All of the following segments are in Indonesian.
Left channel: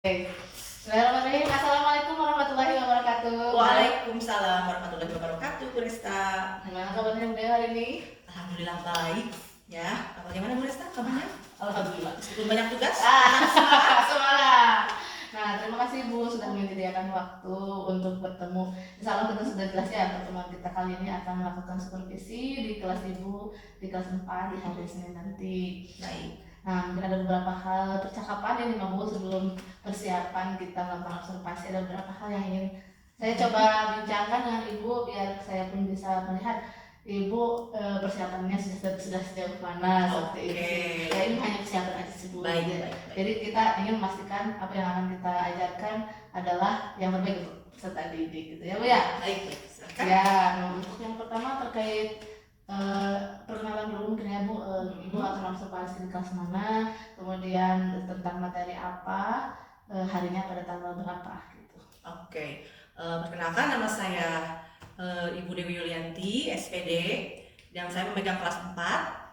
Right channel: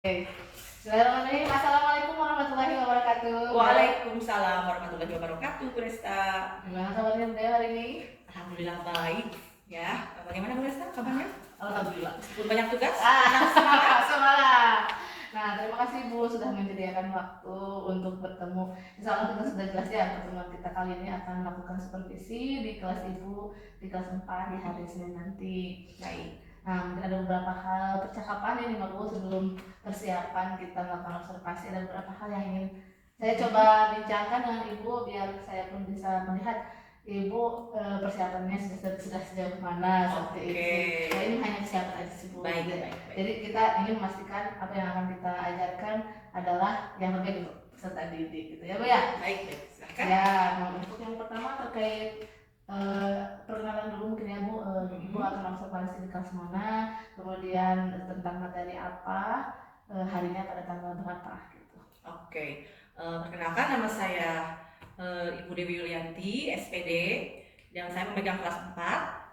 Bismillahirrahmanirrahim. Assalamualaikum warahmatullahi wabarakatuh. Waalaikumsalam warahmatullahi wabarakatuh, Bu Resta. Gimana kabarnya Bunda hari ini? Alhamdulillah baik. Ya, bagaimana Bu Resta kabarnya? Alhamdulillah. Meskipun banyak tugas. Semangat. Nah, terima kasih Bu sudah menyediakan waktu untuk bertemu. Insya Allah kita sudah jelas ya, pertemuan kita kali ini akan melakukan supervisi di kelas Ibu di kelas 4 di hari Senin nanti. Baik. Nah, mungkin ada beberapa hal percakapan ini Pak Bu sebelum persiapan kita melakukan observasi. Ada beberapa hal yang ingin saya coba bincangkan dengan Ibu biar saya pun bisa melihat Ibu persiapannya sudah sejauh mana seperti itu. Ya, ini hanya persiapan aja sih Bu. Baik. Jadi kita ingin memastikan apa yang akan kita ajarkan adalah yang terbaik untuk peserta didik gitu ya Bu ya. Baik. Silakan. Ya, untuk yang pertama terkait perkenalan dulu mungkin ya Bu. Ibu akan observasi di kelas mana, kemudian tentang materi apa, harinya pada tanggal berapa gitu. Oke. Perkenalkan, nama saya Ibu Dewi Yulianti, SPD, dan saya memegang kelas 4.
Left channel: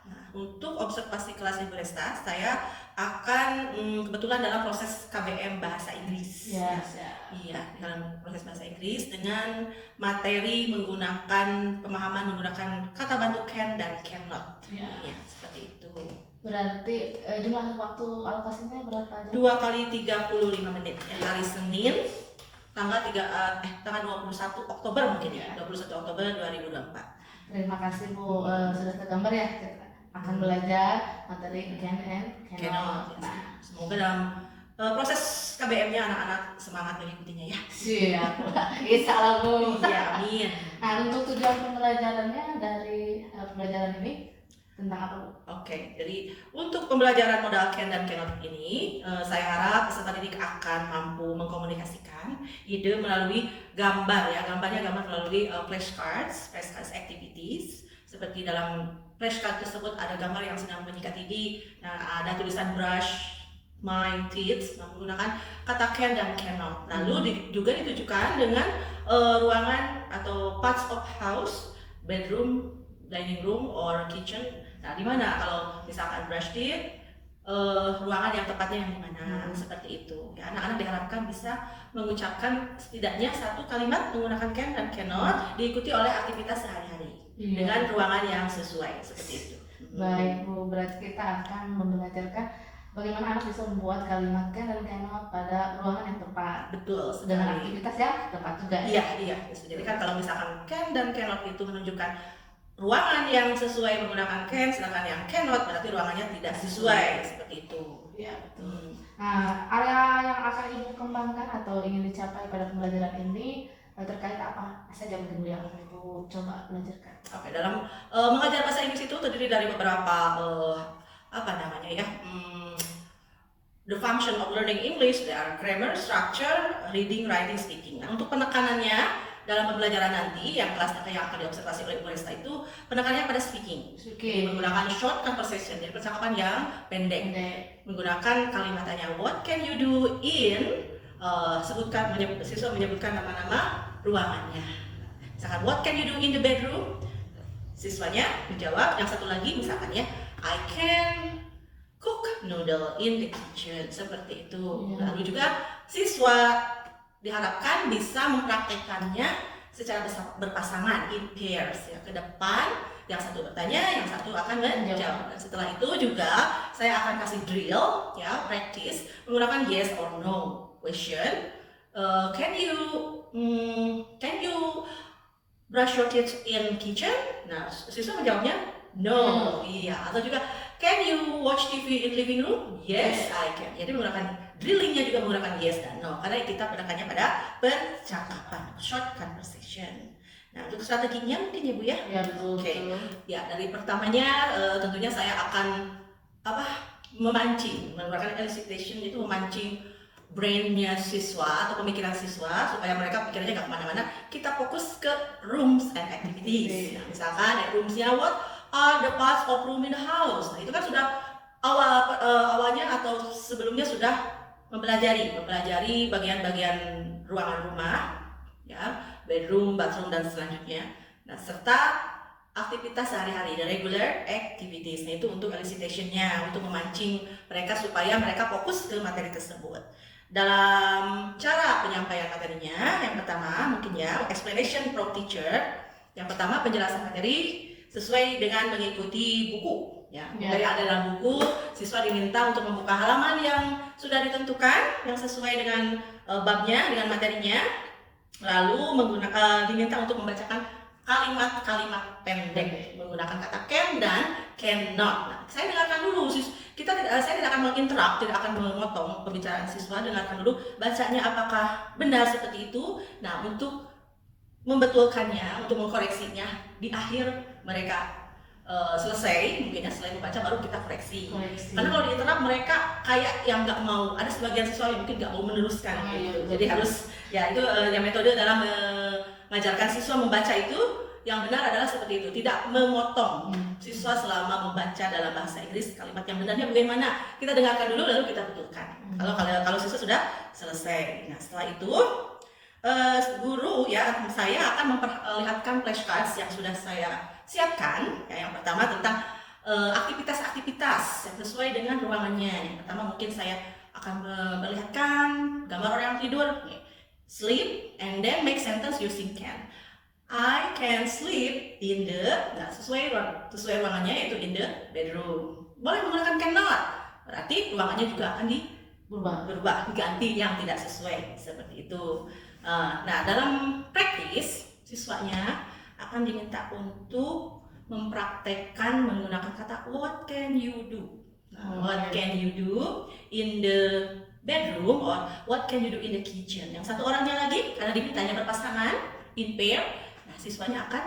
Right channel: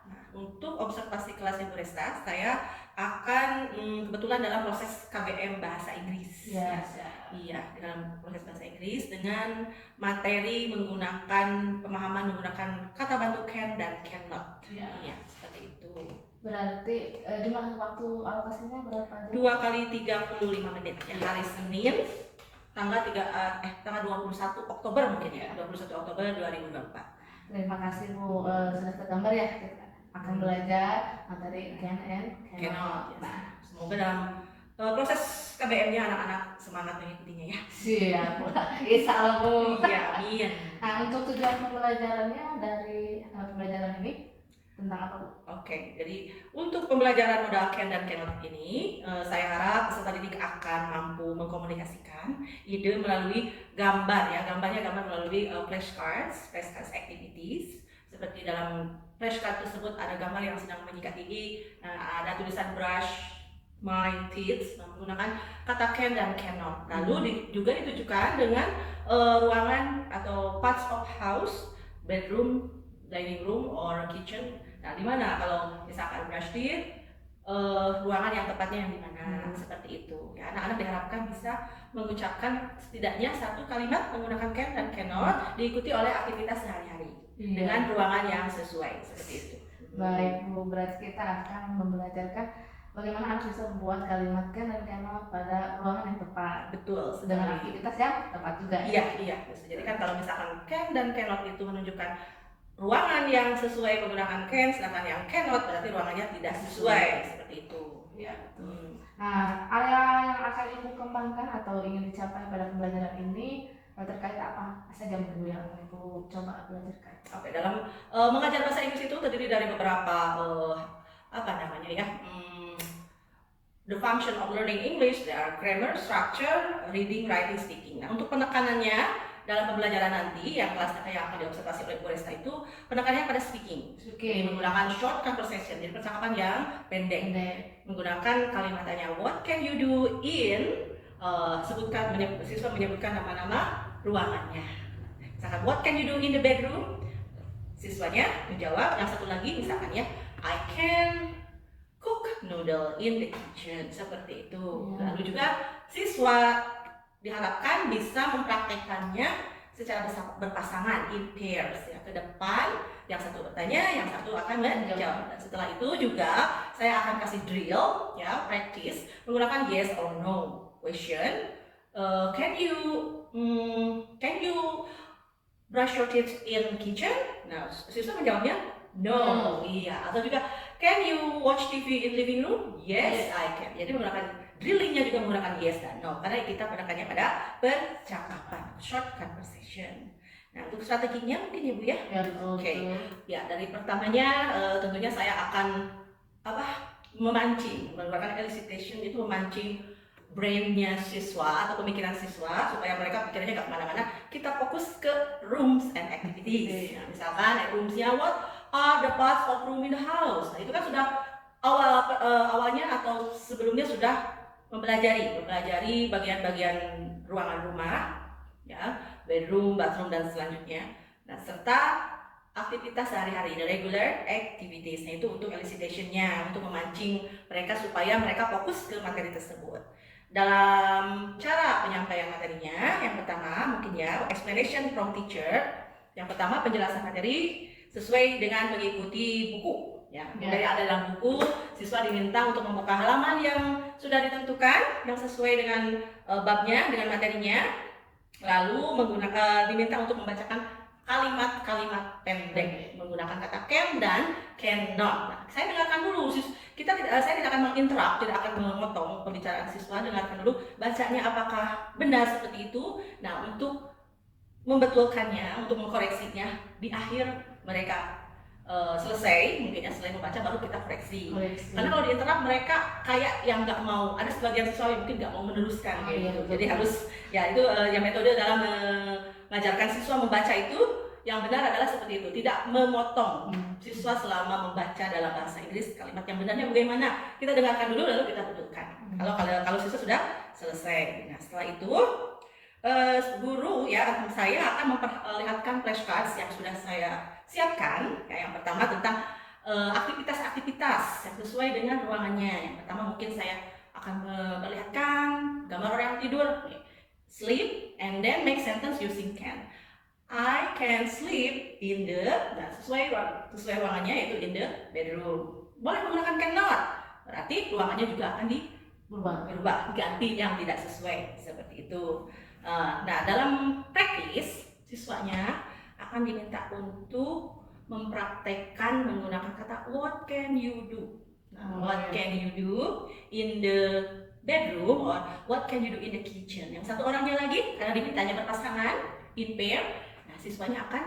Nah, untuk observasi kelas Ibu Resta, saya akan kebetulan dalam proses KBM Bahasa Inggris. Yes. Iya, dalam proses bahasa Inggris dengan materi menggunakan pemahaman menggunakan kata bantu can dan cannot. Ya, seperti itu. Berarti jumlah waktu alokasinya berapa jam? 2 kali 35 menit. Yang hari Senin tanggal 21 Oktober mungkin ya. 21 Oktober 2024. Terima kasih Bu, sudah tergambar ya kita akan belajar materi can and cannot. Nah, semoga dalam proses KBM-nya anak-anak semangat mengikutinya ya. Siap. Insya Allah Bu. Iya, amin. Nah, untuk tujuan pembelajarannya dari pembelajaran ini tentang apa Bu? Oke, jadi untuk pembelajaran modal can dan cannot ini, saya harap peserta didik akan mampu mengkomunikasikan ide melalui gambar ya. Gambar melalui flashcards activities. Seperti dalam flashcard tersebut ada gambar yang sedang menyikat gigi, nah, ada tulisan brush my teeth menggunakan kata can dan cannot. Lalu juga ditujukan dengan ruangan atau parts of house, bedroom, dining room, or kitchen. Nah, di mana kalau misalkan brush teeth, ruangan yang tepatnya yang di mana, seperti itu. Ya, anak-anak diharapkan bisa mengucapkan setidaknya satu kalimat menggunakan can dan cannot, diikuti oleh aktivitas sehari-hari dengan ruangan yang sesuai, seperti itu. Baik Bu, berarti kita akan membelajarkan bagaimana anak bisa membuat kalimat can dan cannot pada ruangan yang tepat. Betul, dengan aktivitas yang tepat juga. Iya. Jadi kan kalau misalkan can dan cannot itu menunjukkan ruangan yang sesuai menggunakan can, sedangkan yang cannot berarti ruangannya tidak sesuai, seperti itu. Ya, betul. Nah, area yang akan Ibu kembangkan atau ingin dicapai pada pembelajaran ini terkait apa saja mungkin yang Ibu coba belajarkan? Oke, dalam mengajar bahasa Inggris itu terdiri dari beberapa the function of learning English, there are grammar, structure, reading, writing, speaking. Nah, untuk penekanannya dalam pembelajaran nanti yang kelasnya yang akan diobservasi oleh Bu Resta itu penekanannya pada speaking. Jadi menggunakan short conversation, jadi percakapan yang pendek. Menggunakan kalimat tanya what can you do in, siswa menyebutkan nama-nama ruangannya. Misalkan what can you do in the bedroom, siswanya menjawab. Yang satu lagi misalkan ya I can cook noodle in the kitchen, seperti itu. Lalu juga siswa diharapkan bisa mempraktekannya secara berpasangan in pairs ya, ke depan yang satu bertanya, yang satu akan menjawab. Dan setelah itu juga saya akan kasih drill ya, practice menggunakan yes or no question. Can you brush your teeth in kitchen? Nah, siswa menjawabnya no. Iya. Atau juga can you watch TV in living room? Yes, I can. Jadi menggunakan drillingnya juga menggunakan yes dan no, karena kita penekannya pada percakapan, short conversation. Nah, untuk strateginya mungkin ya Bu ya? Ya, betul. Oke. Ya, dari pertamanya tentunya saya akan menggunakan elicitation, itu memancing brainnya siswa atau pemikiran siswa supaya mereka pikirannya nggak kemana-mana. Kita fokus ke rooms and activities. Misalkan roomsnya what are the parts of room in the house. Nah, itu kan sudah awalnya atau sebelumnya sudah mempelajari bagian-bagian ruangan rumah, ya, bedroom, bathroom dan selanjutnya. Nah, serta aktivitas sehari-hari, regular activities. Nah, itu untuk elicitation-nya, untuk memancing mereka supaya mereka fokus ke materi tersebut. Dalam cara penyampaian materinya, yang pertama mungkin ya, explanation from teacher. Yang pertama penjelasan materi sesuai dengan mengikuti buku. Ya, dari dalam buku, siswa diminta untuk membuka halaman yang sudah ditentukan, yang sesuai dengan babnya, dengan materinya. Lalu diminta untuk membacakan kalimat-kalimat pendek menggunakan kata can dan cannot. Nah, saya dengarkan dulu, saya tidak akan menginterrupt, tidak akan memotong pembicaraan siswa. Dengarkan dulu bacanya apakah benar seperti itu. Nah, untuk membetulkannya, untuk mengkoreksinya di akhir mereka selesai, mungkin ya selain membaca baru kita koreksi. Karena kalau diinterrupt mereka kayak yang nggak mau, ada sebagian siswa yang mungkin nggak mau meneruskan gitu. Jadi harus ya itu yang metode dalam mengajarkan siswa membaca itu yang benar adalah seperti itu, tidak memotong siswa selama membaca dalam bahasa Inggris kalimat yang benarnya bagaimana. Kita dengarkan dulu lalu kita betulkan. Kalau siswa sudah selesai. Nah, setelah itu guru ya, saya akan memperlihatkan flashcards yang sudah saya siapkan. Ya, yang pertama tentang aktivitas-aktivitas yang sesuai dengan ruangannya. Yang pertama mungkin saya akan memperlihatkan gambar orang yang tidur. Sleep and then make sentence using can. I can sleep in the, nah sesuai ruangannya yaitu in the bedroom. Boleh menggunakan cannot, berarti ruangannya juga akan berubah, diganti yang tidak sesuai seperti itu. Nah, dalam praktis siswanya akan diminta untuk mempraktekkan menggunakan kata what can you do. What can you do in the bedroom or what can you do in the kitchen. Yang satu orangnya lagi karena dimintanya berpasangan in pair, nah siswanya akan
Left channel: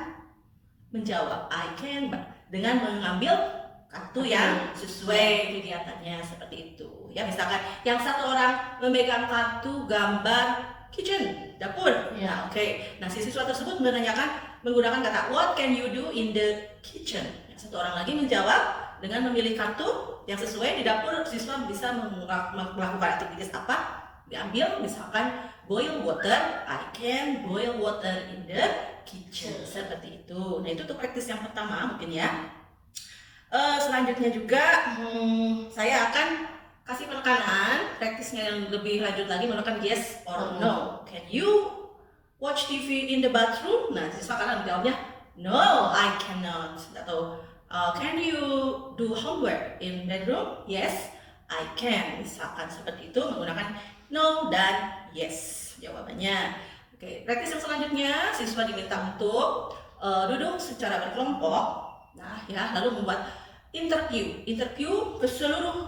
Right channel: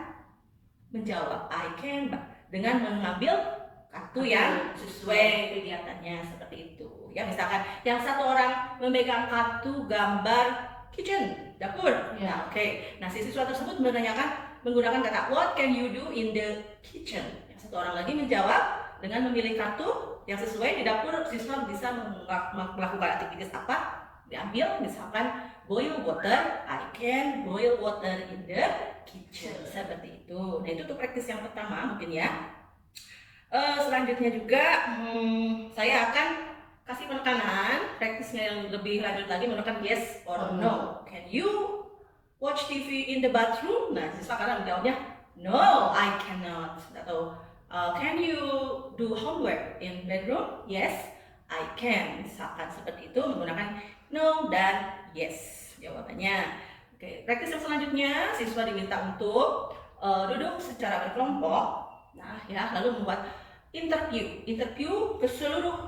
menjawab I can dengan mengambil kartu yang sesuai kegiatannya seperti itu. Ya, misalkan yang satu orang memegang kartu gambar kitchen, dapur. Nah, oke. Nah, si siswa tersebut menanyakan menggunakan kata what can you do in the kitchen. Yang satu orang lagi menjawab dengan memilih kartu yang sesuai di dapur. Siswa bisa melakukan aktivitas apa? Diambil misalkan boil water, I can boil water in the kitchen. Seperti itu. Nah, itu tuh praktis yang pertama mungkin ya. Selanjutnya juga saya akan kasih penekanan praktisnya yang lebih lanjut lagi menggunakan yes or no. Can you watch TV in the bathroom? Nah, siswa akan menjawabnya no, I cannot. Atau can you do homework in bedroom? Yes, I can. Misalkan seperti itu menggunakan no dan yes jawabannya. Oke, praktis yang selanjutnya siswa diminta untuk duduk secara berkelompok. Nah, ya, lalu membuat interview ke seluruh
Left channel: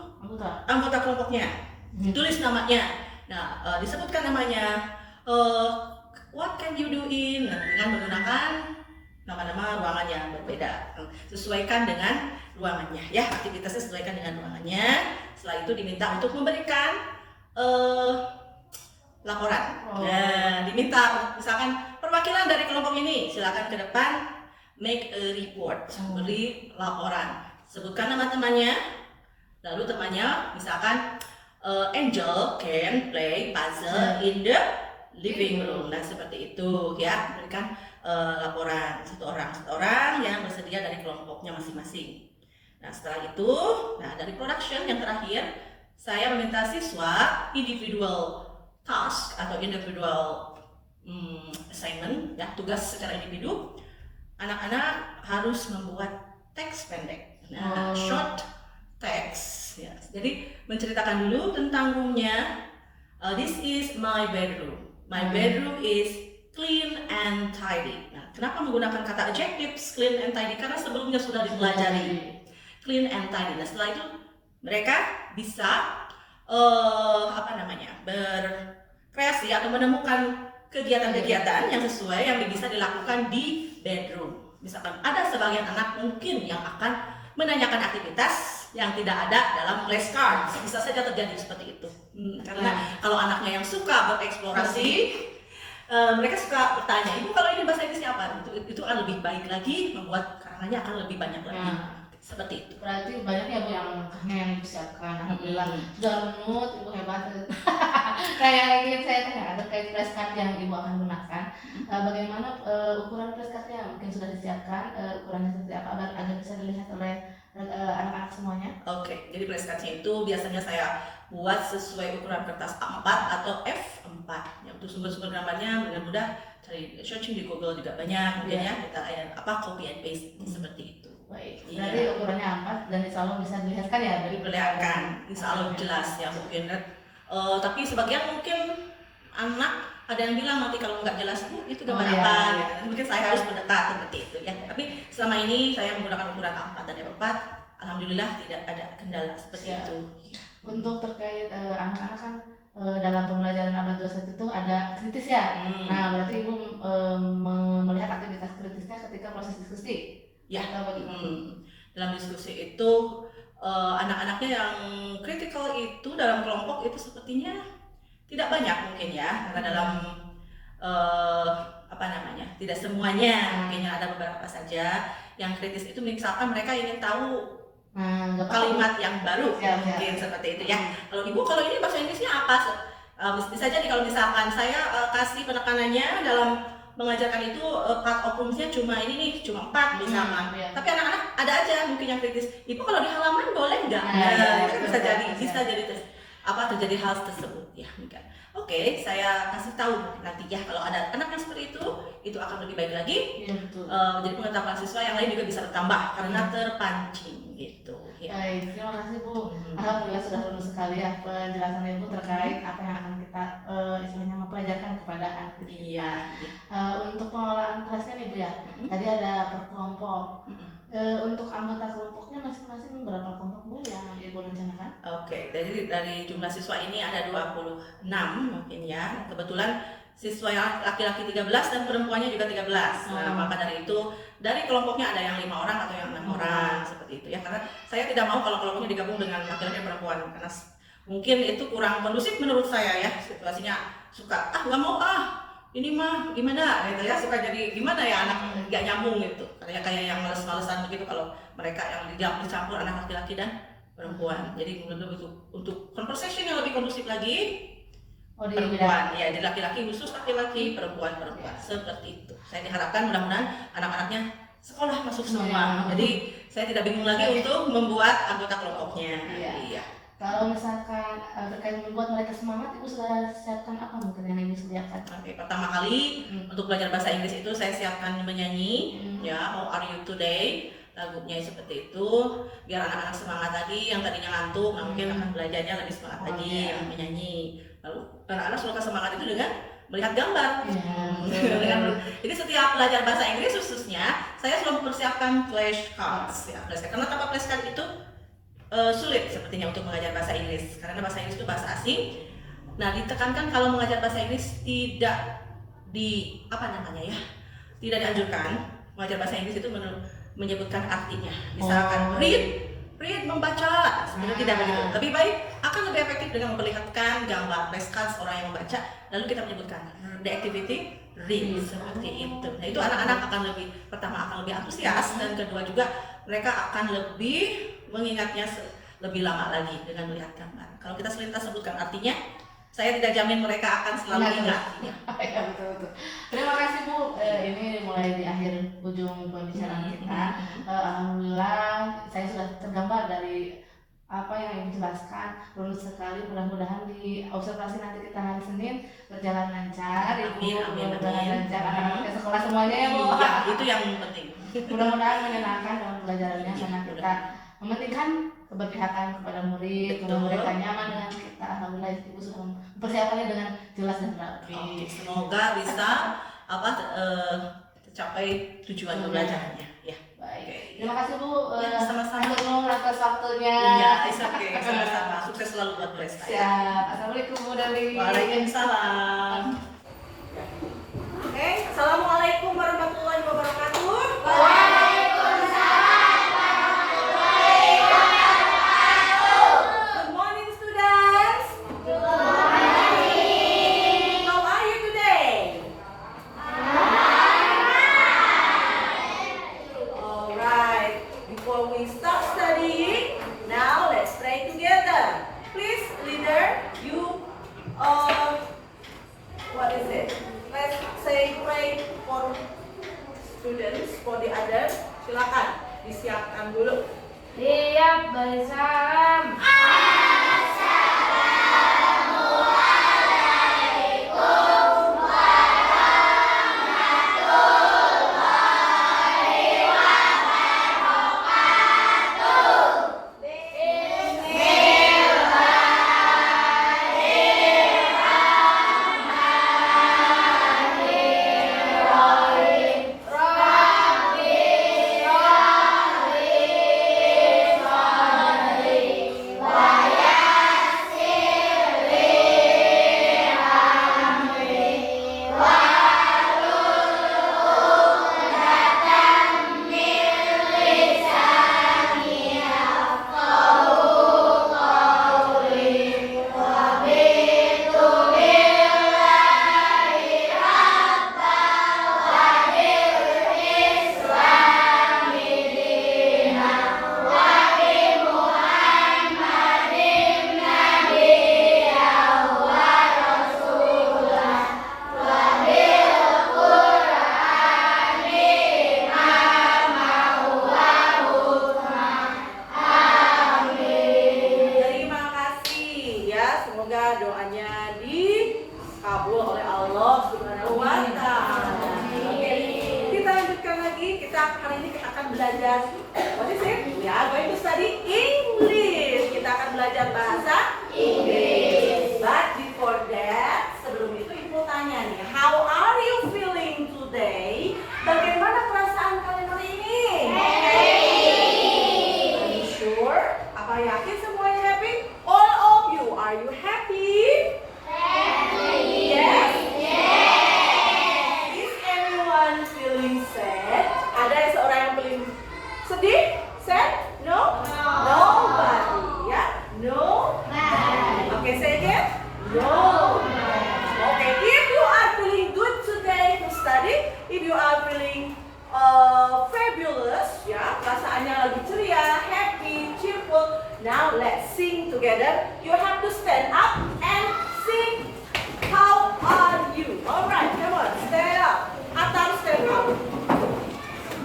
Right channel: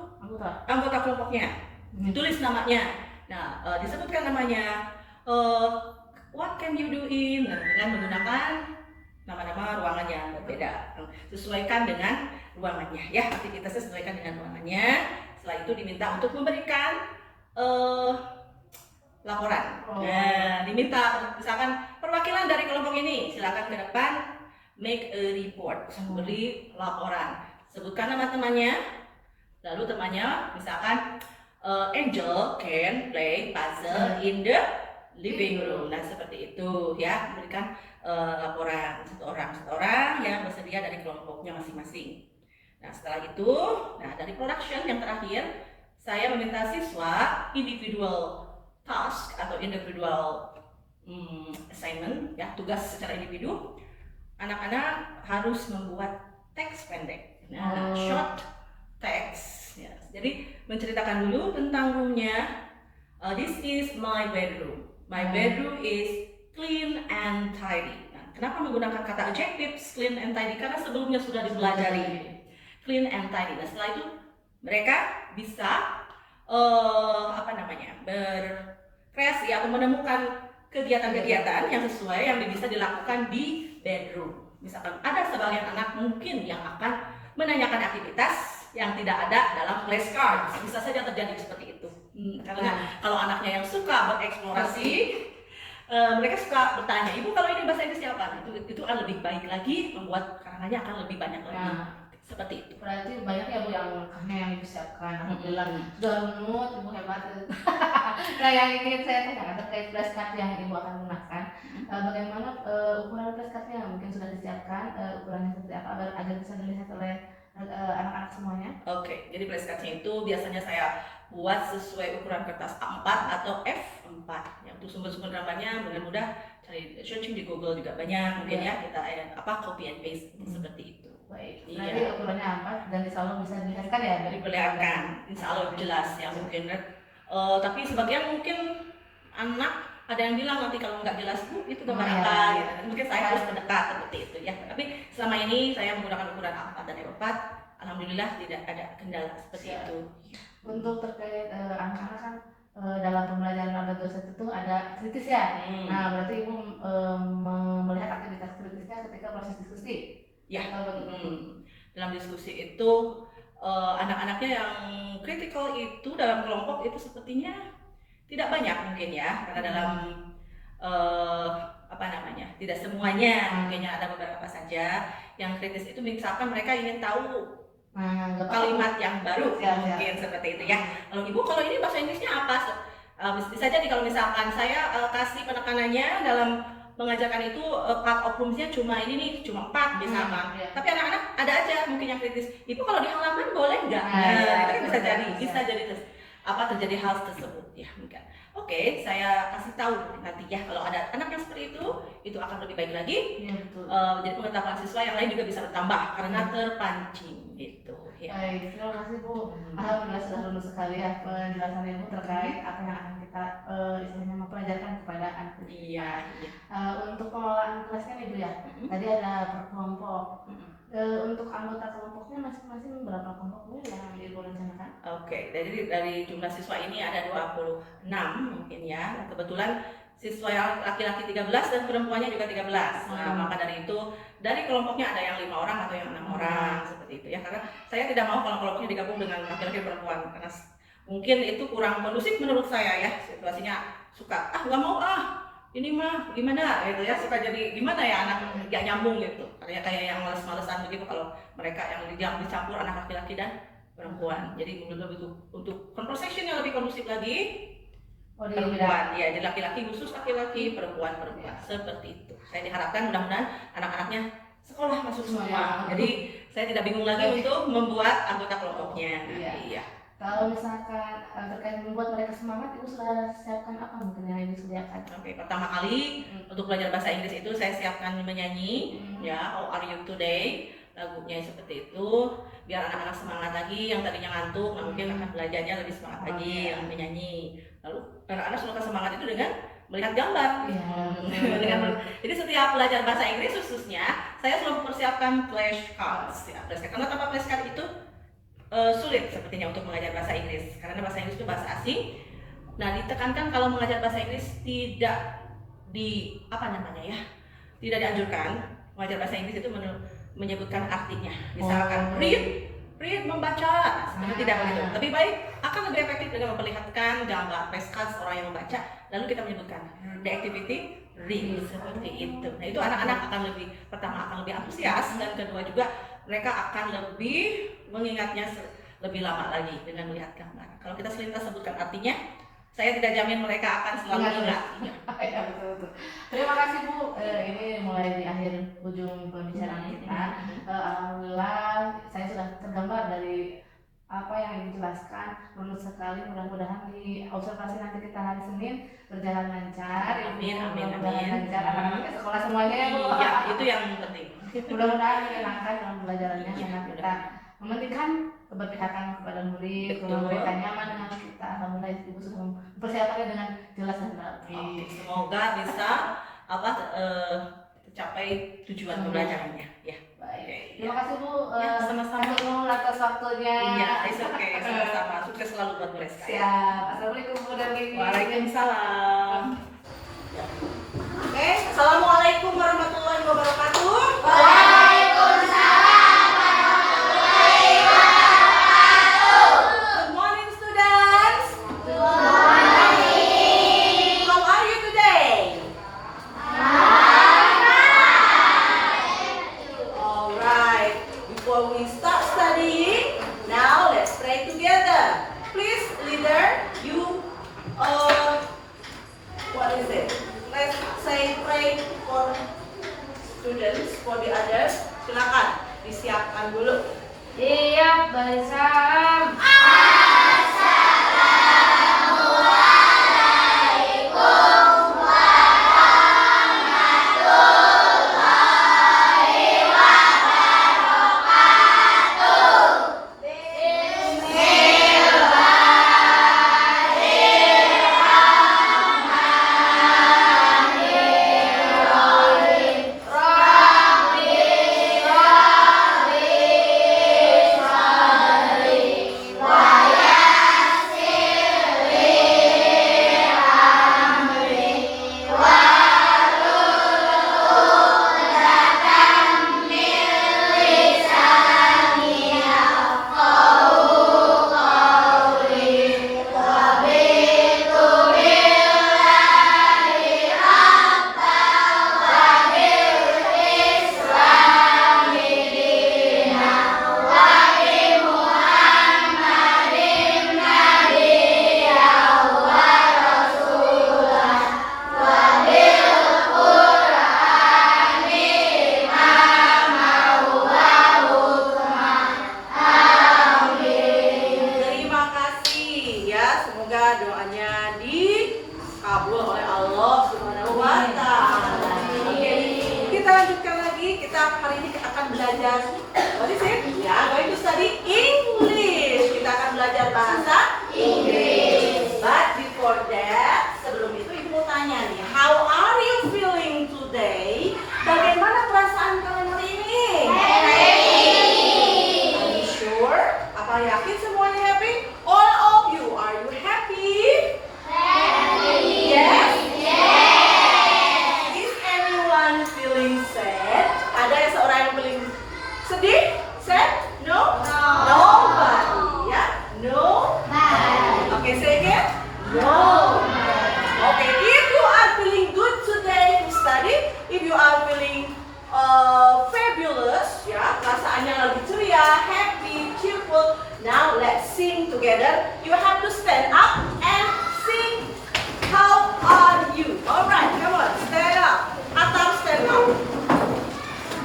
anggota kelompoknya. Ditulis namanya. Nah, disebutkan namanya. What can you do in? Nah, dengan menggunakan nama-nama ruangannya berbeda. Sesuaikan dengan ruangannya. Ya, aktivitasnya sesuaikan dengan ruangannya. Setelah itu diminta untuk memberikan laporan. Nah, diminta misalkan perwakilan dari kelompok ini silakan ke depan make a report, beri laporan. Sebutkan nama temannya, lalu temannya misalkan Angel can play puzzle in the living room. Nah, seperti itu ya, berikan laporan satu orang yang bersedia dari kelompoknya masing-masing. Nah, setelah itu, nah dari production yang terakhir, saya meminta siswa individual task atau individual assignment ya, tugas secara individu. Anak-anak harus membuat teks pendek. Nah, short text ya. Jadi menceritakan dulu tentang roomnya. This is my bedroom. My bedroom is clean and tidy. Nah, kenapa menggunakan kata adjectives clean and tidy? Karena sebelumnya sudah dipelajari clean and tidy. Nah, setelah itu mereka bisa berkreasi atau menemukan kegiatan-kegiatan yang sesuai yang bisa dilakukan di bedroom. Misalkan ada sebagian anak mungkin yang akan menanyakan aktivitas yang tidak ada dalam flashcard. Bisa saja terjadi seperti itu. Karena kalau anaknya yang suka bereksplorasi, mereka suka bertanya, ibu kalau ini bahasa Inggris apa? Itu akan lebih baik lagi, membuat karangannya akan lebih banyak lagi. Seperti itu. Berarti banyak ya Bu yang yang disiapkan. Alhamdulillah. Sudah menut, Ibu hebat. Nah, yang ingin saya tanyakan terkait flashcard yang Ibu akan gunakan, bagaimana ukuran flashcardnya? Mungkin sudah disiapkan ukurannya seperti apa agar bisa dilihat oleh anak-anak semuanya? Oke, jadi flashcardnya itu biasanya saya buat sesuai ukuran kertas A4 atau F4. Ya, untuk sumber-sumber gambarnya mudah-mudah cari searching di Google juga banyak, mungkin ya kita copy and paste seperti itu. Baik, Iya. berarti ukurannya 4 dan insya Allah bisa dilihatkan ya dari Diperlihatkan, insya Allah jelas ya mungkin. Tapi sebagian mungkin anak ada yang bilang nanti kalau nggak jelas Bu itu gambar iya. apa gitu. Mungkin saya harus mendekat seperti itu ya. Tapi selama ini saya menggunakan ukuran A4 dan F4, alhamdulillah tidak ada kendala seperti itu. Untuk terkait anak-anak kan dalam pembelajaran abad 21 itu ada kritis ya. Nah, berarti Ibu melihat aktivitas kritisnya ketika proses diskusi. Ya, bagaimana? dalam diskusi itu anak-anaknya yang kritikal itu dalam kelompok itu sepertinya tidak banyak mungkin ya, karena dalam tidak semuanya, mungkin ada beberapa saja yang kritis itu misalkan mereka ingin tahu kalimat yang baru mungkin seperti itu ya. Kalau ini bahasa Inggrisnya apa? Bisa jadi kalau misalkan saya kasih penekanannya dalam mengajarkan itu part of rooms-nya cuma ini nih, cuma 4 misalkan. Tapi anak-anak ada aja mungkin yang kritis. Ibu kalau di halaman boleh nggak? Bisa jadi terjadi hal tersebut ya mungkin. Oke, saya kasih tahu nanti ya kalau ada anak yang seperti itu akan lebih baik lagi. Iya, betul. Jadi pengetahuan siswa yang lain juga bisa bertambah karena terpancing gitu. Ya. Baik, terima kasih Bu. Alhamdulillah sudah lulus sekali ya penjelasan Ibu terkait apa yang akan kita istilahnya mempelajarkan kepada anak. Iya. Untuk pengelolaan kelasnya nih Bu ya, tadi ada per kelompok. Untuk anggota kelompoknya masing-masing berapa kelompok Bu yang Ibu rencanakan? Oke, jadi dari jumlah siswa ini ada 26 mungkin ya. Kebetulan siswa yang laki-laki 13 dan perempuannya juga 13. Nah, maka dari itu dari kelompoknya ada yang 5 orang atau yang 6 orang seperti itu ya. Karena saya tidak mau kalau kelompoknya digabung dengan laki-laki dan perempuan karena mungkin itu kurang kondusif menurut saya ya. Situasinya suka nggak mau ini mah gimana gitu ya, suka jadi gimana ya anak nggak nyambung gitu. Kayak yang males-malesan begitu kalau mereka yang dicampur anak laki-laki dan perempuan. Jadi untuk conversation yang lebih kondusif lagi perempuan ya, di laki-laki khusus laki-laki, perempuan seperti itu. Saya diharapkan mudah-mudahan anak-anaknya sekolah masuk semua. Jadi saya tidak bingung lagi untuk membuat anggota kelompoknya. Iya. Kalau misalkan terkait membuat mereka semangat, Ibu sudah siapkan apa mungkin yang Ibu sediakan? Oke, pertama kali untuk belajar bahasa Inggris itu saya siapkan menyanyi ya, How Are You Today, lagunya seperti itu biar anak-anak semangat lagi yang tadinya ngantuk, mungkin akan belajarnya lebih semangat lagi menyanyi. Lalu anak-anak suka semangat itu dengan melihat gambar. Jadi setiap belajar bahasa Inggris khususnya saya selalu mempersiapkan flashcards ya, karena tanpa flashcard itu sulit sepertinya untuk mengajar bahasa Inggris karena bahasa Inggris itu bahasa asing. Nah, ditekankan kalau mengajar bahasa Inggris tidak tidak dianjurkan mengajar bahasa Inggris itu menyebutkan artinya. Misalkan read membaca, sebenarnya tidak begitu. Lebih baik akan lebih efektif dengan memperlihatkan gambar flashcards orang yang membaca, lalu kita menyebutkan the activity read seperti itu. Nah, itu anak-anak akan lebih antusias dan kedua juga mereka akan lebih mengingatnya lebih lama lagi dengan melihat gambar. Kalau kita selintas sebutkan artinya, saya tidak jamin mereka akan selalu ingat. Ya, betul. Terima kasih Bu. Ini mulai di akhir ujung pembicaraan kita. Alhamdulillah saya sudah tergambar dari apa yang Ibu jelaskan. Lulus sekali, mudah-mudahan di observasi nanti kita hari Senin berjalan lancar. Mudah-mudahan lancar anak-anak ke sekolah semuanya ya Bu. Iya, itu yang penting. Mudah-mudahan menyenangkan dalam pelajarannya karena kita mementingkan keberpihakan kepada murid, mereka nyaman dengan kita. Alhamdulillah Ibu sudah mempersiapkannya dengan jelas dan rapi. Semoga bisa tercapai tujuan pembelajarannya. Ya. Baik. Terima kasih Bu. Sama-sama. Atas waktunya. Iya, sama-sama. Sukses selalu buat Preska. Siap. Assalamualaikum Bu Dali. Waalaikumsalam. Oke, assalamualaikum warahmatullahi wabarakatuh. For the others, silakan disiapkan dulu. Iya, bersalam. oleh Allah Subhanahu wa Ta'ala. Oke, kita lanjutkan lagi. Kita hari ini kita akan belajar what is it? Ya, going to study English. Kita akan belajar bahasa Inggris. But before that, sebelum itu Ibu tanya nih, how are you feeling today? Bagaimana perasaan kalian hari ini? Are you sure? Apa yakin semuanya happy? All of you, are you happy? Yes? Is anyone feeling sad? Ada seorang yang feeling sedih? Sad? No? Nobody. Ya? No? Okay, say again. No. Okay, if you are feeling good today to study, if you are feeling fabulous, ya, perasaannya lagi ceria, happy, cheerful. Now let's sing together. You have to stand up and sing. How are you? Alright, come on, stand up. Atau stand up.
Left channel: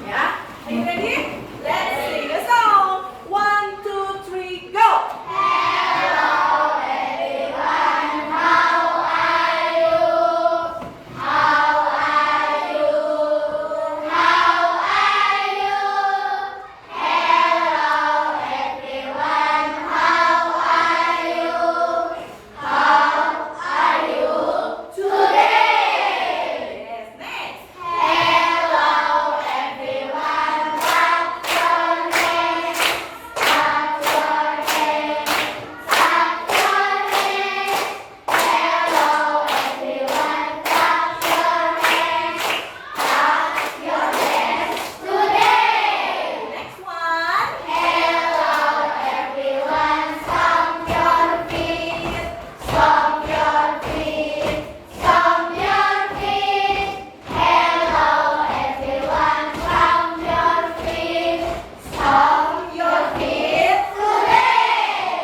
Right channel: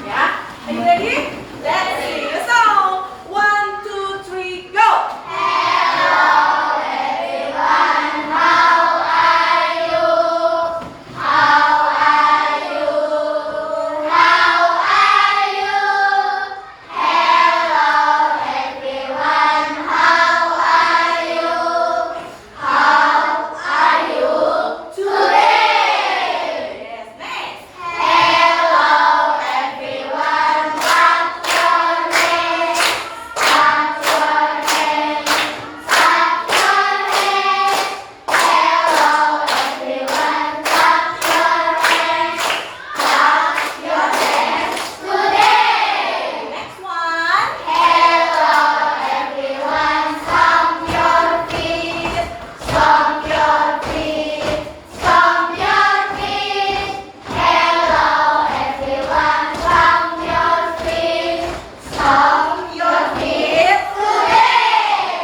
Ya, are you ready? Let's sing a song. 1, 2, 3, go. Yes, next. Next one. Stomp your feet.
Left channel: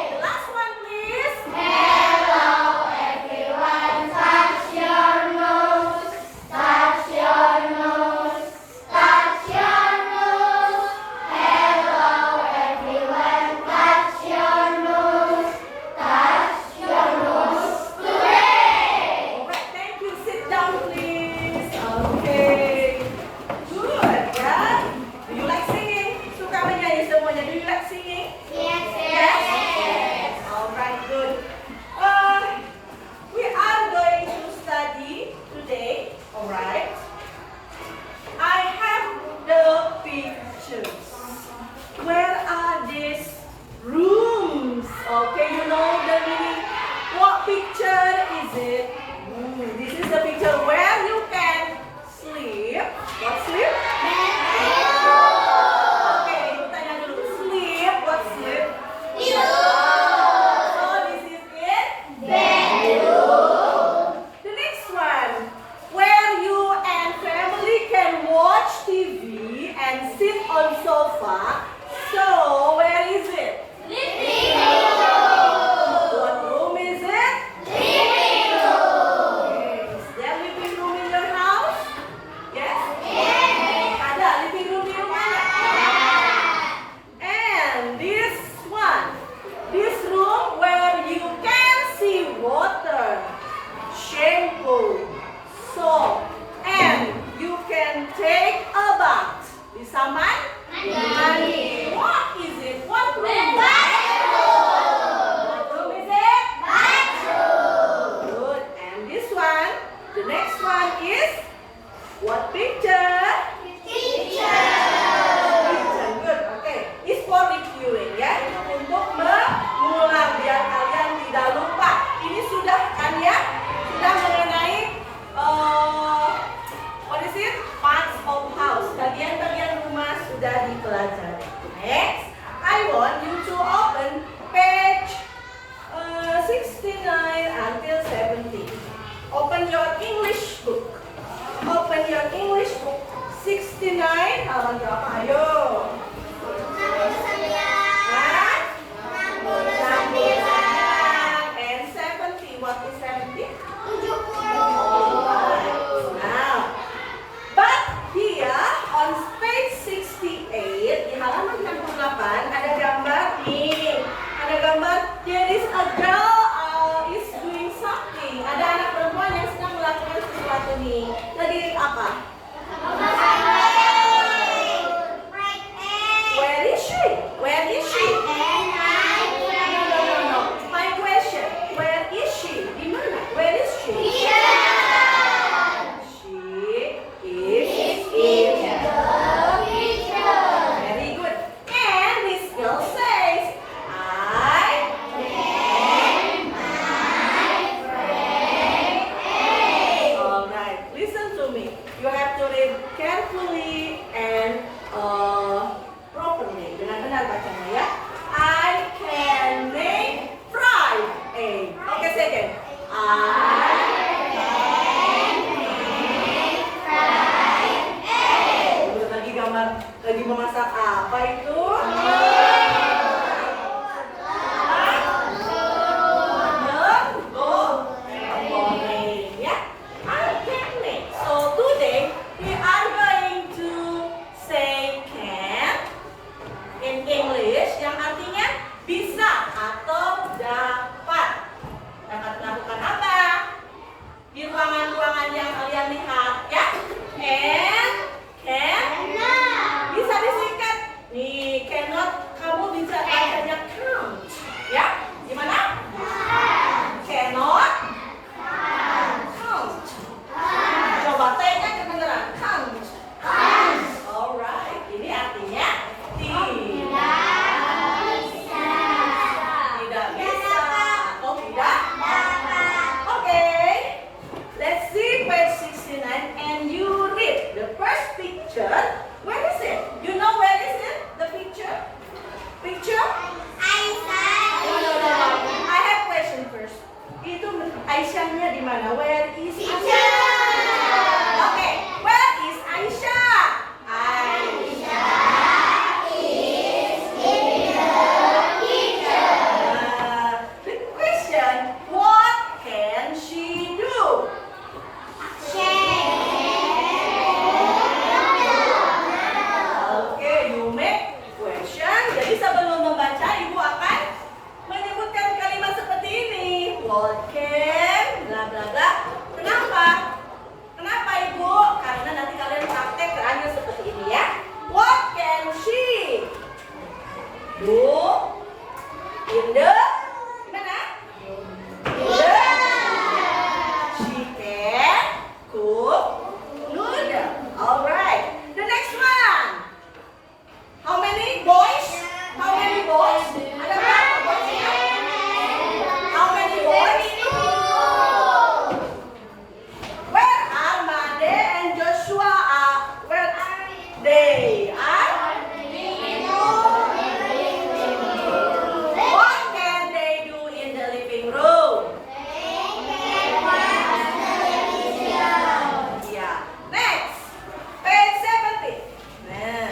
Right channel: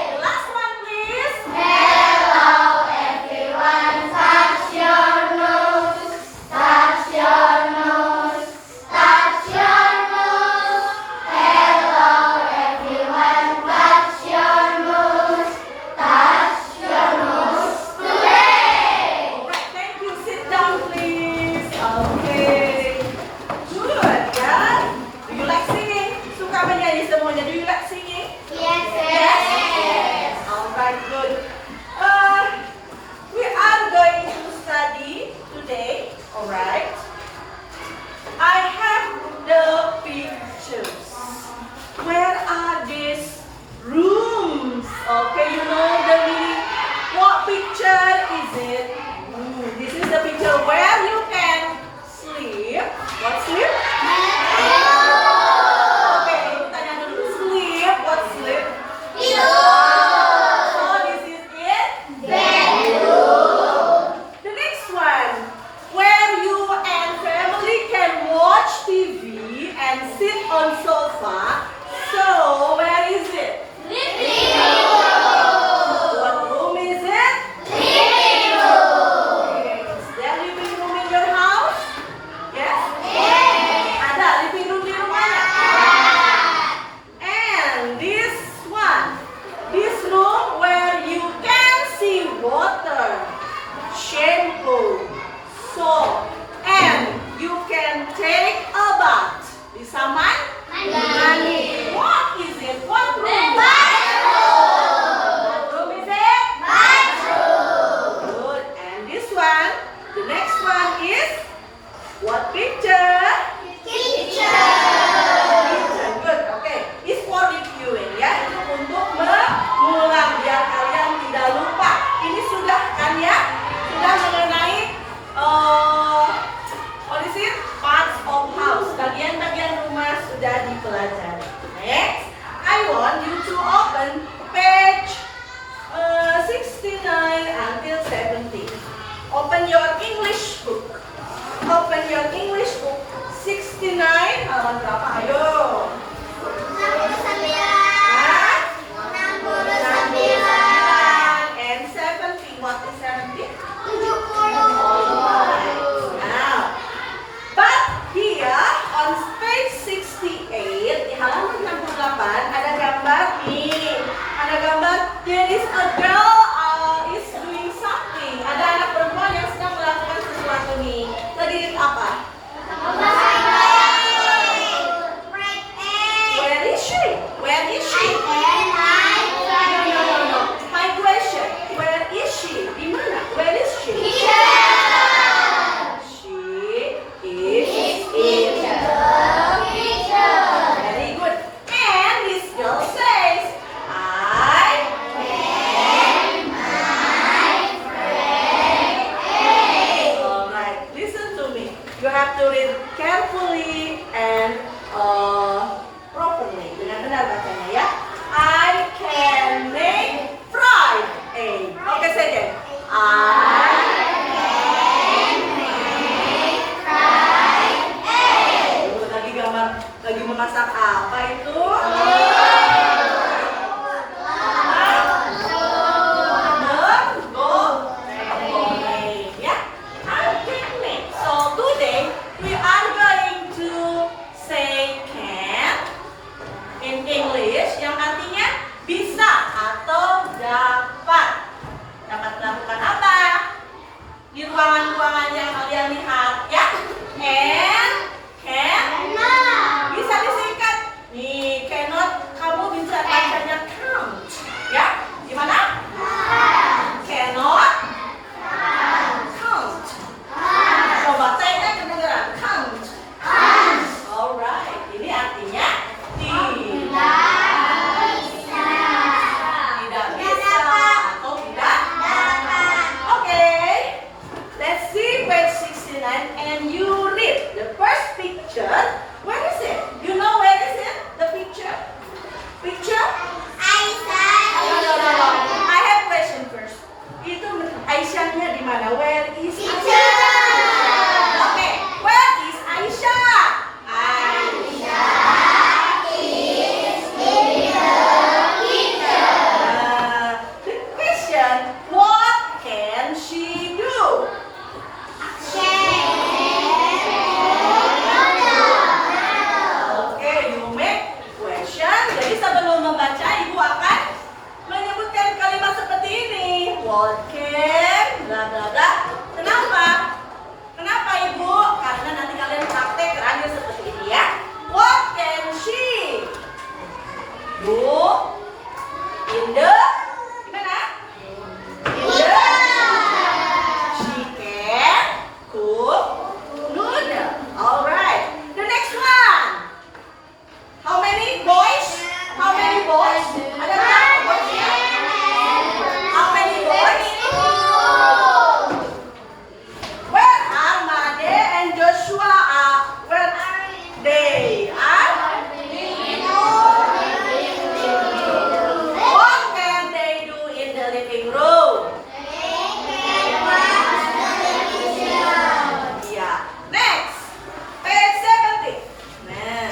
The last one, please. Alright, thank you. Sit down, please. Okay. Good, ya. Do you like singing? Suka menyanyi semuanya? Do you like singing? Yes. Alright, good. We are going to study today. Alright. I have the pictures. Where are these rooms? Okay, you know the meaning. What picture is it? This is the picture where you can sleep. What sleep? Okay, ibu tanya dulu. Sleep. What sleep? So this is it. The next one, where you and family can watch TV and sit on sofa. So where is it? What room is it? Okay. Is there living room in your house? Yes? Ada living room di rumahnya? And this one, this room where you can see water, shampoo, soap, and you can take a bath. Bisa mandi. What is it? What room? What room is it? Good. And this one, the next one is what picture? Picture. Good. Okay. It's for reviewing ya. Itu untuk mengulang biar kalian tidak lupa. Ini sudah kan ya? Sudah mengenai what is it? Parts of house. Bagian-bagian rumah sudah dipelajari. Next, I want you to open page 69 until 70. Open your English book. Open your English book. have to read carefully and properly. Dengan benar bacanya ya. I can make fried egg. Oke, say again. I can make fried egg. Lagi gambar, lagi memasak apa itu? Yang artinya bisa atau dapat melakukan apa di ruangan-ruangan yang kalian lihat ya. And can bisa disingkat nih, cannot kamu bisa bacanya count ya. Gimana? Cannot count. Coba saya kedengeran count. Alright, ini artinya and you read the first picture. Where is it? You know where is it? The picture? Picture? I have question first. Itu Aisyahnya di mana? Where is Aisyah? Okay, where is Aisyah? Aisyah is in the kitchen. The question, what can she do? Jadi sebelum membaca, Ibu akan menyebutkan kalimat seperti ini. What can, bla bla bla. Kenapa? Kenapa Ibu? Karena nanti kalian praktek terakhir seperti ini ya. What can she do in the gimana? In the she can cook noodle. Alright. The next one. How many boys? How many boys? Ada berapa boys ya? How many boys? Where are Made and Joshua? Where they are? What can they do in the living room? Yeah. Next. Page 70. Nah.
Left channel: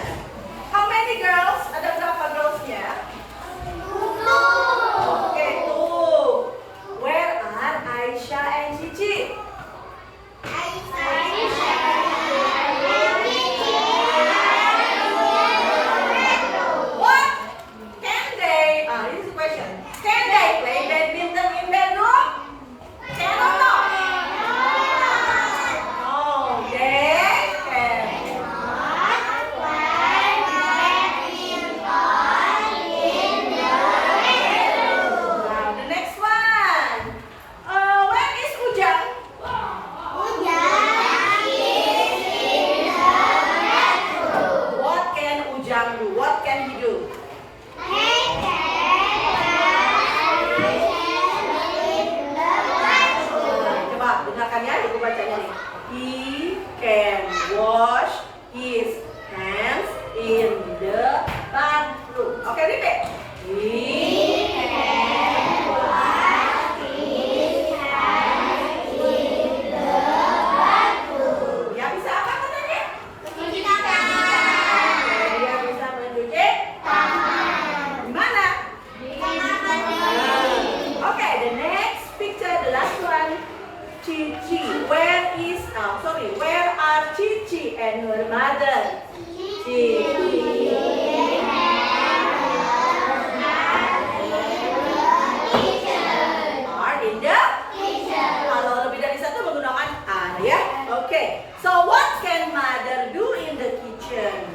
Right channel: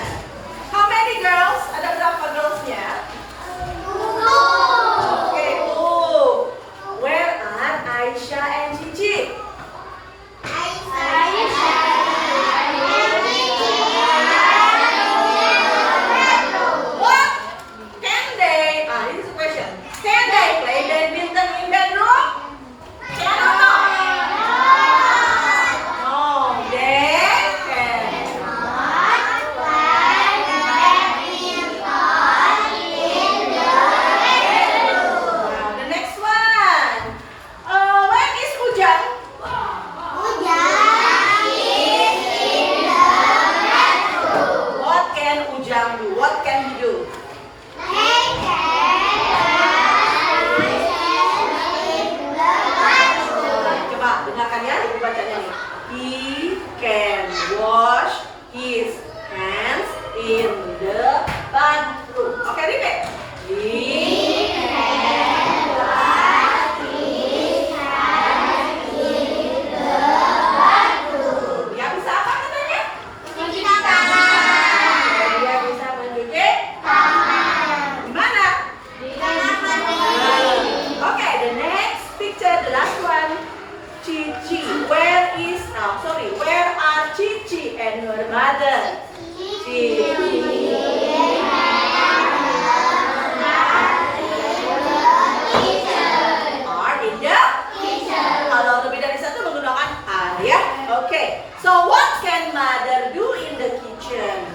How many girls? Ada berapa girlsnya? Okay, two. Where are Aisyah and Cici? What can they? This is a question. Can they play badminton in bedroom? Can or not? No, they cannot play badminton in the bedroom. Now the next one. Where is Ujang? What can Ujang do? What can he do? Coba dengarkan ya, Ibu bacanya nih. He can wash his hands in the bathroom. Oke, repeat. He can wash his hands in the bathroom. Dia bisa apa katanya? Mencuci tangan. Dia bisa mencuci tangan. Di mana? Di kamar mandi. Okay, the next picture, the last one. Cici. Where are Cici and her mother? Cici. Are in the kitchen. Kalau lebih dari satu menggunakan are ya. Okay. So what can mother do in the kitchen?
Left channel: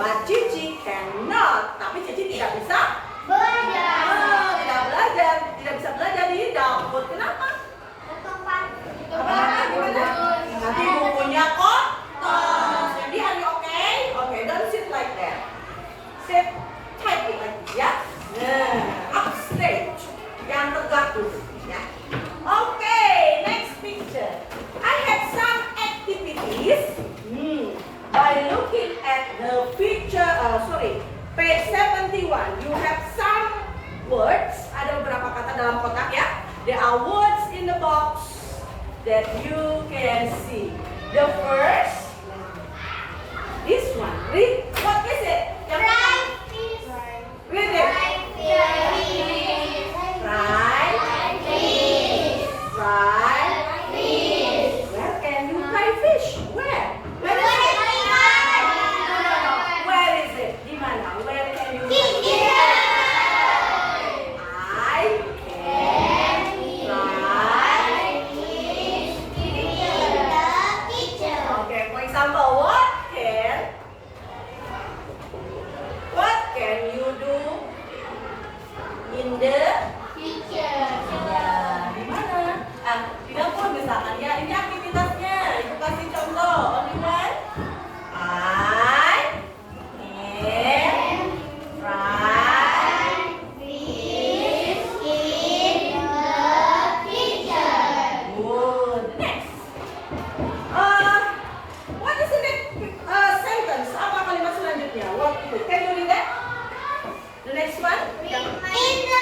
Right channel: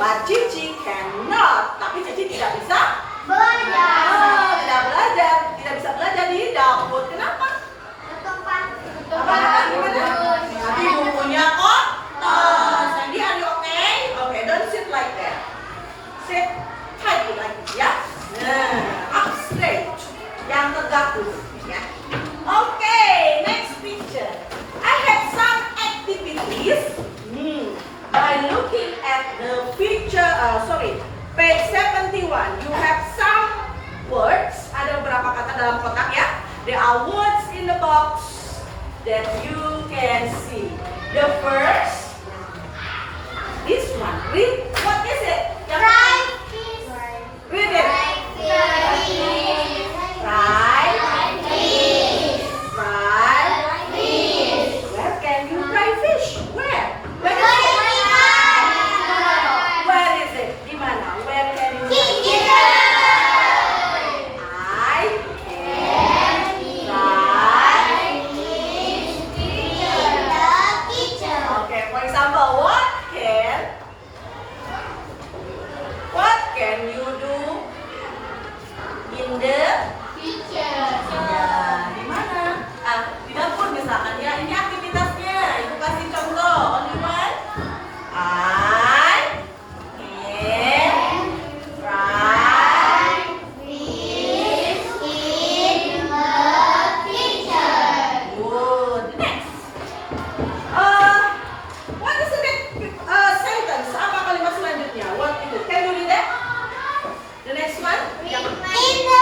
But Cici cannot. Tapi Cici tidak bisa tidak belajar, tidak bisa belajar di dapur. Kenapa? Nanti bukunya kotor. Sandy, are you okay? Okay, don't sit like that. sit tightly like this ya. Nah, up straight. Yang tegak dulu ya. Okay, next picture. I have some activities. By looking at the picture, page 71, you have some words. Ada beberapa kata dalam kotak ya. There are words in the box that you can see. The first, this one. Read. What is it? Read it. Where can you fry fish? Where? Where is it? Where is it? Di mana? Where can you fry fish? I can fry. Okay, for example, what can you do in the di mana? Di dapur misalkan ya. Ini aktivitasnya. Ibu kasih contoh. Only one. I can fry fish in the kitchen. Good. Next. What is the next sentence? Apa kalimat selanjutnya? What is it? Can you read that? The next one. In the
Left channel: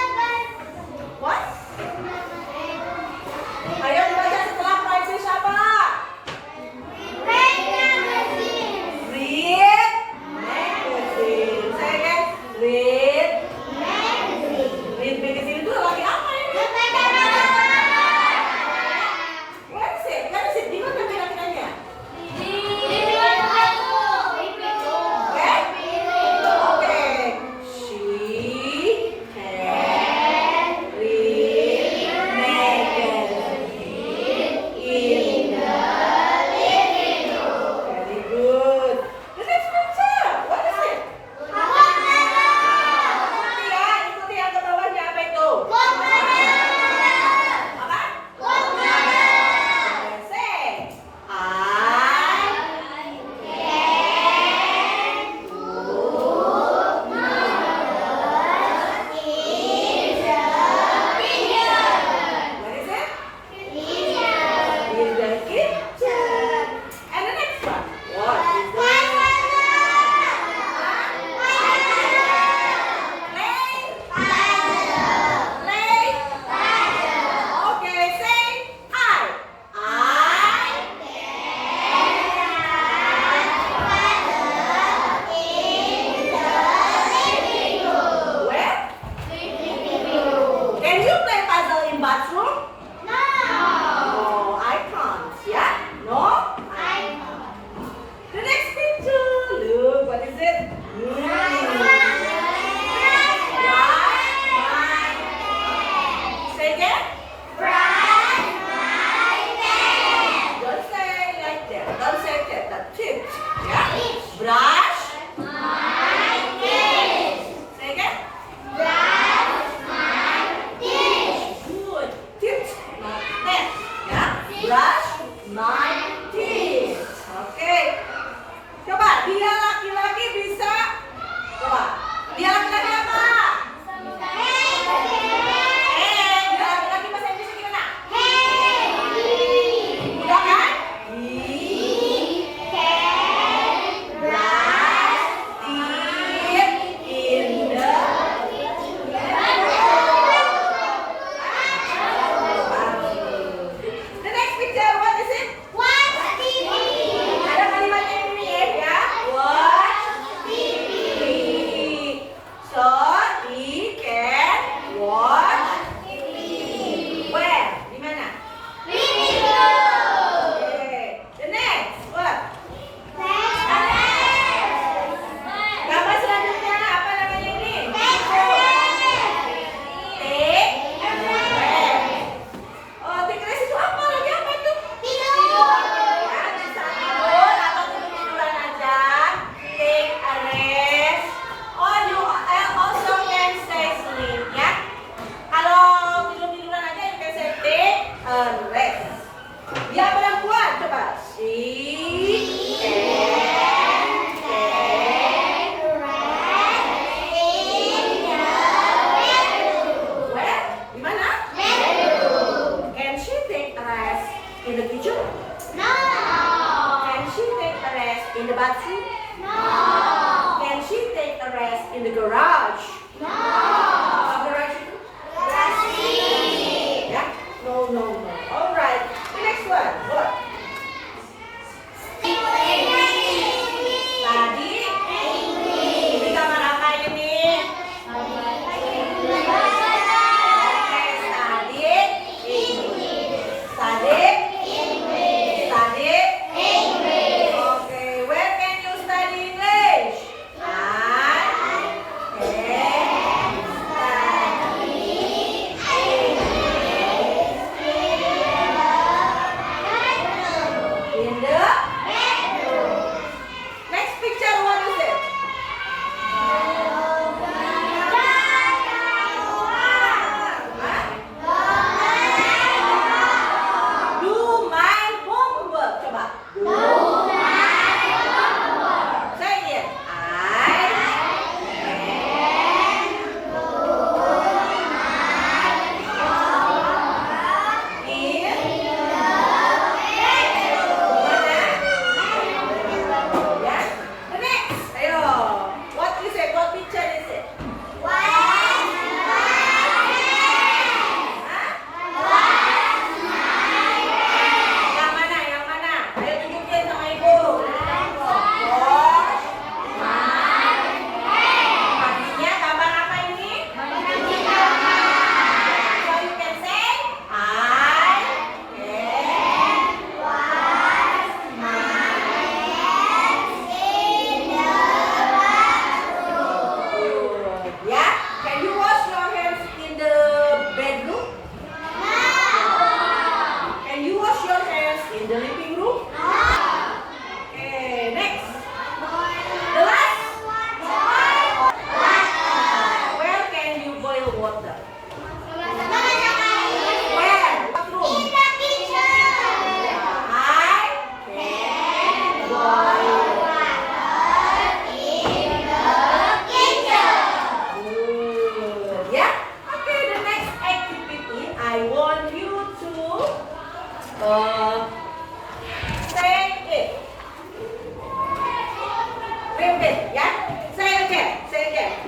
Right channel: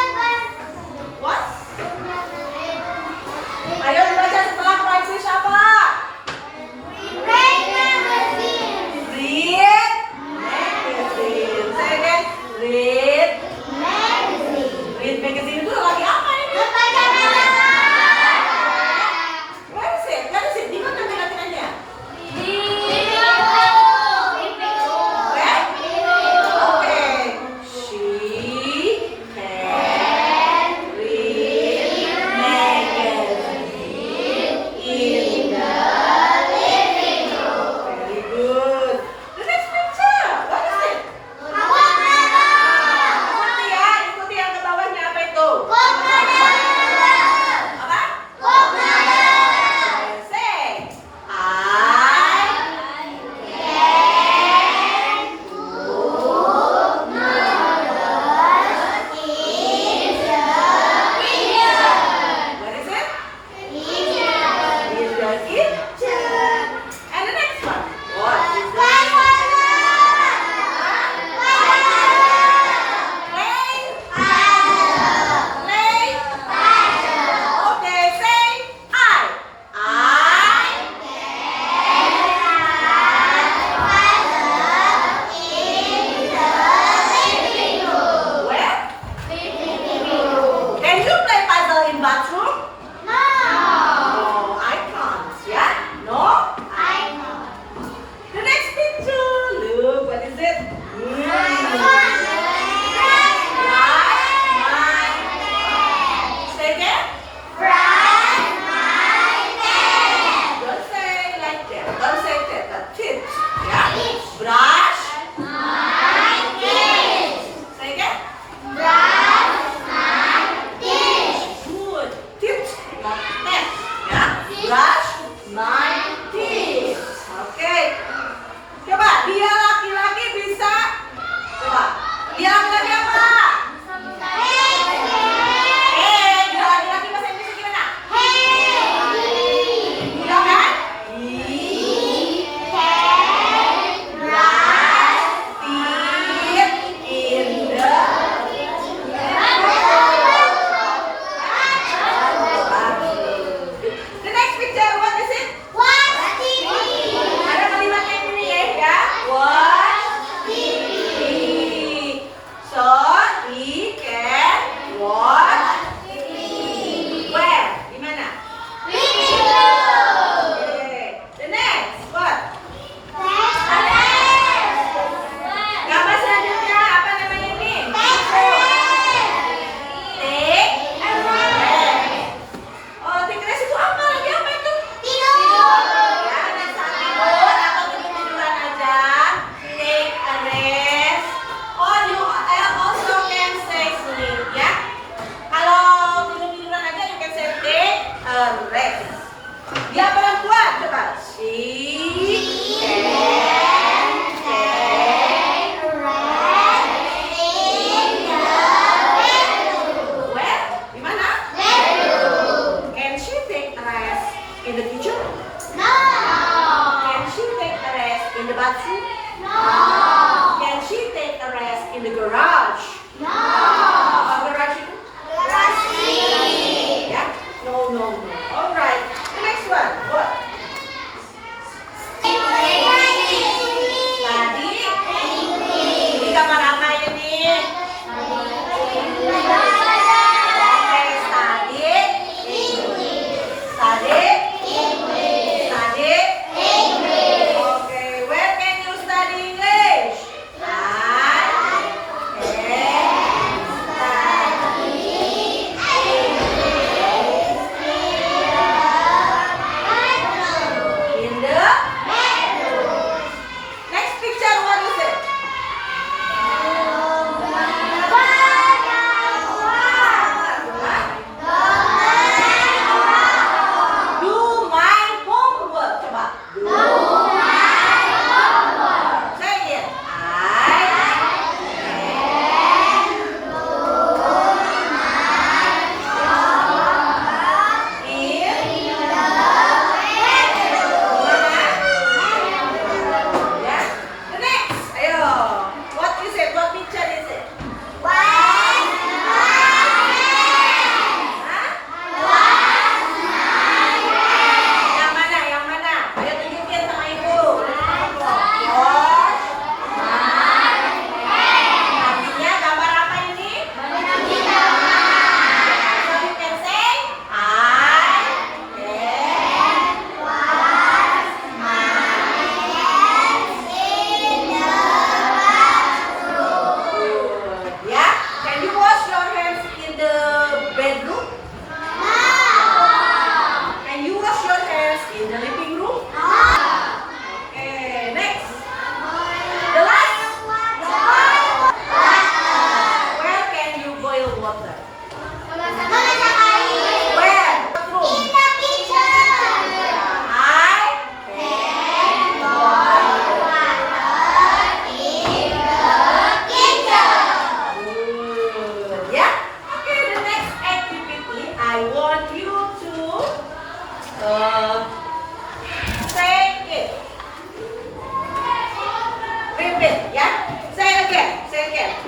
Ya, say again.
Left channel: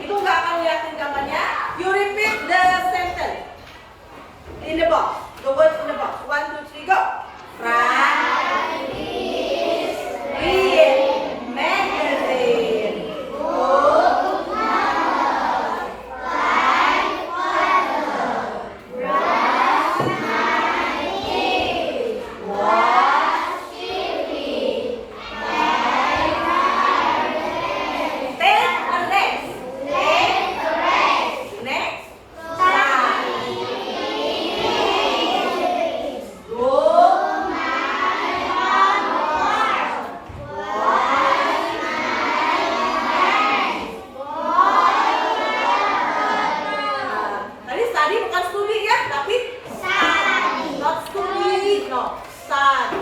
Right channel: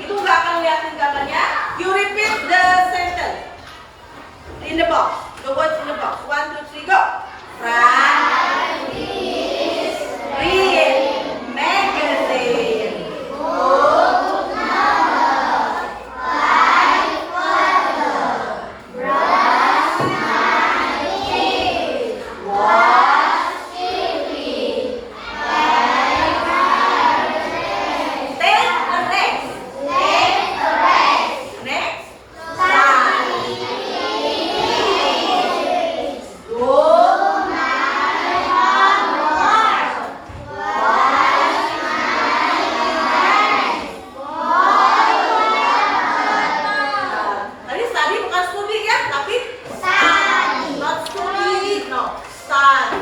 Ibu nggak akan lihatin gambarnya. You repeat the sentence in the box. The words in the box. 1, 2, 3, go. Read magazine. Tadi bukan studi ya, tapi not studi, no, study.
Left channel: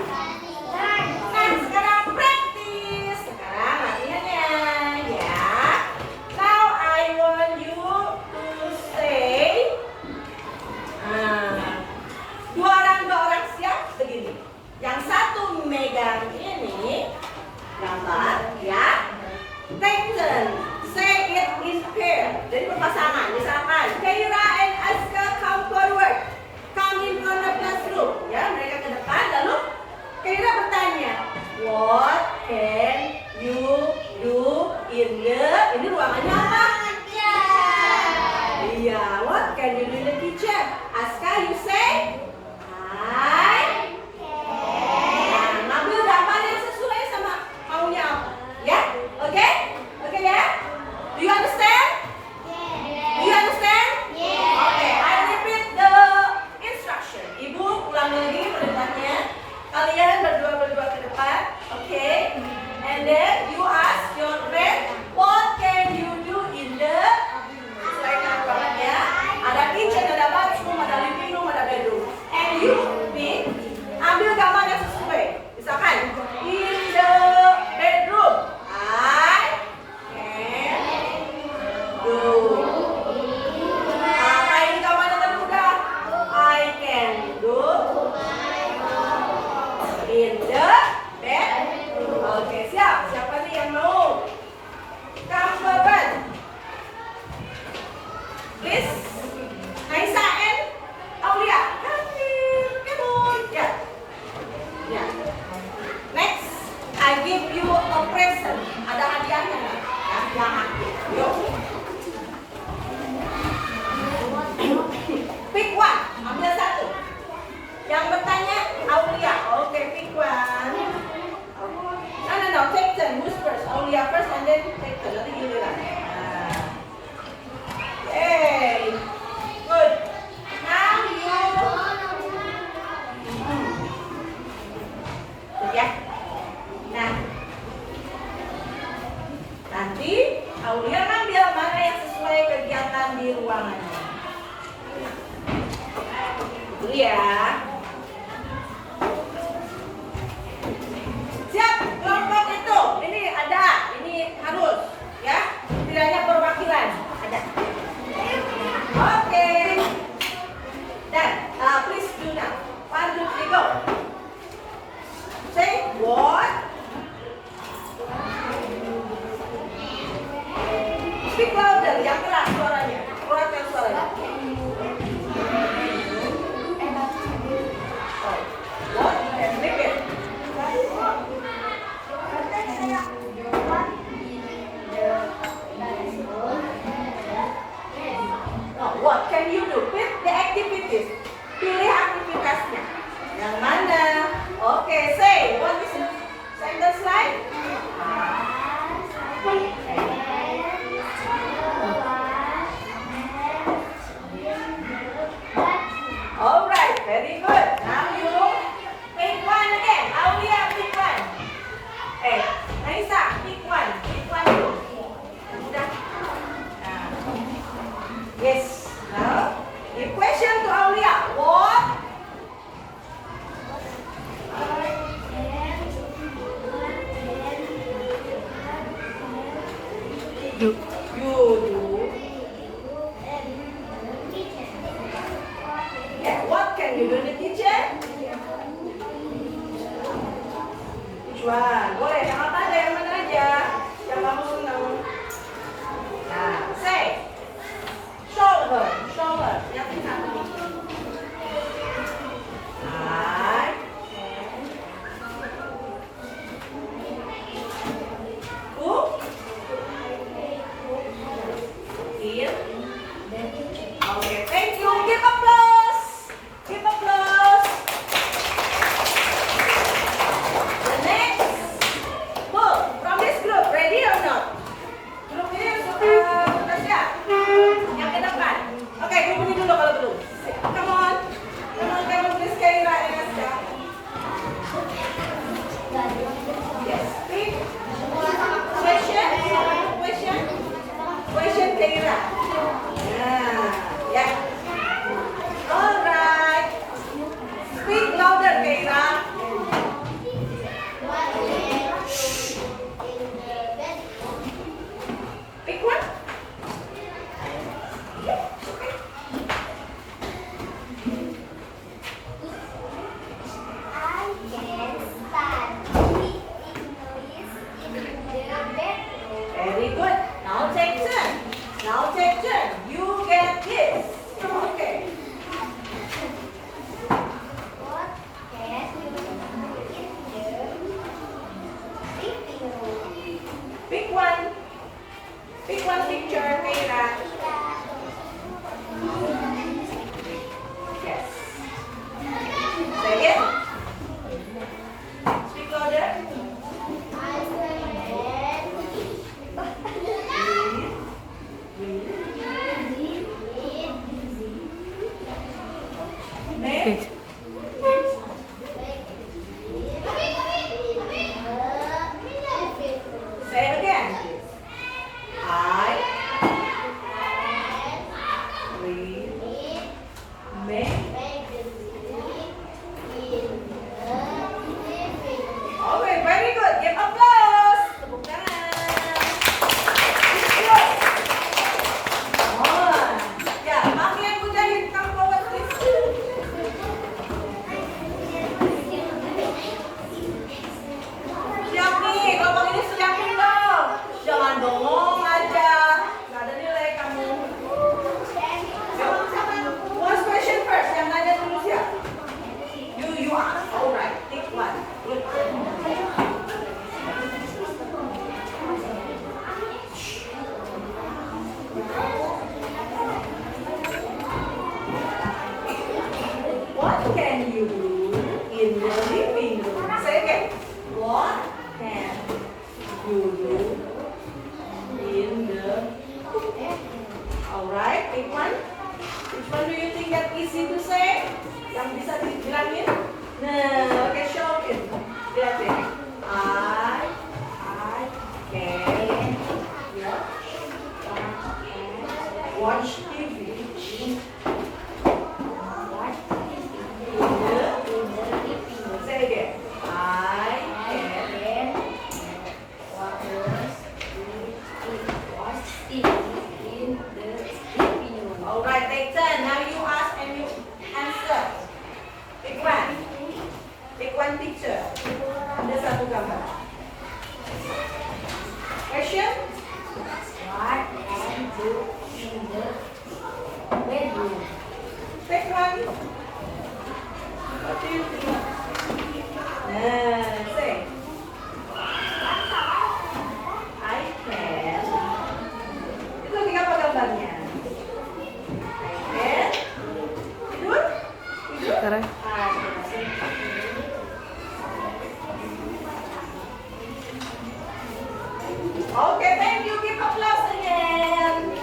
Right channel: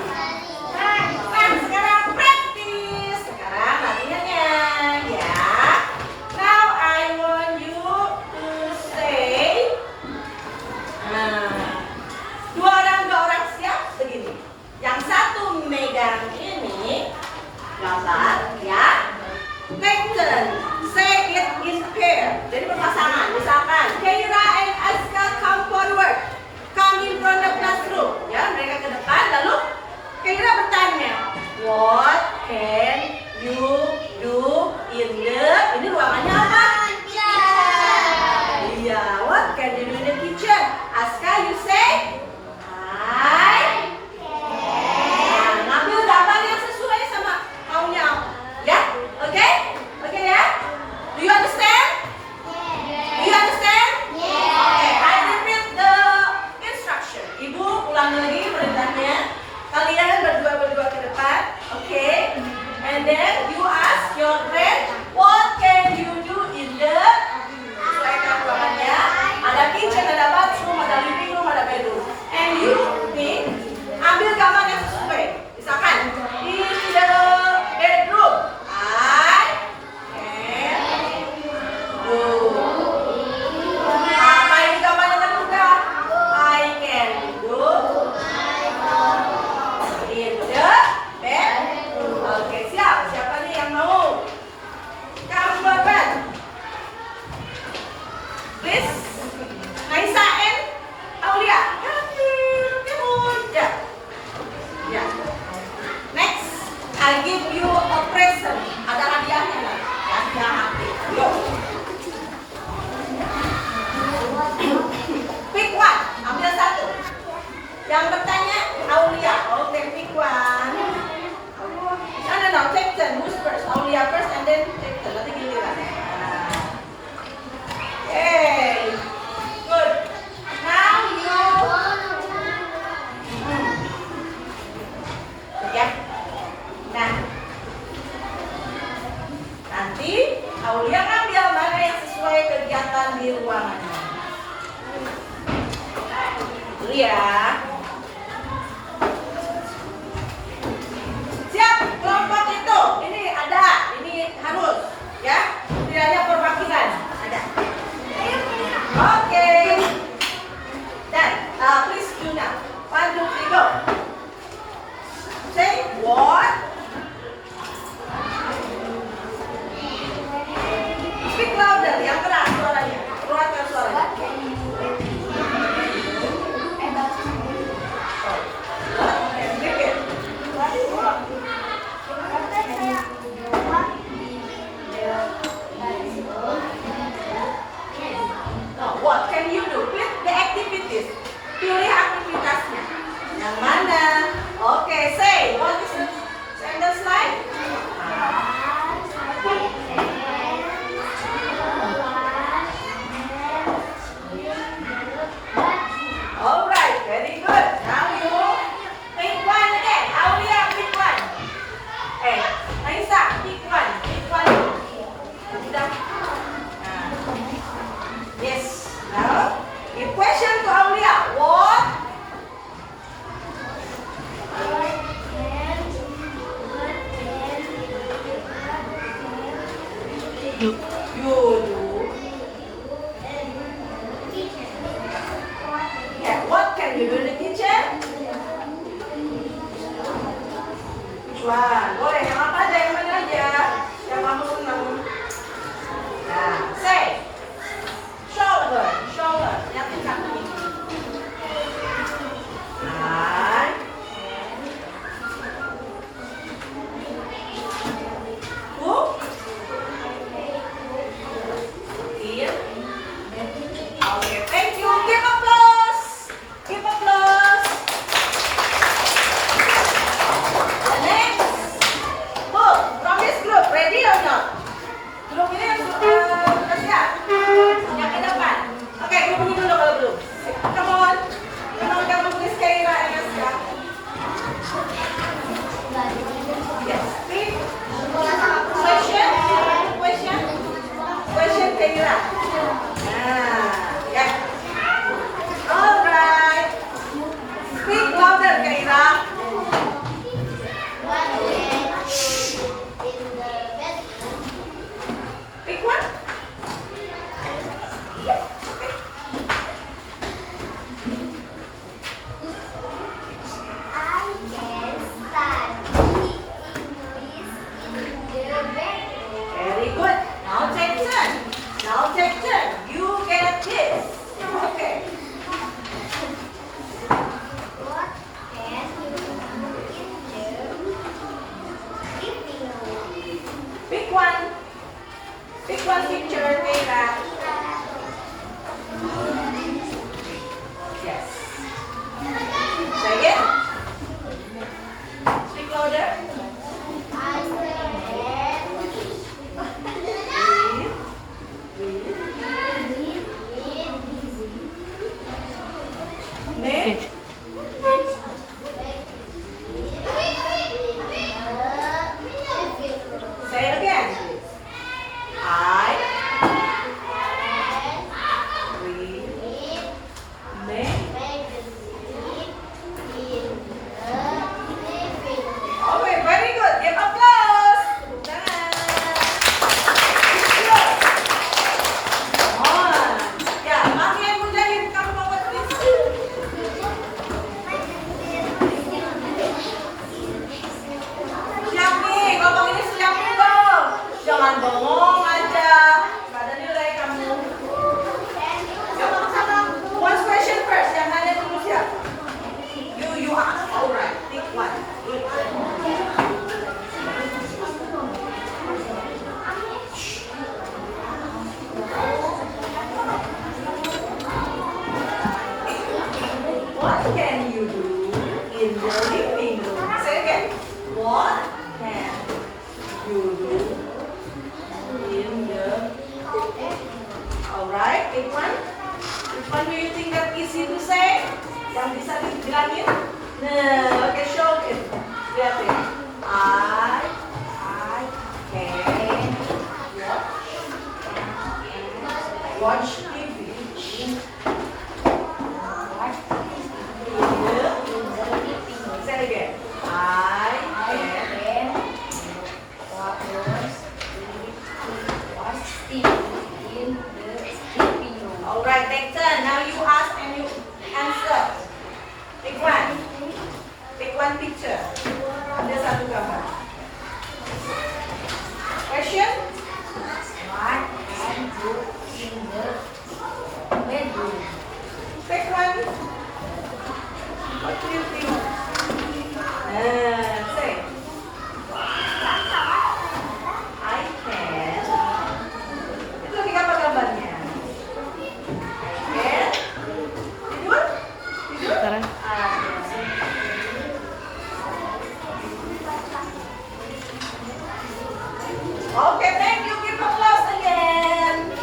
Nah, sekarang practice. Sekarang latihannya, ya. Now I want you to say, dua orang siap begini. Yang satu megang ini gambar, ya. Take turn. Say it in pair. Jadi berpasangan. Misalkan Keira and Aska come forward. Come in front of classroom. Ya, mereka ke depan. Lalu Keira bertanya, what can you do in the? Ini ruangannya apa? Iya. What can you do in the kitchen? Aska, you say, I can. Ngambil gambar yang sesuai sama maunya. Ya, oke? Oke ya? Do you understand? Do you understand? Okay, I repeat the instruction. Ibu ulang lagi perintahnya. Kalian berdua ke depan. Okay. And then you ask your friend, what can you do in the? Sesuaikan ruangannya. Ada kitchen, ada bathroom, ada living room, ada bedroom. And you ambil gambar yang sesuai. Misalkan in the bedroom, I can do. Apa ini gambarnya termudah? I can do in the bedroom. Oke, siap. Siapa nih yang mau? Come forward. Please. Naisa and Aulia. Come on. Ya. Ya. Next, I give you a present. Ada hadiahnya nggak? Yang aktif. Yuk. Pick one. Ambil satu. Yang bertanya Aulia. Oh, pick one. No. Take turn. Who's first? Aulia first and then take turn. Nanti giliran. Okay. Good. Now you. Ya. Nah. Nanti Aulia ngambil mana yang sesuai kegiatan di ruangannya. Itu ya. Siap, kelompok itu. Ini ada, ini harus, ya. Tidak hanya perwakilan, ada. Oke. Dan please do now. 1, 2, 3, go. Say what? Speak louder, yang keras suaranya. Keluarkan suaranya. What? Okay, speak it. What can you do? Pick the activities. Pilih aktivitasnya. Yang mana? Oke, say. What is the sentence like? Alright, very good. Now you pick one again. Aulia, pick one. Aisyah, pick one. Pick one. Udah. Yes. Now, give question to Aulia. What? You do. Yeah, what can you do in the kitchen? Which one? Boleh, yang apa aja, yang mana aja? Yang kamu senang. in. Okay, thank you. Give applause. Give applause. The next book from this group. Ready or not? Grup ini sudah siap? Yang ke depan. Oke, grup ini dulu kalau belum. Come on. Come on, please Kaira and Aska. Yes. Please. Question Kaira. Yeah. All right. Speak louder, Kaira. Pick one. Very good. Now take turn. Now take turn. You get this. Okay. Pick one. Pick one picture, Keira. Yes. Say again. Speak louder. Next. Say it again. I read make. Okay, very good. Give applause. Jangan bengong aja, gak ada nilai kamu. One question first, yang nanya dulu siapa? You ask, alright, pick one. What can you do in the living room? Say again. What can you do? Alright, pick one. Which one do you think that easy to say? Yang bisa dibilangin? Nah, okay, show it. Lihat ya. I can watch TV. Say again. I can watch TV. Alright, take turn. Now you ask and you answer. Pick one. Pick one picture. Ada satu gambar. Question? What can you do in the bedroom? Pick one. What do you think? Say. I can. Itu lagi apa gambarnya? Tidur? Sekarang. Okay, thank you. Give applause again.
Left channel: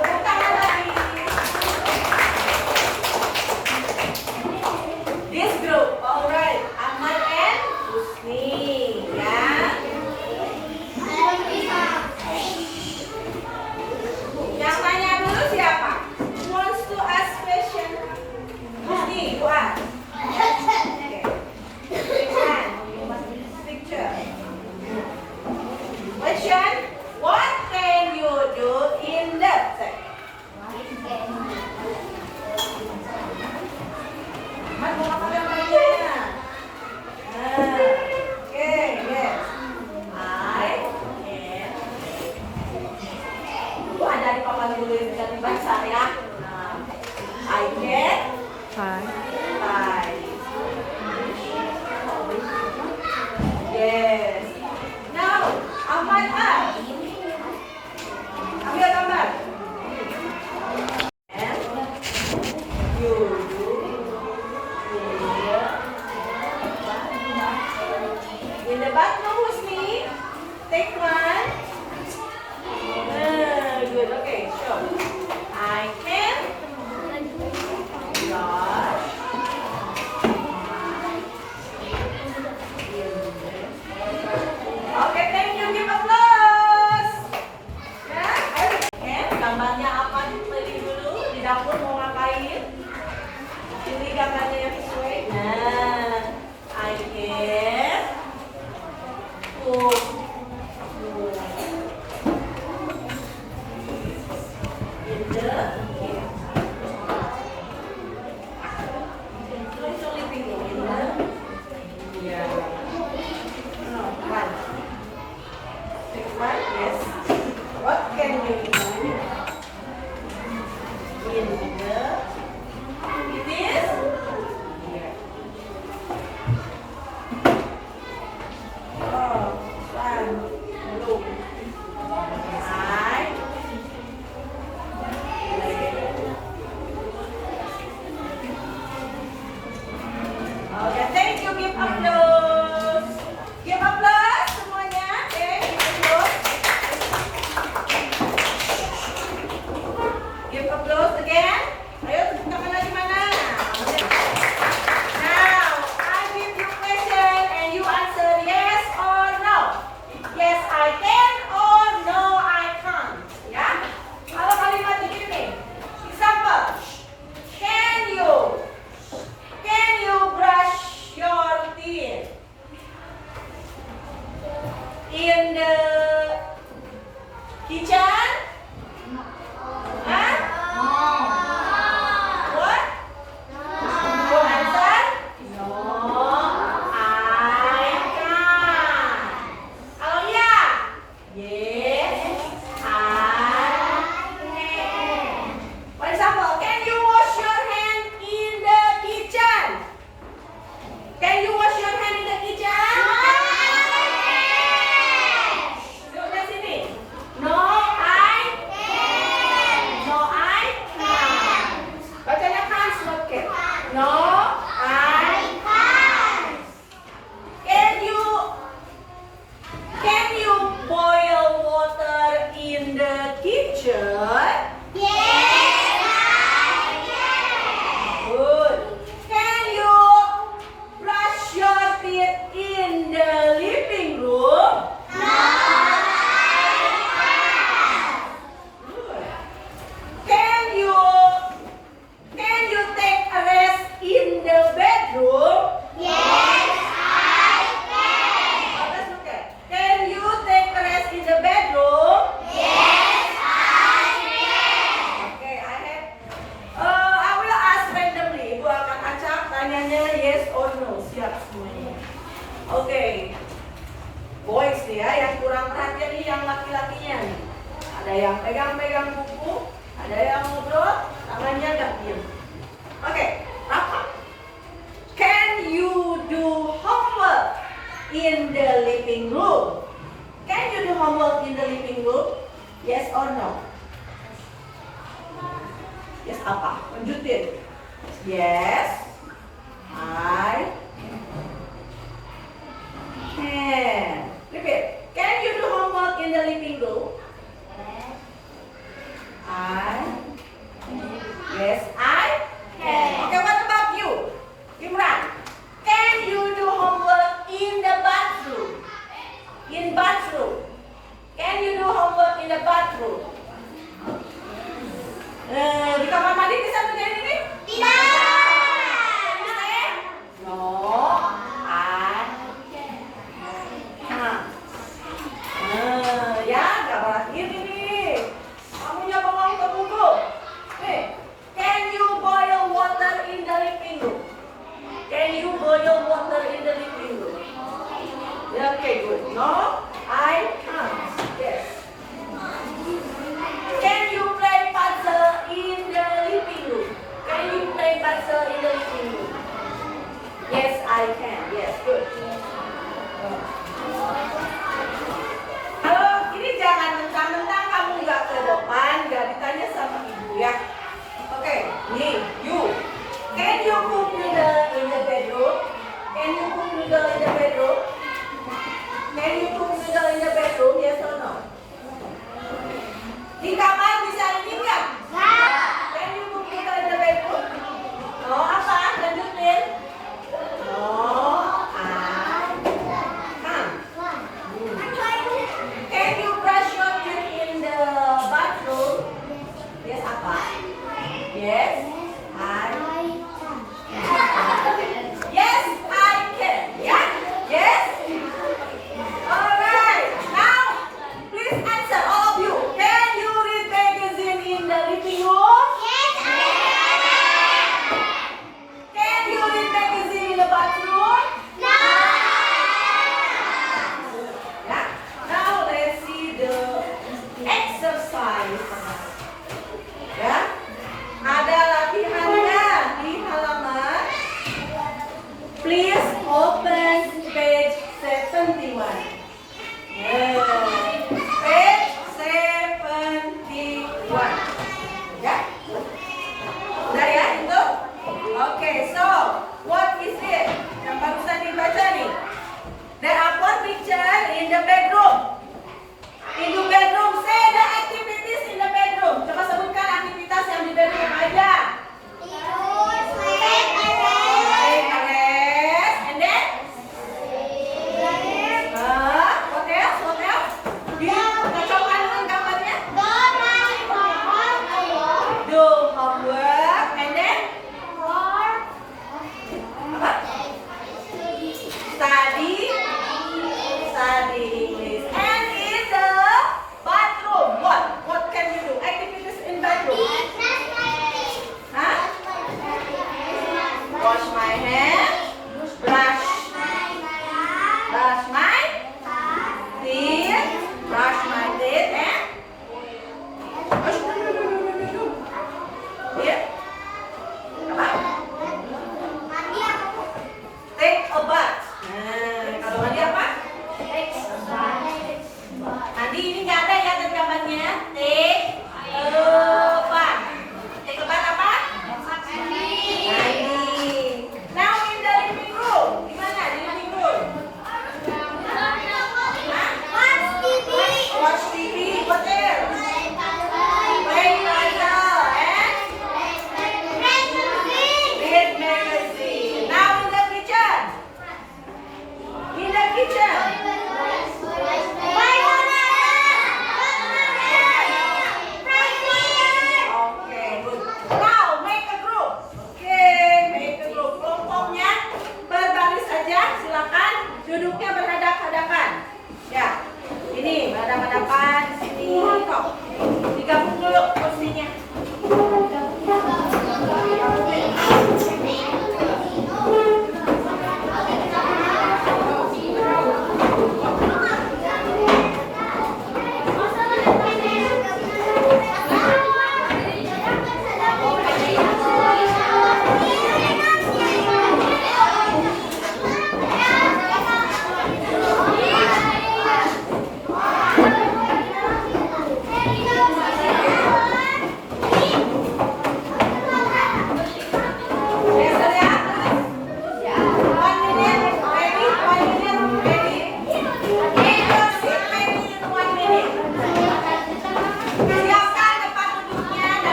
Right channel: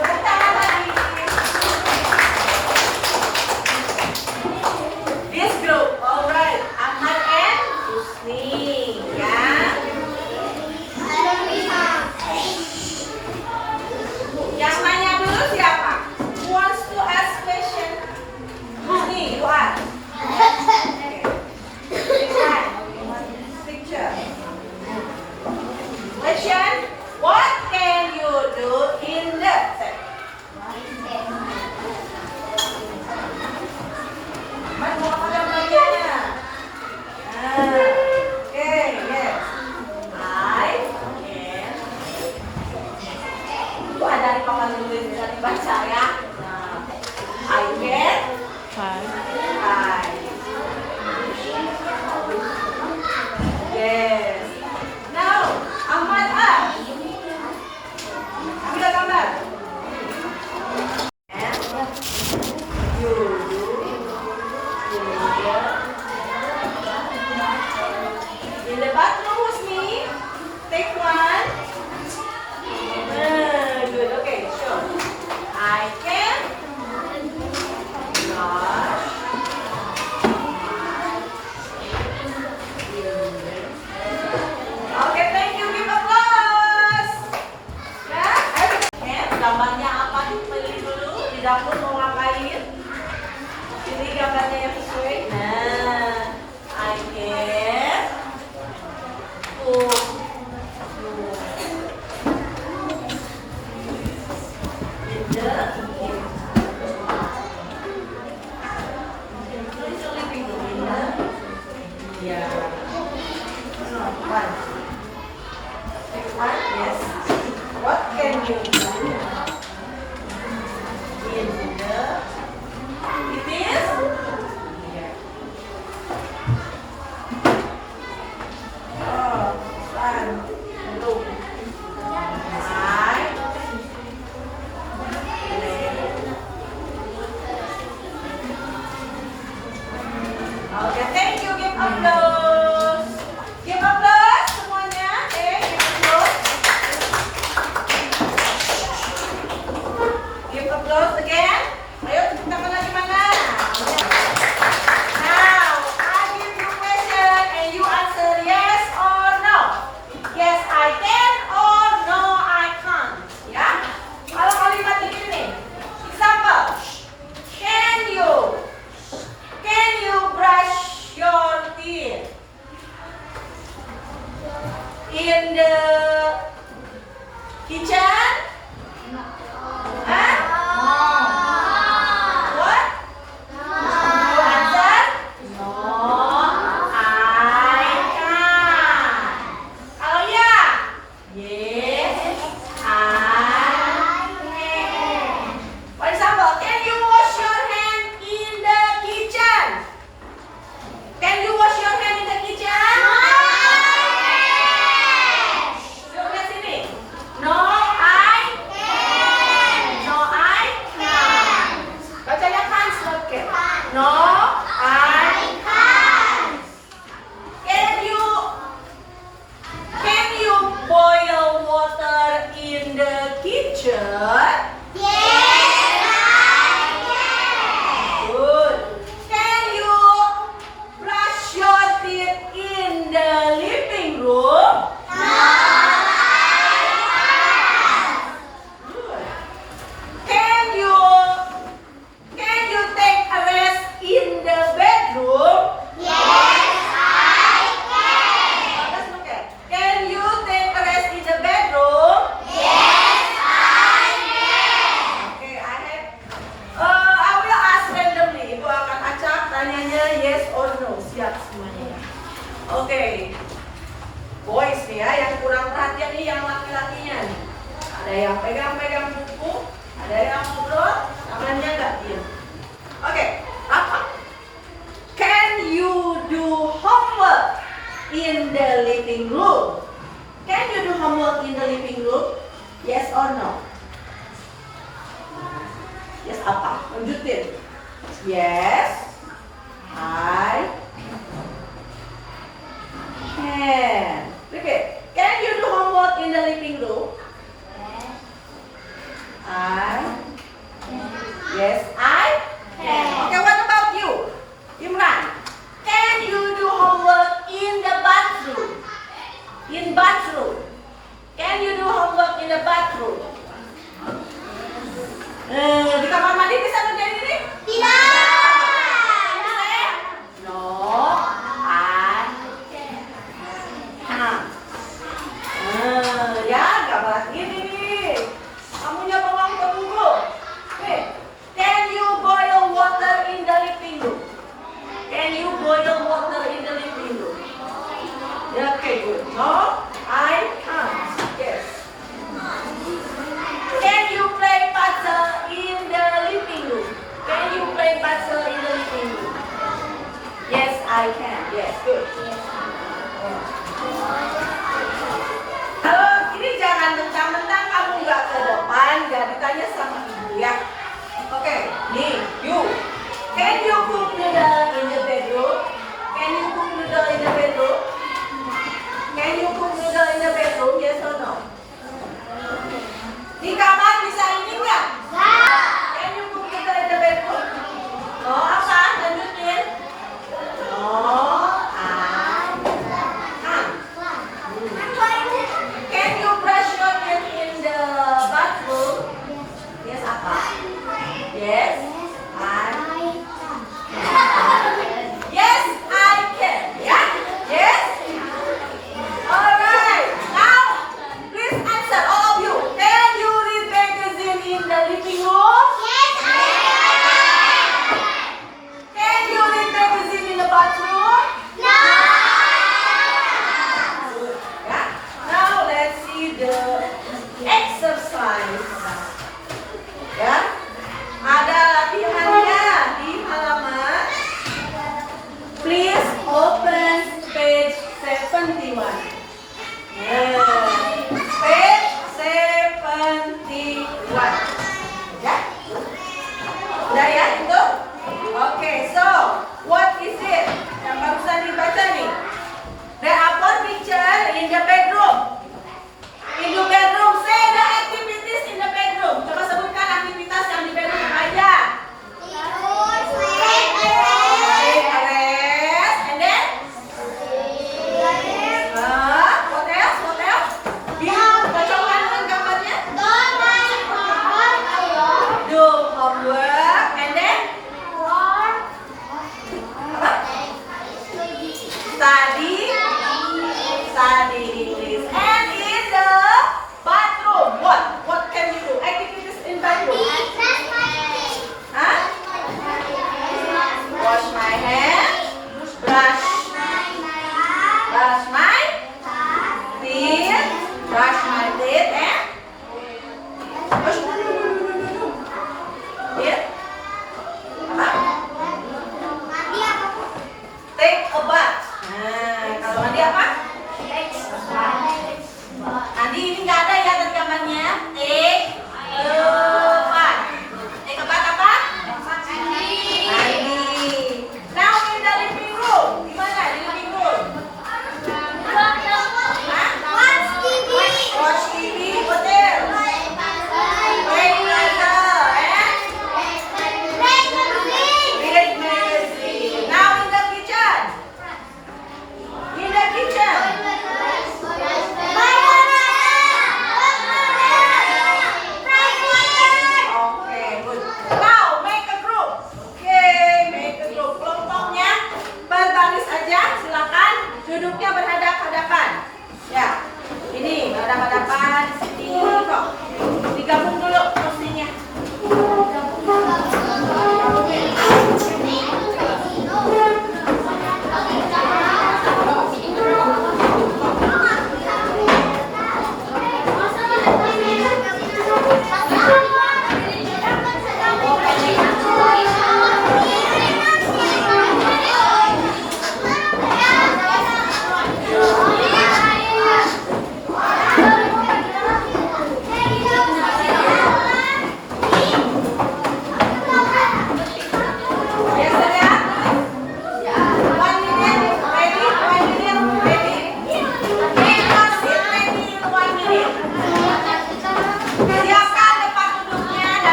Tepuk tangan lagi. This group, alright. Ahmad and Husni, ya. Yang nanya dulu siapa? Who wants to ask question? Husni, you ask. Okay. Pick one. Picture. Question. What can you do in the set? Mas mau apa gambarnya? Okay, yes. I can. Itu ada di papan tulis bisa dibaca ya. I can. Yes. Now, Ahmad, ambil gambar. It is here. Oh, one, two. Right. Oke, thank you. Give applause. Give applause semuanya. Give applause again. Ayo tepuk tangan lagi mana? Now, I give you question and you answer yes or no. Yes, I can or no, I can't. Ya. Kalau kalimat begini, example. Can you brush your teeth in the kitchen? Huh? What? You answer? No, I can't. Kalau ya? Yes, I can. For example, can you wash your hand in the kitchen? Can you wash your hand in the kitchen? Look at sini. No, I can. No, I can't. Bacanya can't, not can. No, I can't. Can you boil water in the kitchen? Good. Can you brush your teeth in the living room? Good. Can you take a rest in the bedroom? Oh, let's look at. Can you take a rest in the bedroom? Okay, I will ask randomly. Ibu akan acak tanyanya yes or no. Siap semuanya. Oke. Boys nih ya, yang kurang perhatian nih yang laki-lakinya nih. Ada yang pegang-pegang buku, ada yang ngobrol, tangannya nggak diem. Oke, apa? Can you do homework in the living room? Can you do homework in the living room? Yes or no? Yes apa? Lanjutin. Yes, I can. Okay. Can you do homework in the living room? Yes, I can. Okay, what about you? Imran. Can you do homework in the bathroom? In bathroom. Can you do homework in the bathroom? Di kamar mandi bisa ngerjain ini? No, I can't. Ya, gak exercise. Ya, ada latihannya di halaman. Please open page 71. Page 71. Ya, udah ya itu? Oke, so what is it? Yang barusan dibaca nih. There are four pictures in the bedroom. In the bedroom, say the activities in the bedroom.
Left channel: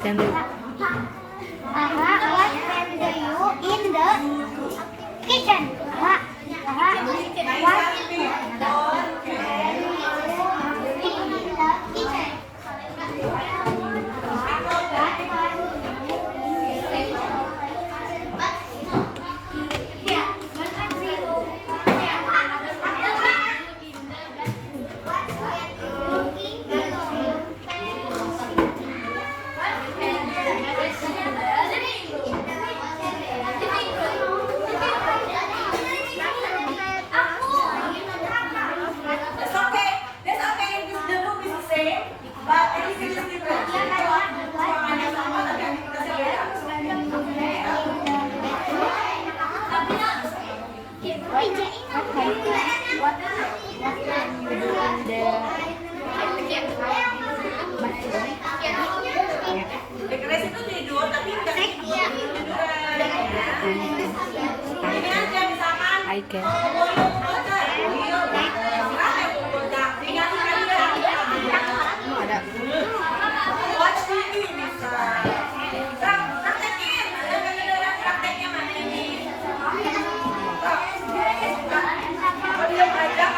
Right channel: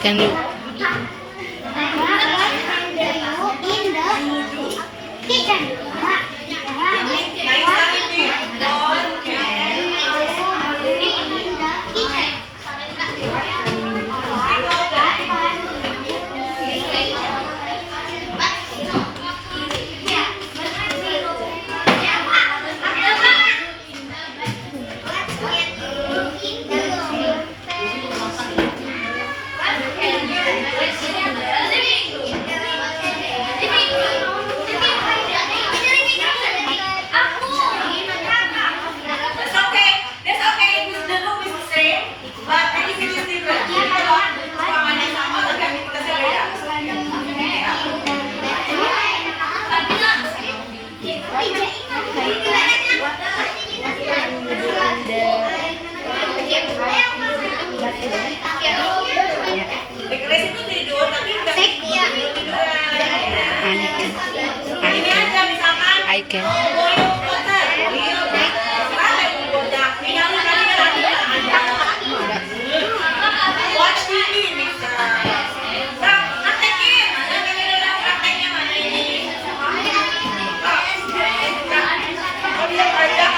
Can you? Dekresi itu tidur, tapi udah tiduran. Ini aja misalkan. I can. Watch TV bisa. Praktekin, prakteknya mana ini? Bisa belajar.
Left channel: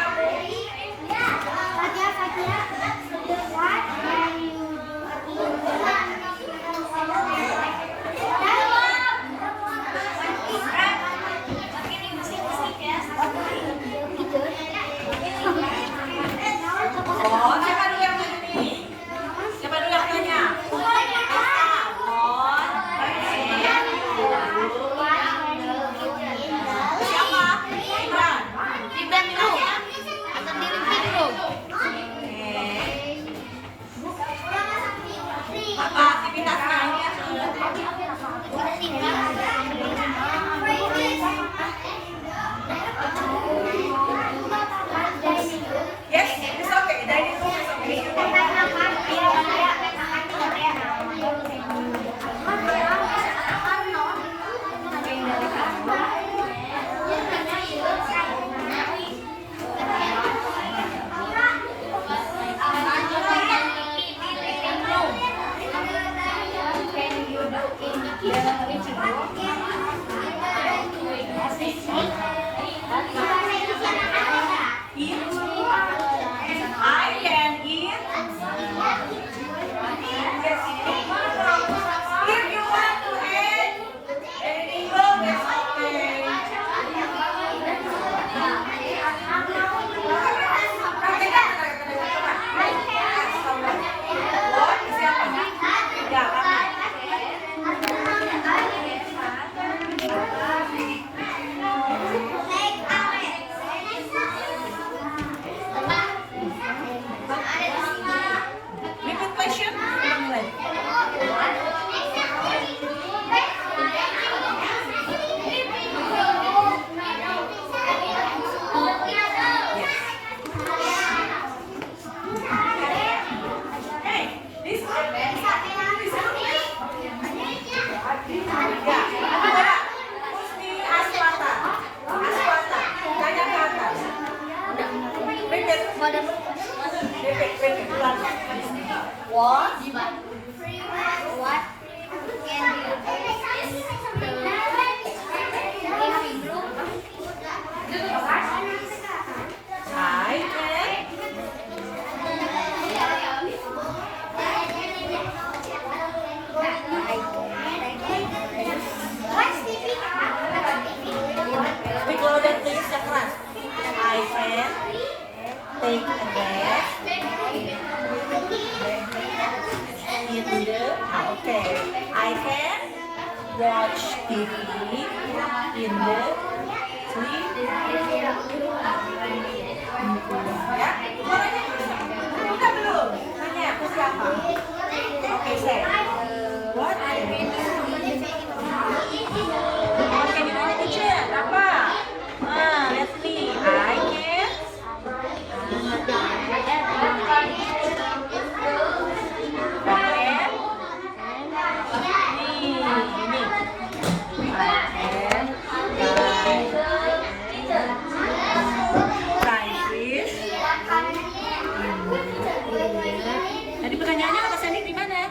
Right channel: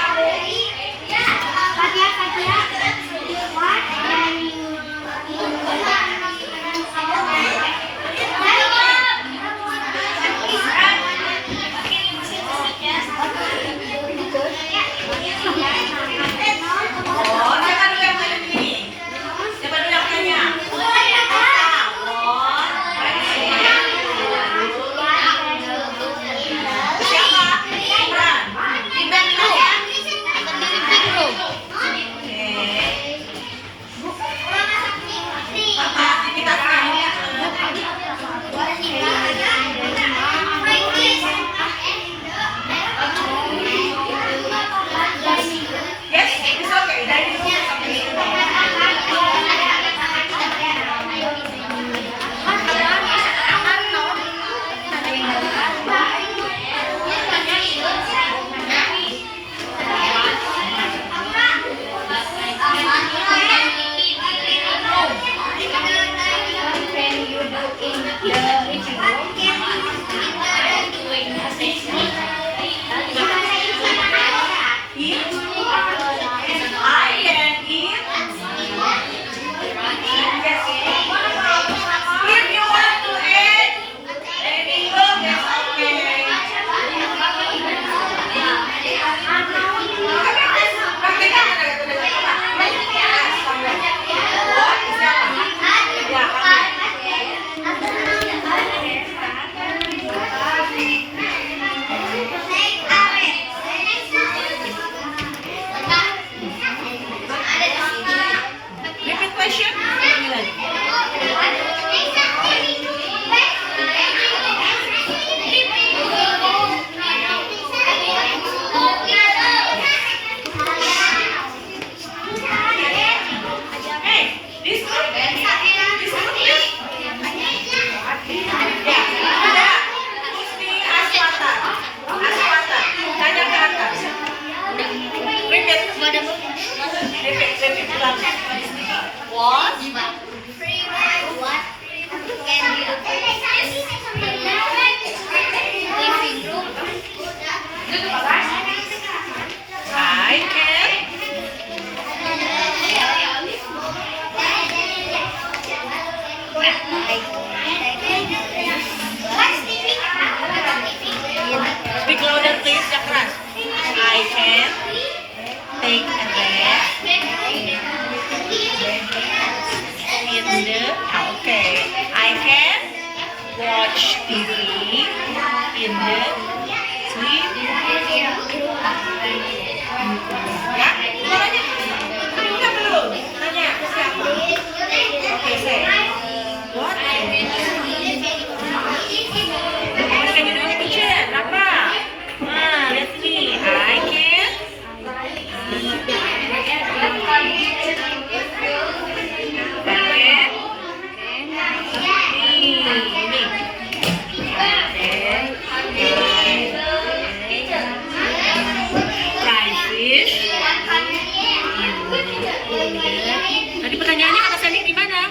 What? I can. Speak louder please, yang keras. I can take a bath in the okay. I can watch TV in the sleep. Ya, udah belum? Tanya ke siapa? Oke, say. What? Can you do in the kitchen? Apa? Let's see. I can. Tadi pertanyaannya kata Sandy di mana?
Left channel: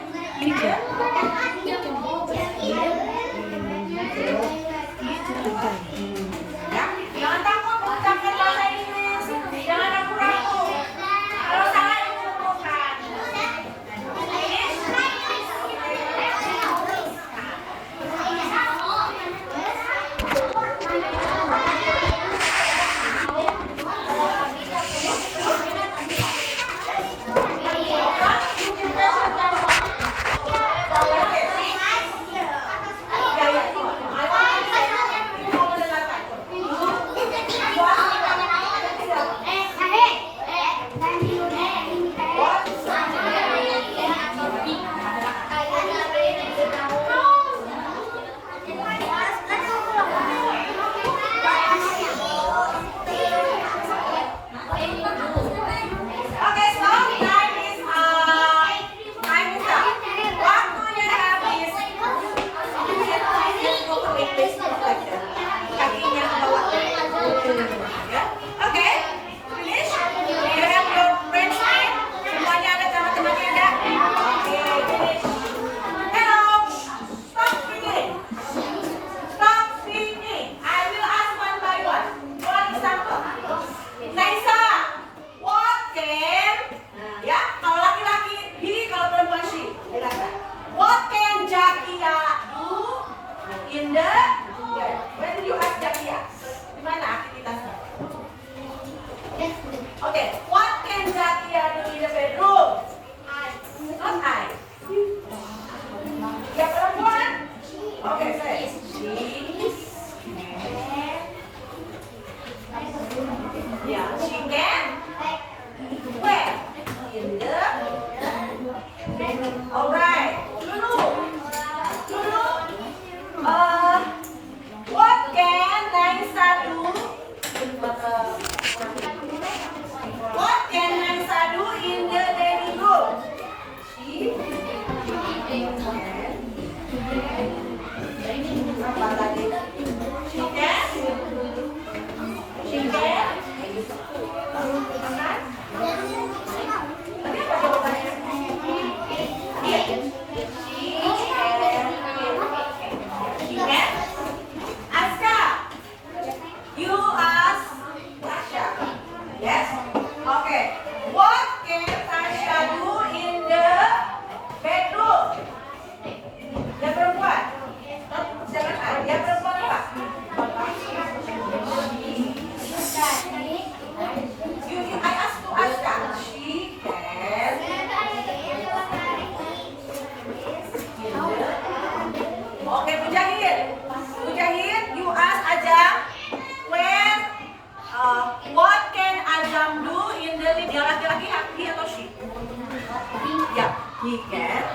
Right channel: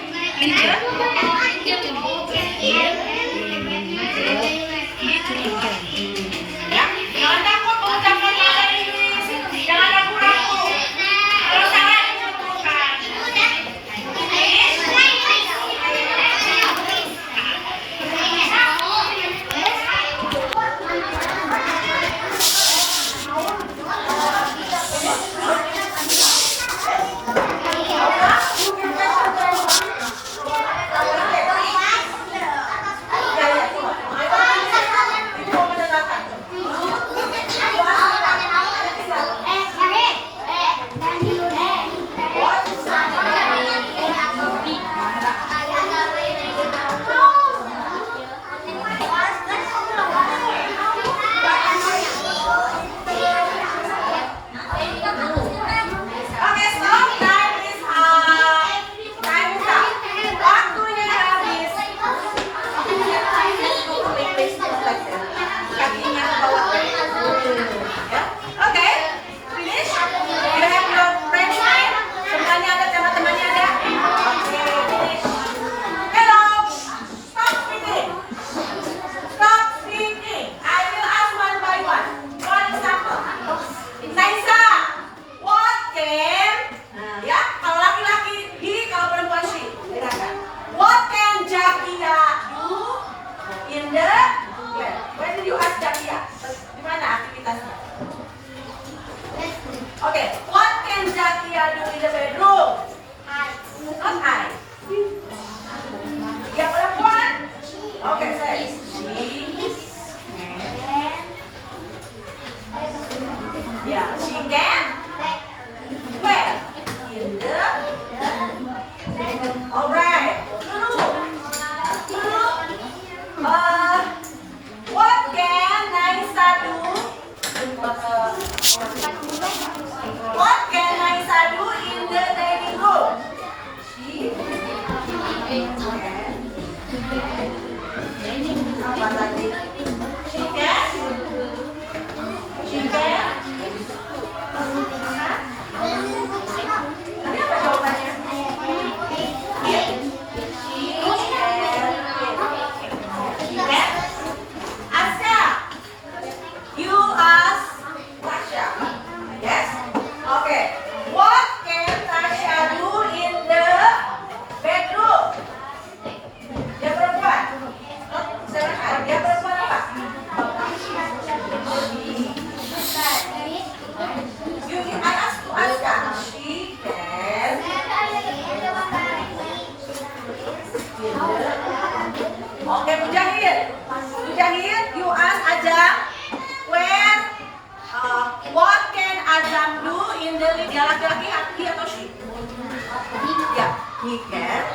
He can.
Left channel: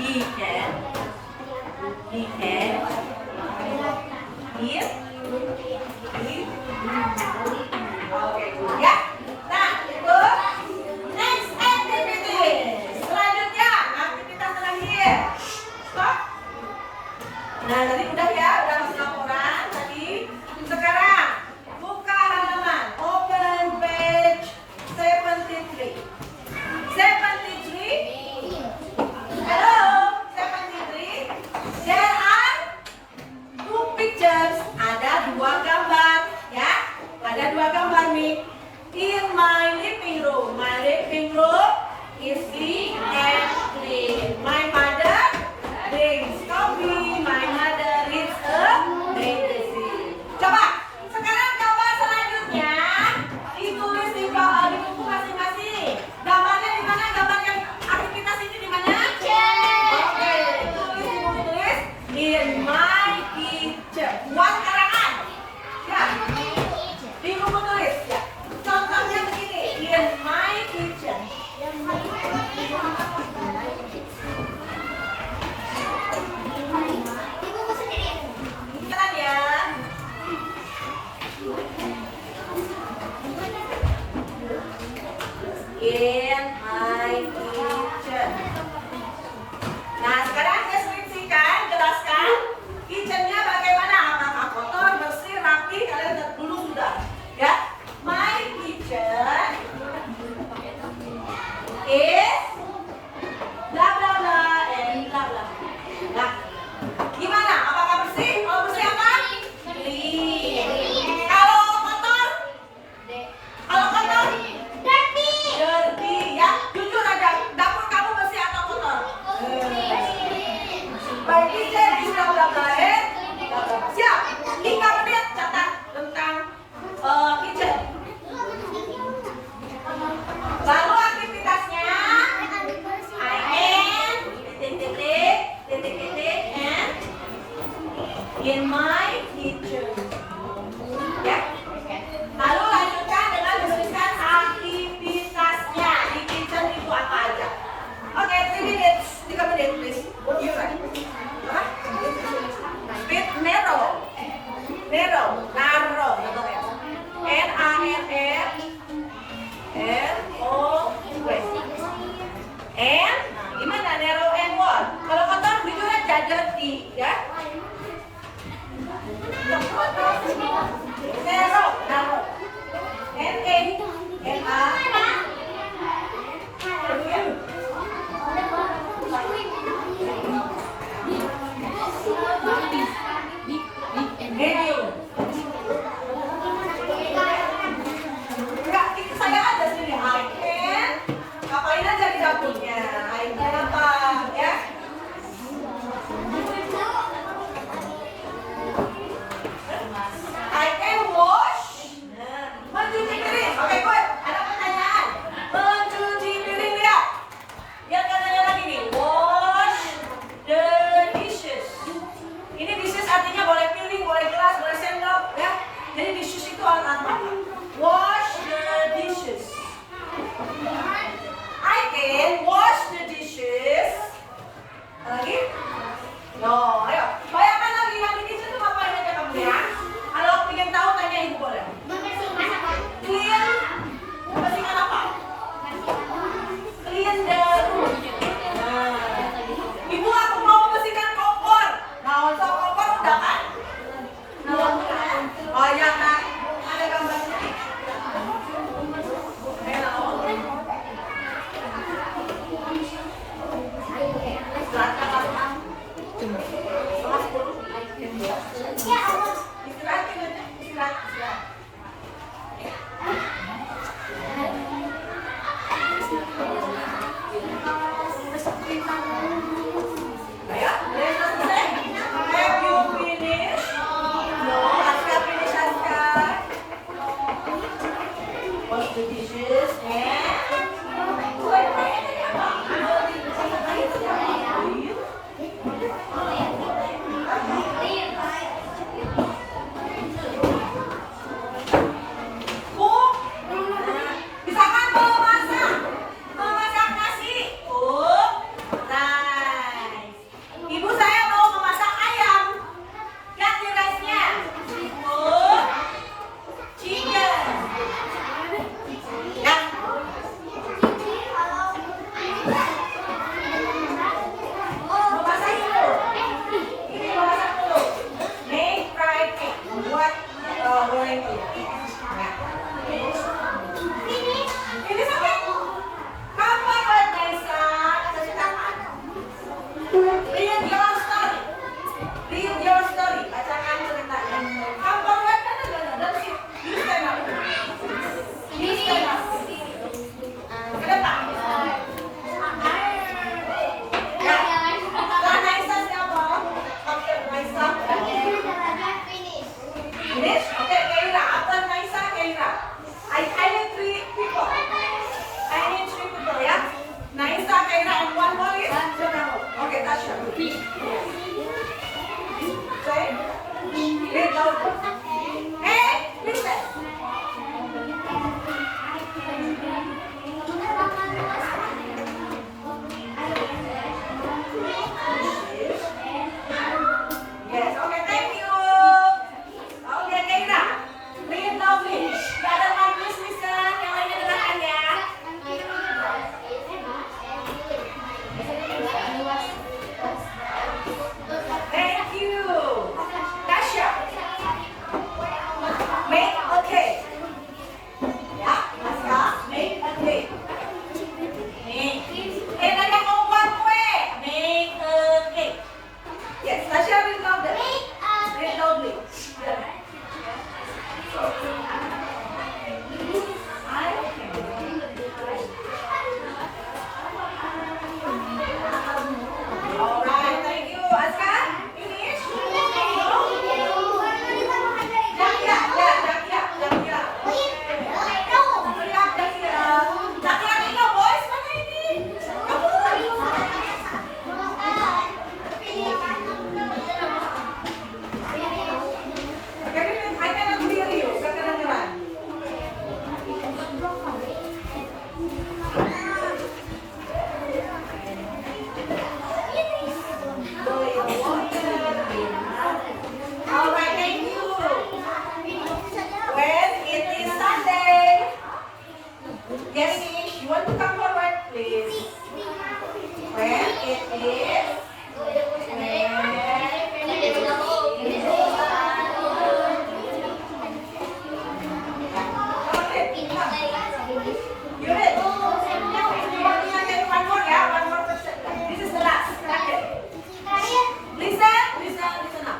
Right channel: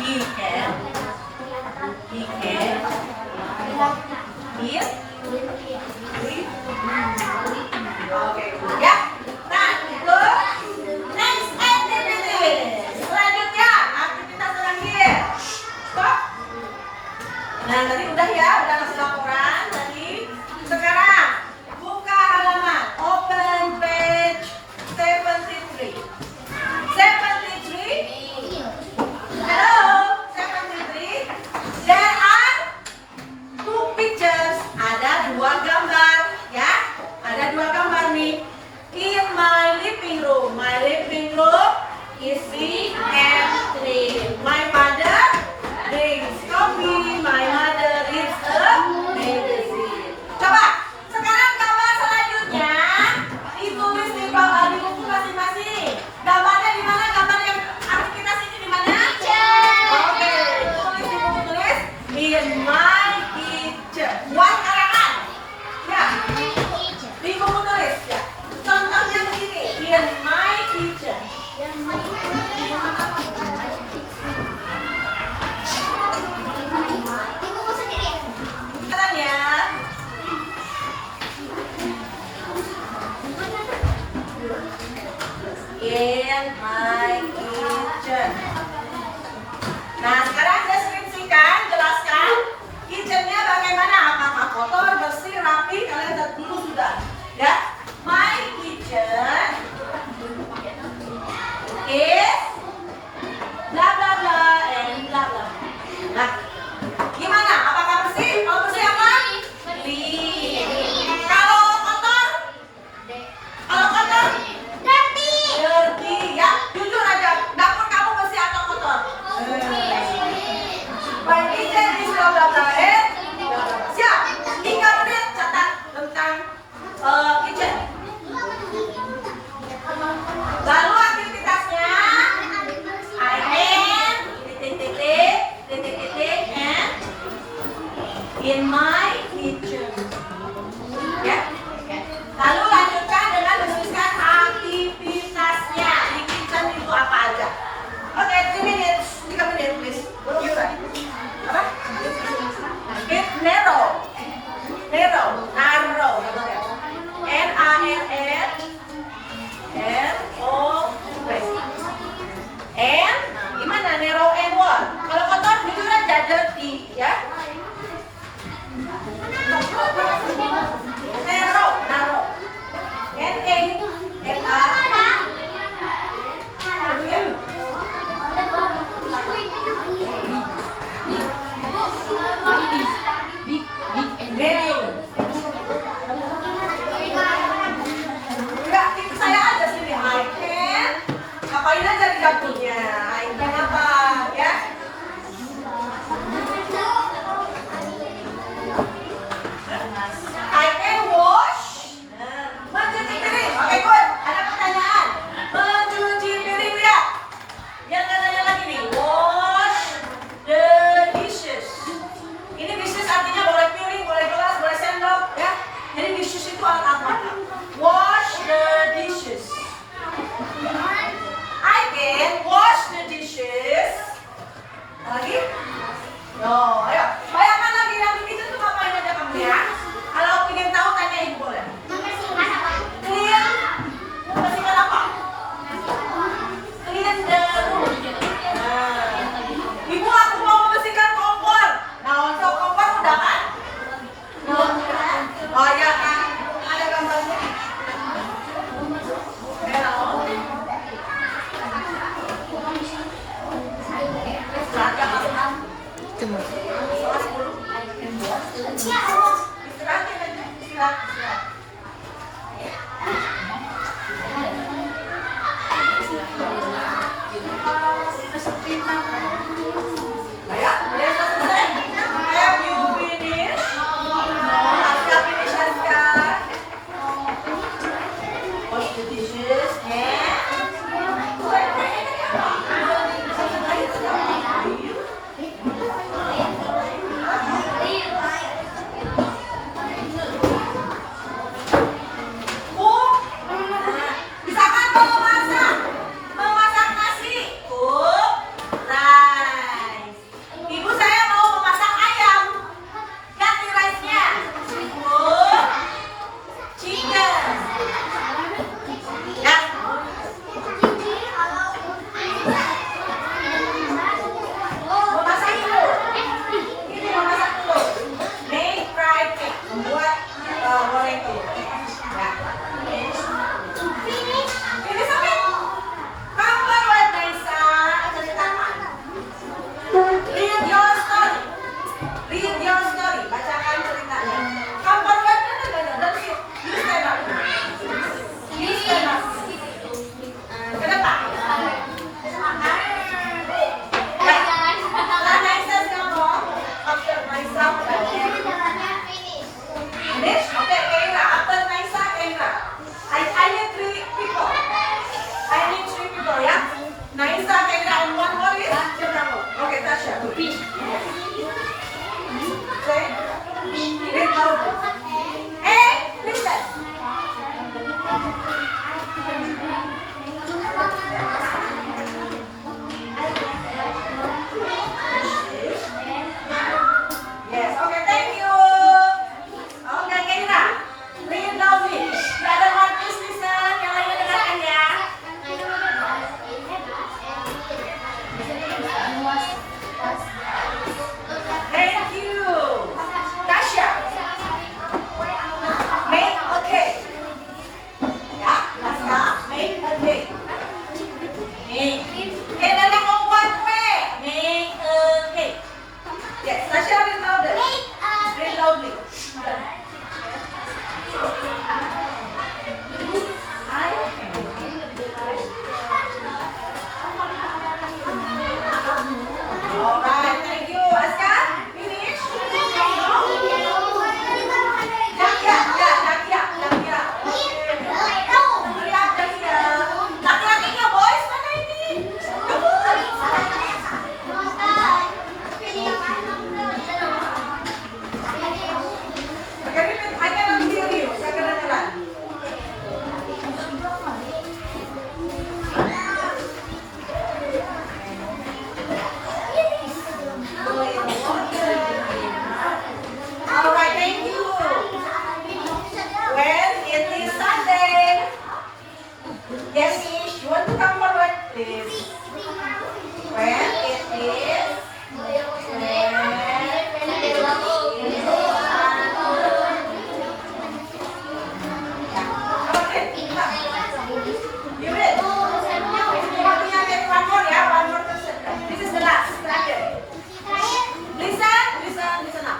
He can. He can. Eat. Oke, ya. Nah, itu next activity. Selanjutnya, aktivitas terakhir. Stop. Nah, tadi udah ya, udah ngasih laporan tadi. Sekarang buka halaman, open page 73. 73. Hello, 73. There are two pictures. Ada dua gambar, ya. Ada dua gambar nih. In my living room. My living room is big and clean. My mother drinks coffee. My mother reads a magazine. Coba, sekarang gambar selanjutnya ditulis di bawah di buku masing-masing. Gambarnya di mana? Gambar yang aktivitas ini di mana? Oke, tulis di buku tulis in my kitchen. Buat karangan. Ya. Di buku tulis ya. Contohnya begini, in my kitchen. Kalian ya. In my kitchen. Nah, sekarang deskripsikan, jelaskan kitchennya bagaimana, apakah kotor, bersih, rapi, kalian lihat dulu sudah. Ya, my kitchen is bla bla bla and bla bla. Nah, gimana? Apakah bersih? Kalau bersih apa? Clean. Kalau kotor? Kalau kotor? Dirty. Ya, jujur aja. Dapur kamu bersih atau kotor? My kitchen is bla bla bla and bla bla. Siap. 3 menit catat tentang kitchen. Lalu aktivitasnya I am titik-titik and in my kitchen. Ya. Lalu lanjutkan dengan menuliskan aktivitasnya di kitchen itu apa aja. Oke, 3 menit please. You right. Apa? Speed narrow. Narrow. N-A-R-R-R-O-W. And gimana narrow and what? Kalau kotor jujur aja dirty, ya. Narrow. Medium. Enggak, itu saya aja sini. I can. Apain aja di dapurnya. I can apa, ya? I can wash. Mencuci piring. Oke, good. Ada pertanyaan. Mencuci piring ya. Biar nggak tanya lagi nih. Wash the dishes. Ini dishes artinya boleh piring, boleh gelas, boleh sendok, ya. Jadi dishes itu alat apa? Wash the dishes. I can wash the dishes. Lagi? No, ayo. Bayangkan lagi yang di kitchen itu ngapain aja kamu ya? Kalau ingin tahu tanya ibu boleh. Clean. Membersihkan apa? Clean the room. Nah. Ibu, aku mau membersihkan kompor. Nah, untuk kompor udah kan? Oh iya kan? Ada gambarnya. Read your story. Read your story. Bacakan ceritanya. Cover web kan ada. That's it. You stand up. You stand up. Ke depan. Ya. Setelah Naisa siapa? After Naisa. Finish? Okay, Keira. After Naisa, Keira. I need 3 people. I need 3 people, ya. Naisa, Keira, and one more is? Okay, Tasha. Say. Read out. Hey, listen. Yes, okay, thank you. Okay, Keira. Read loudly. The other one, please listen. Yang lainnya dengarkan ya. Thank you. Tasha. Make a cake. Ya, Tasha. Make a cake. Make. Okay, dan yang membuat kue. Make a cake. Yes, Tasha read louder. Read loudly. Alright, thank you. Aska, finish? Dakia. Laki-lakinya boys, mana ini? Jadi, I cannot hear you. Saya kedengeran. Alright, thank you. When it is Sunday, yes, you want to come forward, please. When it is okay, you read. One more, yeah, one more person. This is the last. Listen up.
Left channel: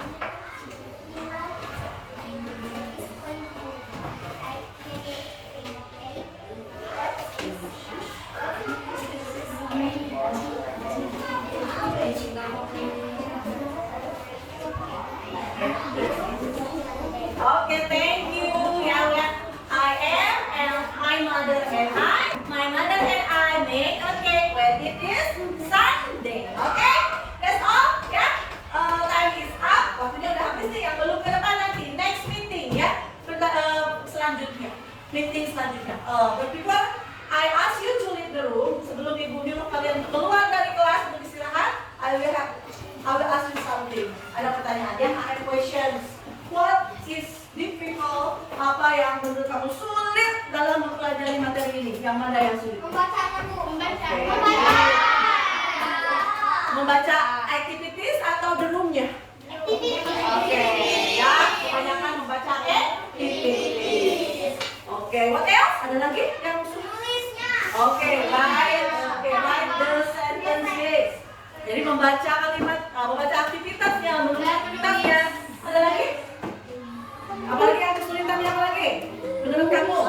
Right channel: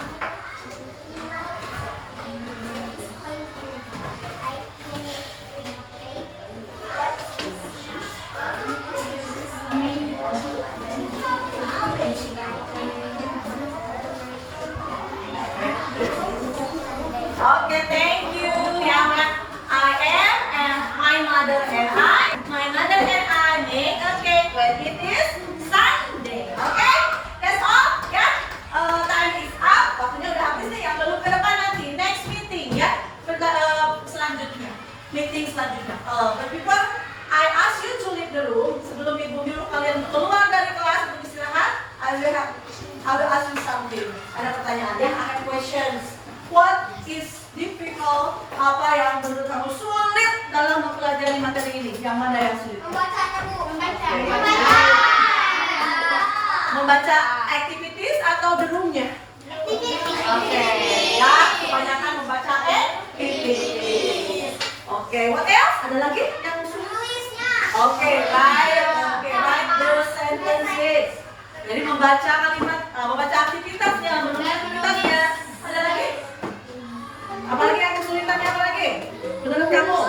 Okay, thank you. Yeah, I am and my mother and I make a cake when it is Sunday. Okay, that's all. Ya, time is up. Waktunya udah habis nih. Yang belum ke depan nanti next meeting ya. Selanjutnya, meeting selanjutnya. But before I ask you to leave the room, sebelum ibu nyuruh kalian keluar dari kelas untuk istirahat, I will ask you something. Ada pertanyaan. I have questions. What is difficult? Apa yang menurut kamu sulit dalam mempelajari materi ini? Yang mana yang sulit? Membaca activities atau the room-nya? Oke, ya, kebanyakan membaca activities. Oke, what else? Ada lagi yang sulit? Oke, write the sentences. Jadi membaca kalimat, membaca aktivitasnya, menulis aktivitasnya. Ada lagi? Apalagi yang kesulitannya apa lagi? Menurut kamu?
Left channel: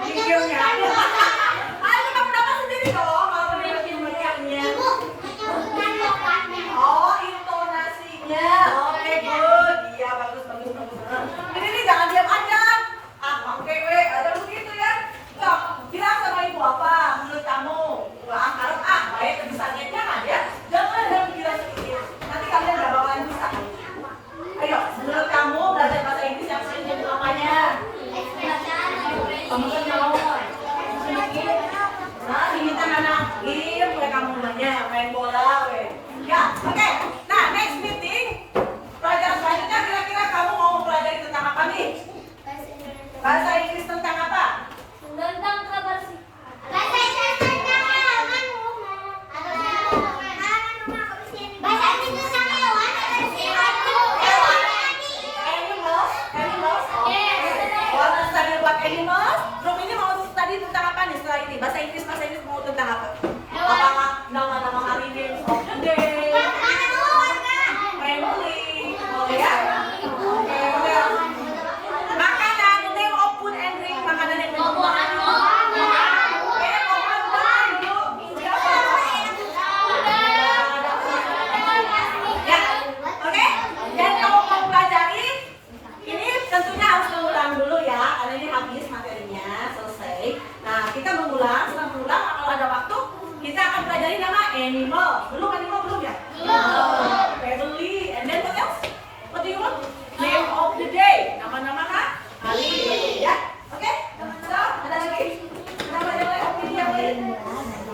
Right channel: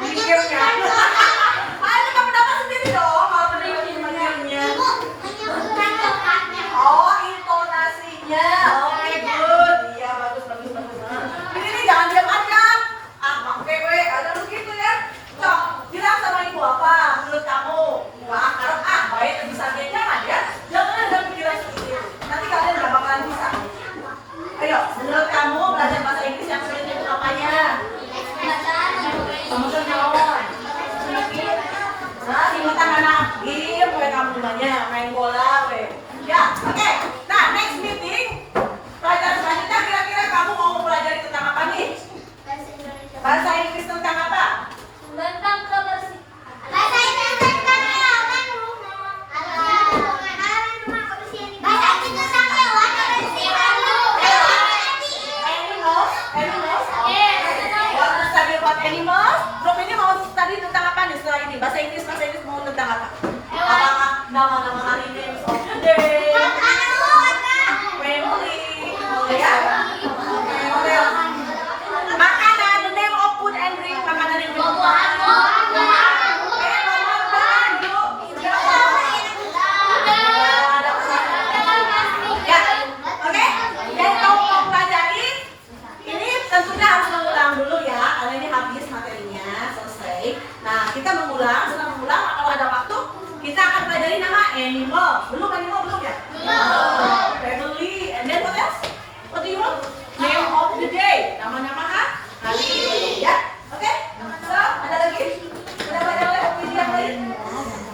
Videonya. Ayo kamu dapat sendiri dong kalau menurut materinya. Oh, intonasinya. Oke, good. Iya, bagus. Ini jangan diam aja. Pakai ada begitu ya. Cok, bilang sama ibu apa menurut kamu? kita akan pelajari nama animal. Belum animal belum ya? Belum. Family. And then what else? What do you want? Name of the day. Nama-nama hari ini ya. Oke? So, ada lagi? Ada yang lain?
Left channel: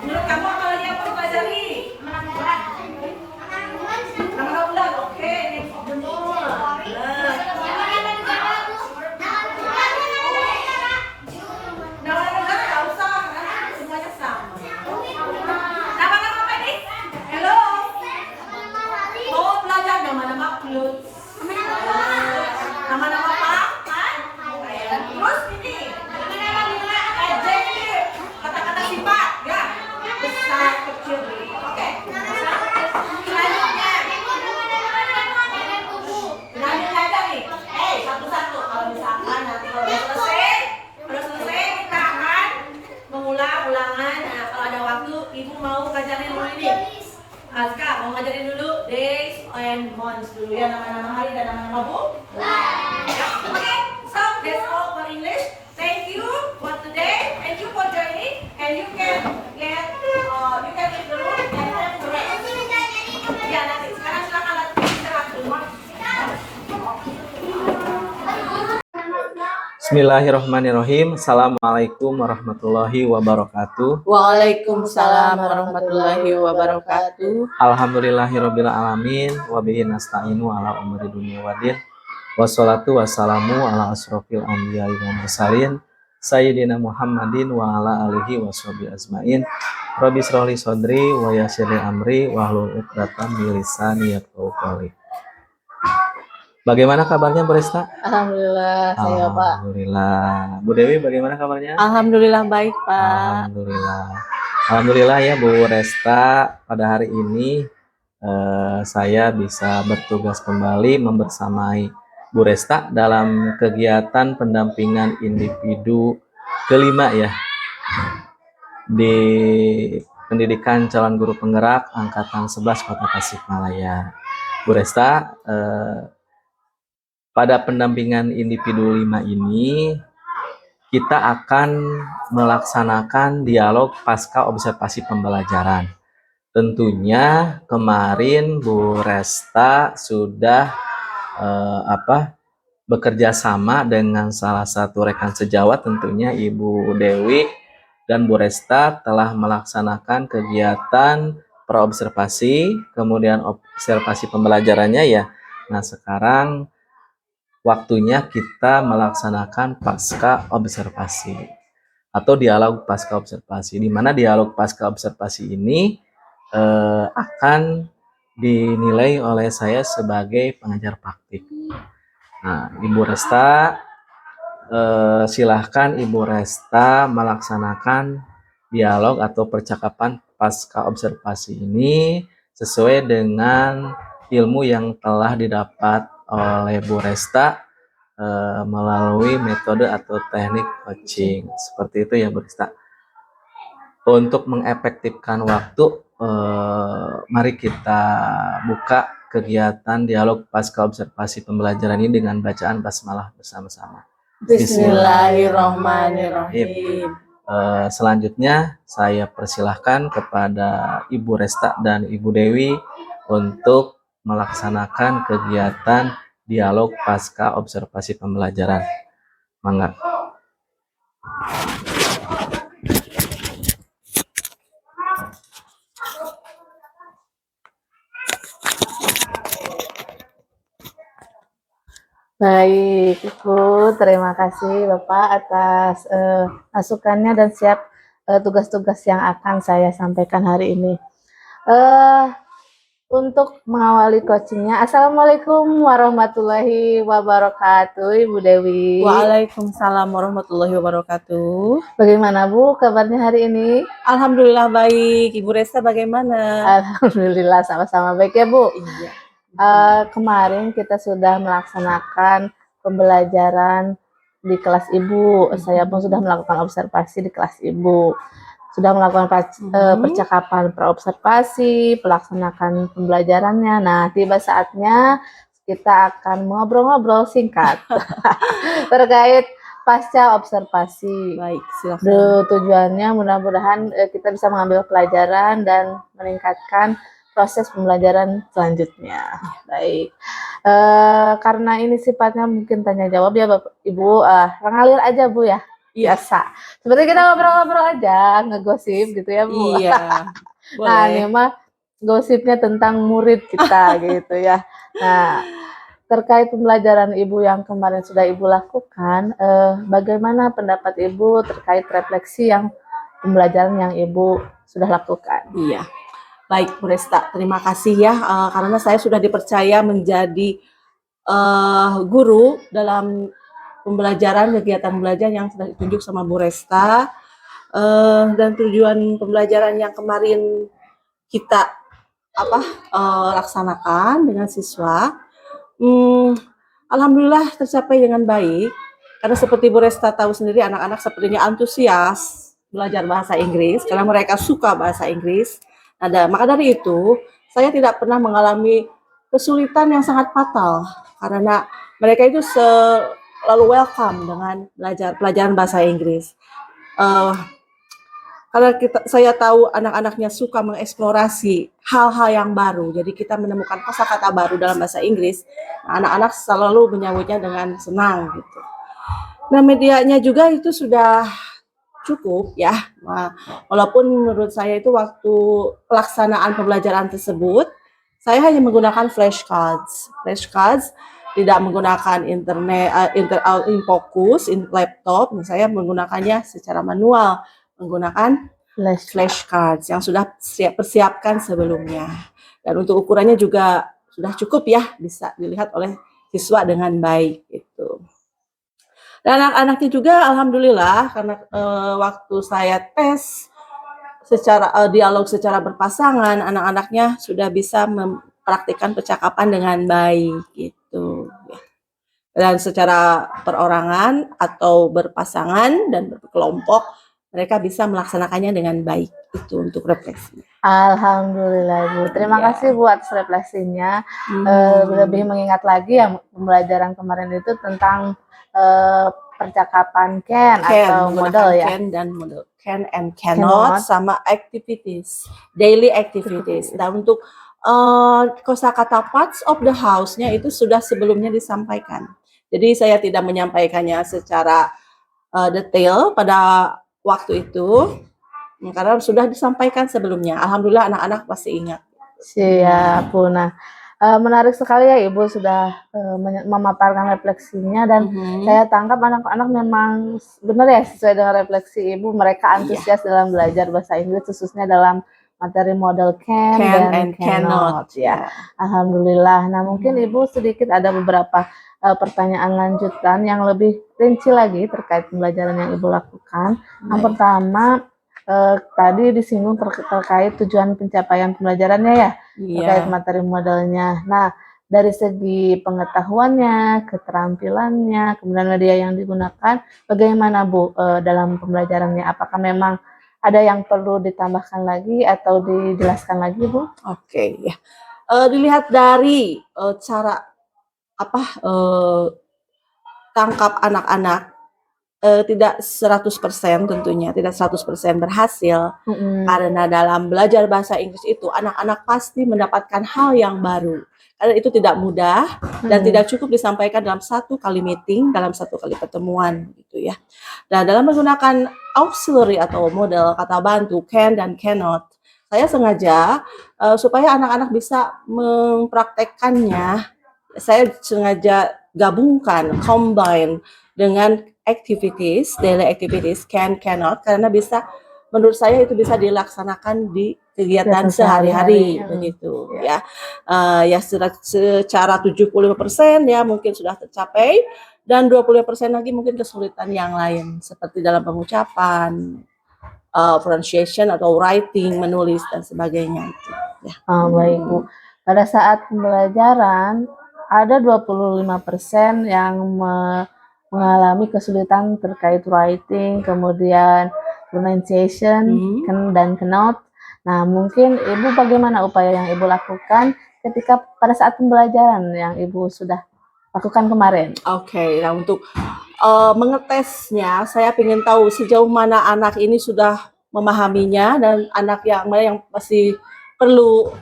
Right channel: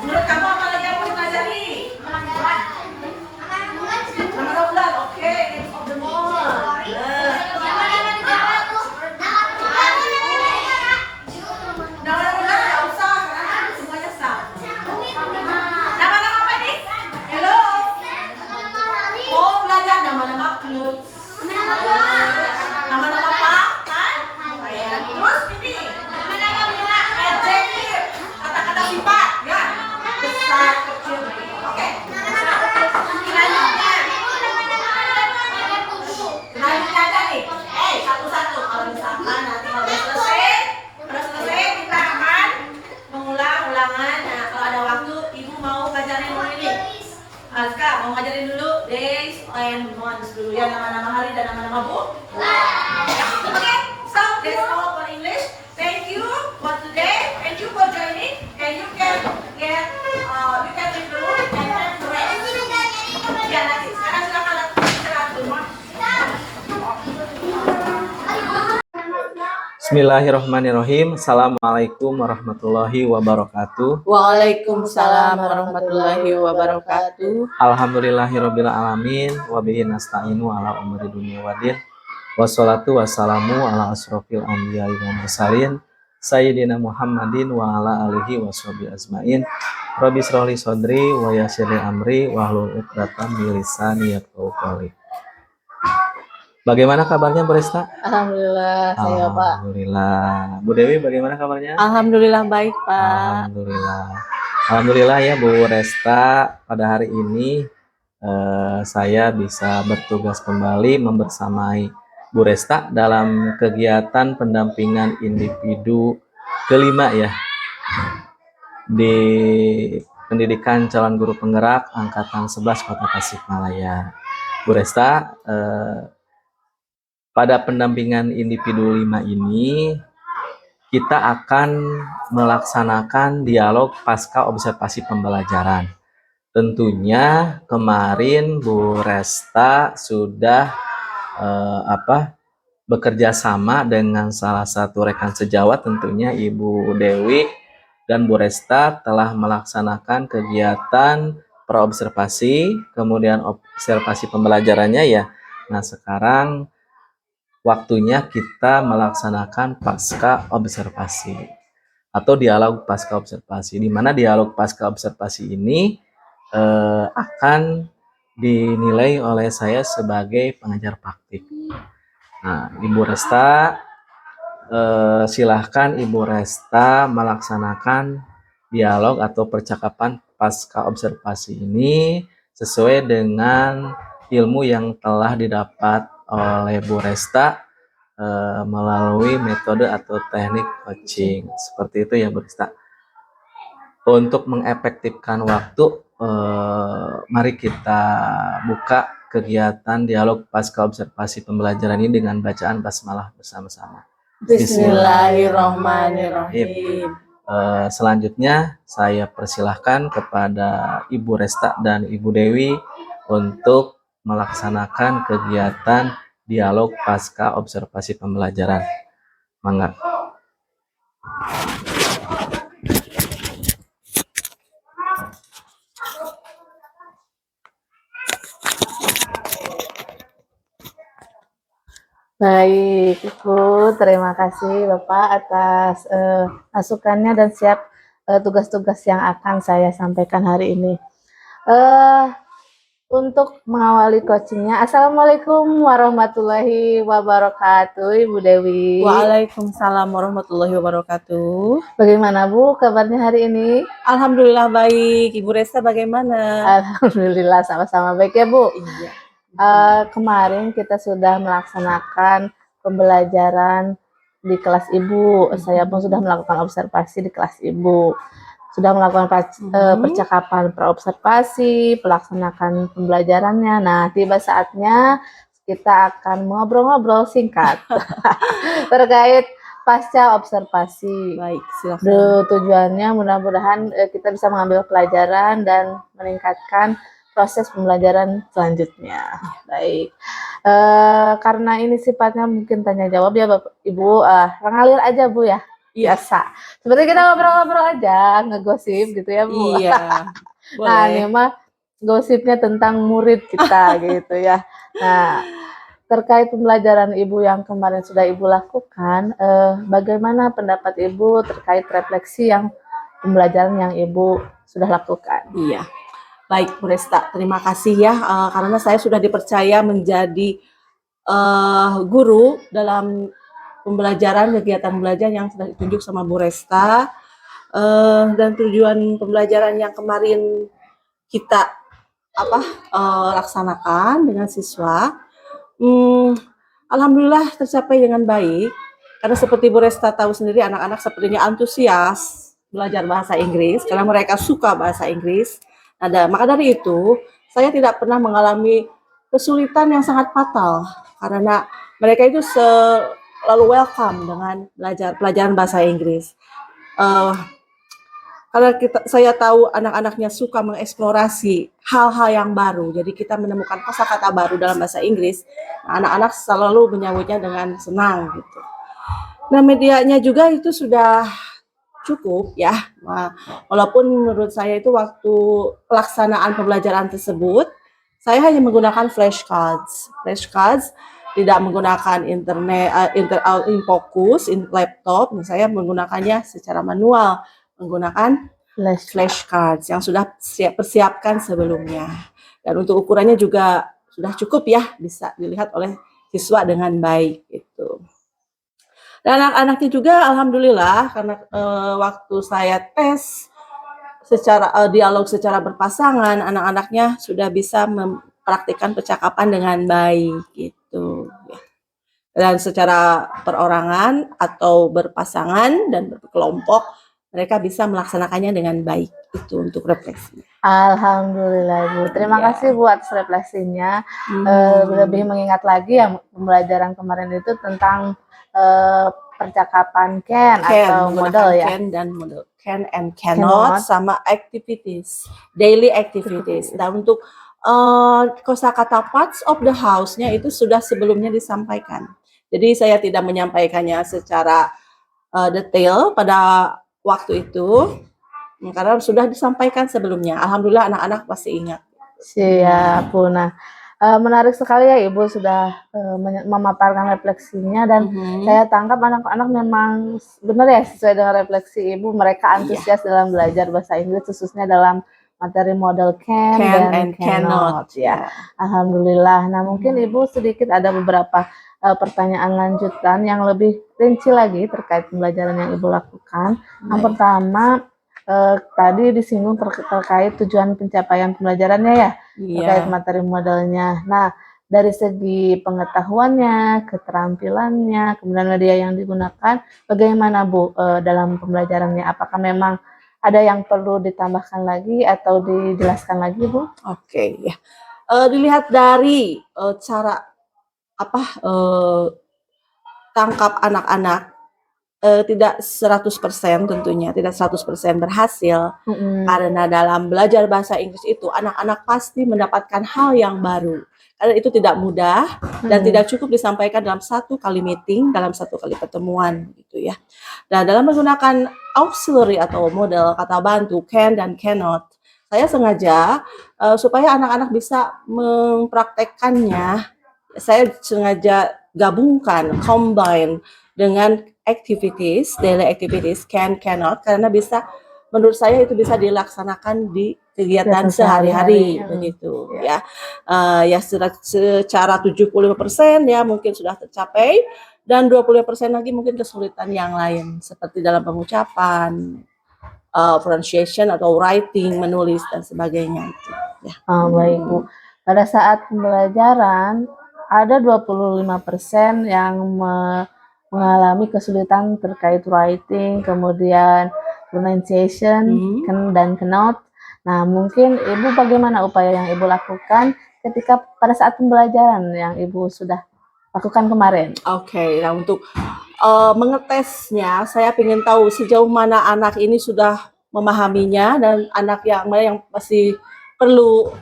Menurut kamu apa lagi yang mau dipelajari? Nama bulan. Oke, name of the month. Nama negara nggak usah karena semuanya sama. Nama-nama apa nih? Hello. Oh, belajar nama-nama clothes. Nama-nama apa? Terus ini. Adjective. Kata-kata sifat, ya. Besar, kecil. Oke. Selanjutnya. Selanjutnya aja nih. Satu-satu. Kalau misalkan nanti kalau udah selesai kita akan mengulang ulangan. Nah, kalau ada waktu, ibu mau ngajarin dulu ini. Aska mau ngajarin dulu days and months dulu ya, nama-nama hari dan nama-nama bulan. Ya, oke. So that's all for English. Thank you for today. Thank you for joining. And you can get you can leave the room and then the rest. Ya nanti sekarang silakan istirahat dulu. Bismillahirrahmanirrahim. Assalamualaikum warahmatullahi wabarakatuh. Waalaikumsalam warahmatullahi wabarakatuh. Alhamdulillahirabbil alamin wa bihi nasta'inu ala umuri dunya waddin. Wassalatu wassalamu ala asrofil anbiya'i wal mursalin sayyidina Muhammadin wa ala alihi washabihi ajmain. Rabbi shrah li sadri wa yassir li amri wahlul 'uqdatam min lisani yafqahu qawli. Bagaimana kabarnya Bu Resta? Alhamdulillah, saya Pak. Alhamdulillah. Bu Dewi bagaimana kabarnya? Alhamdulillah baik Pak. Alhamdulillah. Alhamdulillah ya Bu Resta, pada hari ini saya bisa bertugas kembali membersamai Bu Resta dalam kegiatan pendampingan individu kelima ya di pendidikan calon guru penggerak angkatan 11 Kota Tasikmalaya. Bu Resta, pada pendampingan individu 5 ini kita akan melaksanakan dialog pasca observasi pembelajaran. Tentunya kemarin Bu Resta sudah bekerja sama dengan salah satu rekan sejawat, tentunya Ibu Dewi, dan Bu Resta telah melaksanakan kegiatan praobservasi, kemudian observasi pembelajarannya ya. Nah, sekarang waktunya kita melaksanakan pasca observasi atau dialog pasca observasi, di mana dialog pasca observasi ini akan dinilai oleh saya sebagai pengajar praktik. Nah, Ibu Resta, silahkan Ibu Resta melaksanakan dialog atau percakapan pasca observasi ini sesuai dengan ilmu yang telah didapat oleh Bu Resta melalui metode atau teknik coaching. Seperti itu ya Bu Resta. Untuk mengefektifkan waktu, mari kita buka kegiatan dialog pasca observasi pembelajaran ini dengan bacaan basmalah bersama-sama. Bismillahirrahmanirrahim. Selanjutnya saya persilahkan kepada Ibu Resta dan Ibu Dewi untuk melaksanakan kegiatan dialog pasca observasi pembelajaran. Mangga. Baik, Ibu, terima kasih Bapak atas masukannya dan siap tugas-tugas yang akan saya sampaikan hari ini. Untuk mengawali coachingnya, Assalamualaikum warahmatullahi wabarakatuh, Ibu Dewi. Waalaikumsalam warahmatullahi wabarakatuh. Bagaimana Bu kabarnya hari ini? Alhamdulillah baik. Ibu Resta bagaimana? Alhamdulillah sama-sama baik ya Bu. Iya. Kemarin kita sudah melaksanakan pembelajaran di kelas Ibu. Saya pun sudah melakukan observasi di kelas Ibu. Sudah melakukan percakapan praobservasi, pelaksanakan pembelajarannya. Nah, tiba saatnya kita akan ngobrol-ngobrol singkat terkait pasca observasi. Baik, silakan. Tujuannya mudah-mudahan kita bisa mengambil pelajaran dan meningkatkan proses pembelajaran selanjutnya. Baik. Karena ini sifatnya mungkin tanya jawab ya Bapak Ibu, ngalir aja Bu ya. Iya. Biasa. Seperti kita ngobrol-ngobrol aja, ngegosip gitu ya Bu. Iya, Nah, ini boleh. mah gosipnya tentang murid kita gitu ya. Nah, terkait pembelajaran Ibu yang kemarin sudah Ibu lakukan, bagaimana pendapat Ibu terkait refleksi yang pembelajaran yang Ibu sudah lakukan? Iya. Baik, Bu Resta, terima kasih ya karena saya sudah dipercaya menjadi guru dalam pembelajaran kegiatan belajar yang sudah ditunjuk sama Bu Resta. Dan tujuan pembelajaran yang kemarin kita laksanakan dengan siswa, alhamdulillah tercapai dengan baik. Karena seperti Bu Resta tahu sendiri, anak-anak sepertinya antusias belajar bahasa Inggris karena mereka suka bahasa Inggris. Maka dari itu, saya tidak pernah mengalami kesulitan yang sangat fatal karena mereka itu selalu welcome dengan belajar pelajaran bahasa Inggris. Karena saya tahu anak-anaknya suka mengeksplorasi hal-hal yang baru, jadi kita menemukan kosakata baru dalam bahasa Inggris. Anak-anak selalu menyambutnya dengan senang gitu. Nah, medianya juga itu sudah cukup ya. Nah, walaupun menurut saya itu waktu pelaksanaan pembelajaran tersebut, saya hanya menggunakan flashcards. Flashcards tidak menggunakan internet, fokus, laptop. Saya menggunakannya secara manual, menggunakan flashcards yang sudah persiapkan sebelumnya. Dan untuk ukurannya juga sudah cukup ya, bisa dilihat oleh siswa dengan baik gitu. Dan anak-anaknya juga alhamdulillah karena waktu saya tes secara dialog secara berpasangan, anak-anaknya sudah bisa mempraktikkan percakapan dengan baik gitu. Dan secara perorangan atau berpasangan dan berkelompok mereka bisa melaksanakannya dengan baik. Itu untuk refleksi. Alhamdulillah Bu. Terima kasih Bu atas refleksinya. Lebih mengingat lagi yang pembelajaran kemarin itu tentang percakapan can atau model ya. Can dan model. Can and cannot sama activities, daily activities. Dan untuk kosakata parts of the house-nya itu sudah sebelumnya disampaikan. Jadi saya tidak menyampaikannya secara detail pada waktu itu karena sudah disampaikan sebelumnya. Alhamdulillah anak-anak pasti ingat. Siap Bu. Nah, menarik sekali ya Ibu sudah memaparkan refleksinya dan saya tangkap anak-anak memang benar ya sesuai dengan refleksi Ibu, mereka antusias dalam belajar bahasa Inggris khususnya dalam materi model can dan cannot ya. Alhamdulillah. Nah, mungkin Ibu sedikit ada beberapa pertanyaan lanjutan yang lebih rinci lagi terkait pembelajaran yang Ibu lakukan. Yang pertama, tadi disinggung terkait tujuan pencapaian pembelajarannya ya, terkait materi modelnya. Nah, dari segi pengetahuannya, keterampilannya, kemudian media yang digunakan, bagaimana Bu dalam pembelajarannya? Apakah memang ada yang perlu ditambahkan lagi atau dijelaskan lagi Bu? Oke, ya. Dilihat dari cara tangkap anak-anak tidak 100% tentunya, tidak 100% berhasil. Karena dalam belajar bahasa Inggris itu anak-anak pasti mendapatkan hal yang baru. Karena itu tidak mudah dan tidak cukup disampaikan dalam satu kali meeting, dalam satu kali pertemuan gitu ya. Dan dalam menggunakan auxiliary atau model kata bantu can dan cannot, saya sengaja supaya anak-anak bisa mempraktekkannya, saya sengaja gabungkan, combine dengan activities, daily activities, can, cannot, karena bisa, menurut saya itu bisa dilaksanakan di kegiatan sehari-hari begitu ya. Ya secara 75% ya mungkin sudah tercapai dan 20% lagi mungkin kesulitan yang lain seperti dalam pengucapan, pronunciation atau writing, menulis dan sebagainya itu ya. Baik Bu. Pada saat pembelajaran ada 25% yang mengalami kesulitan terkait writing, kemudian pronunciation, dan cannot. Nah, mungkin Ibu bagaimana upaya yang Ibu lakukan ketika pada saat pembelajaran yang Ibu sudah lakukan kemarin? Oke, nah untuk mengetesnya, saya ingin tahu sejauh mana anak ini sudah memahaminya dan anak yang mana yang masih perlu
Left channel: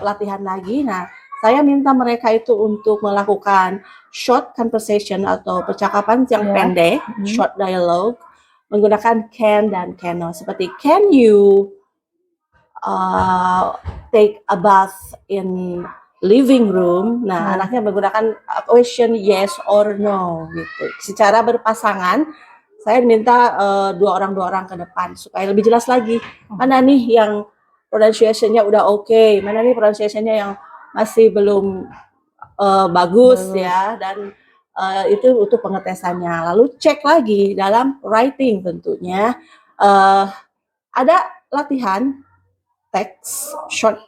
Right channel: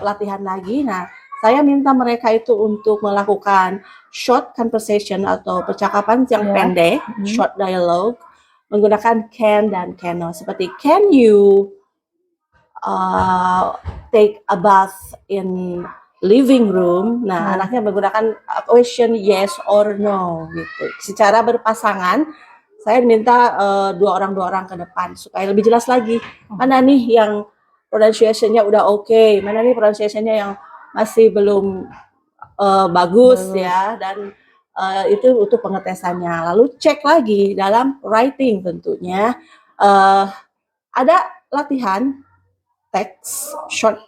pelatihan lagi. Nah, saya minta mereka itu untuk melakukan short conversation atau percakapan yang Ya. pendek, short dialogue, menggunakan can dan cannot. Seperti can you take a bath in living room. Nah, anaknya menggunakan question yes or no gitu. Secara berpasangan, saya minta dua orang ke depan supaya lebih jelas lagi mana nih yang pronunciation-nya udah oke, mana nih pronunciation-nya yang masih belum bagus ya, dan itu untuk pengetesannya. Lalu cek lagi dalam writing tentunya ada latihan teks short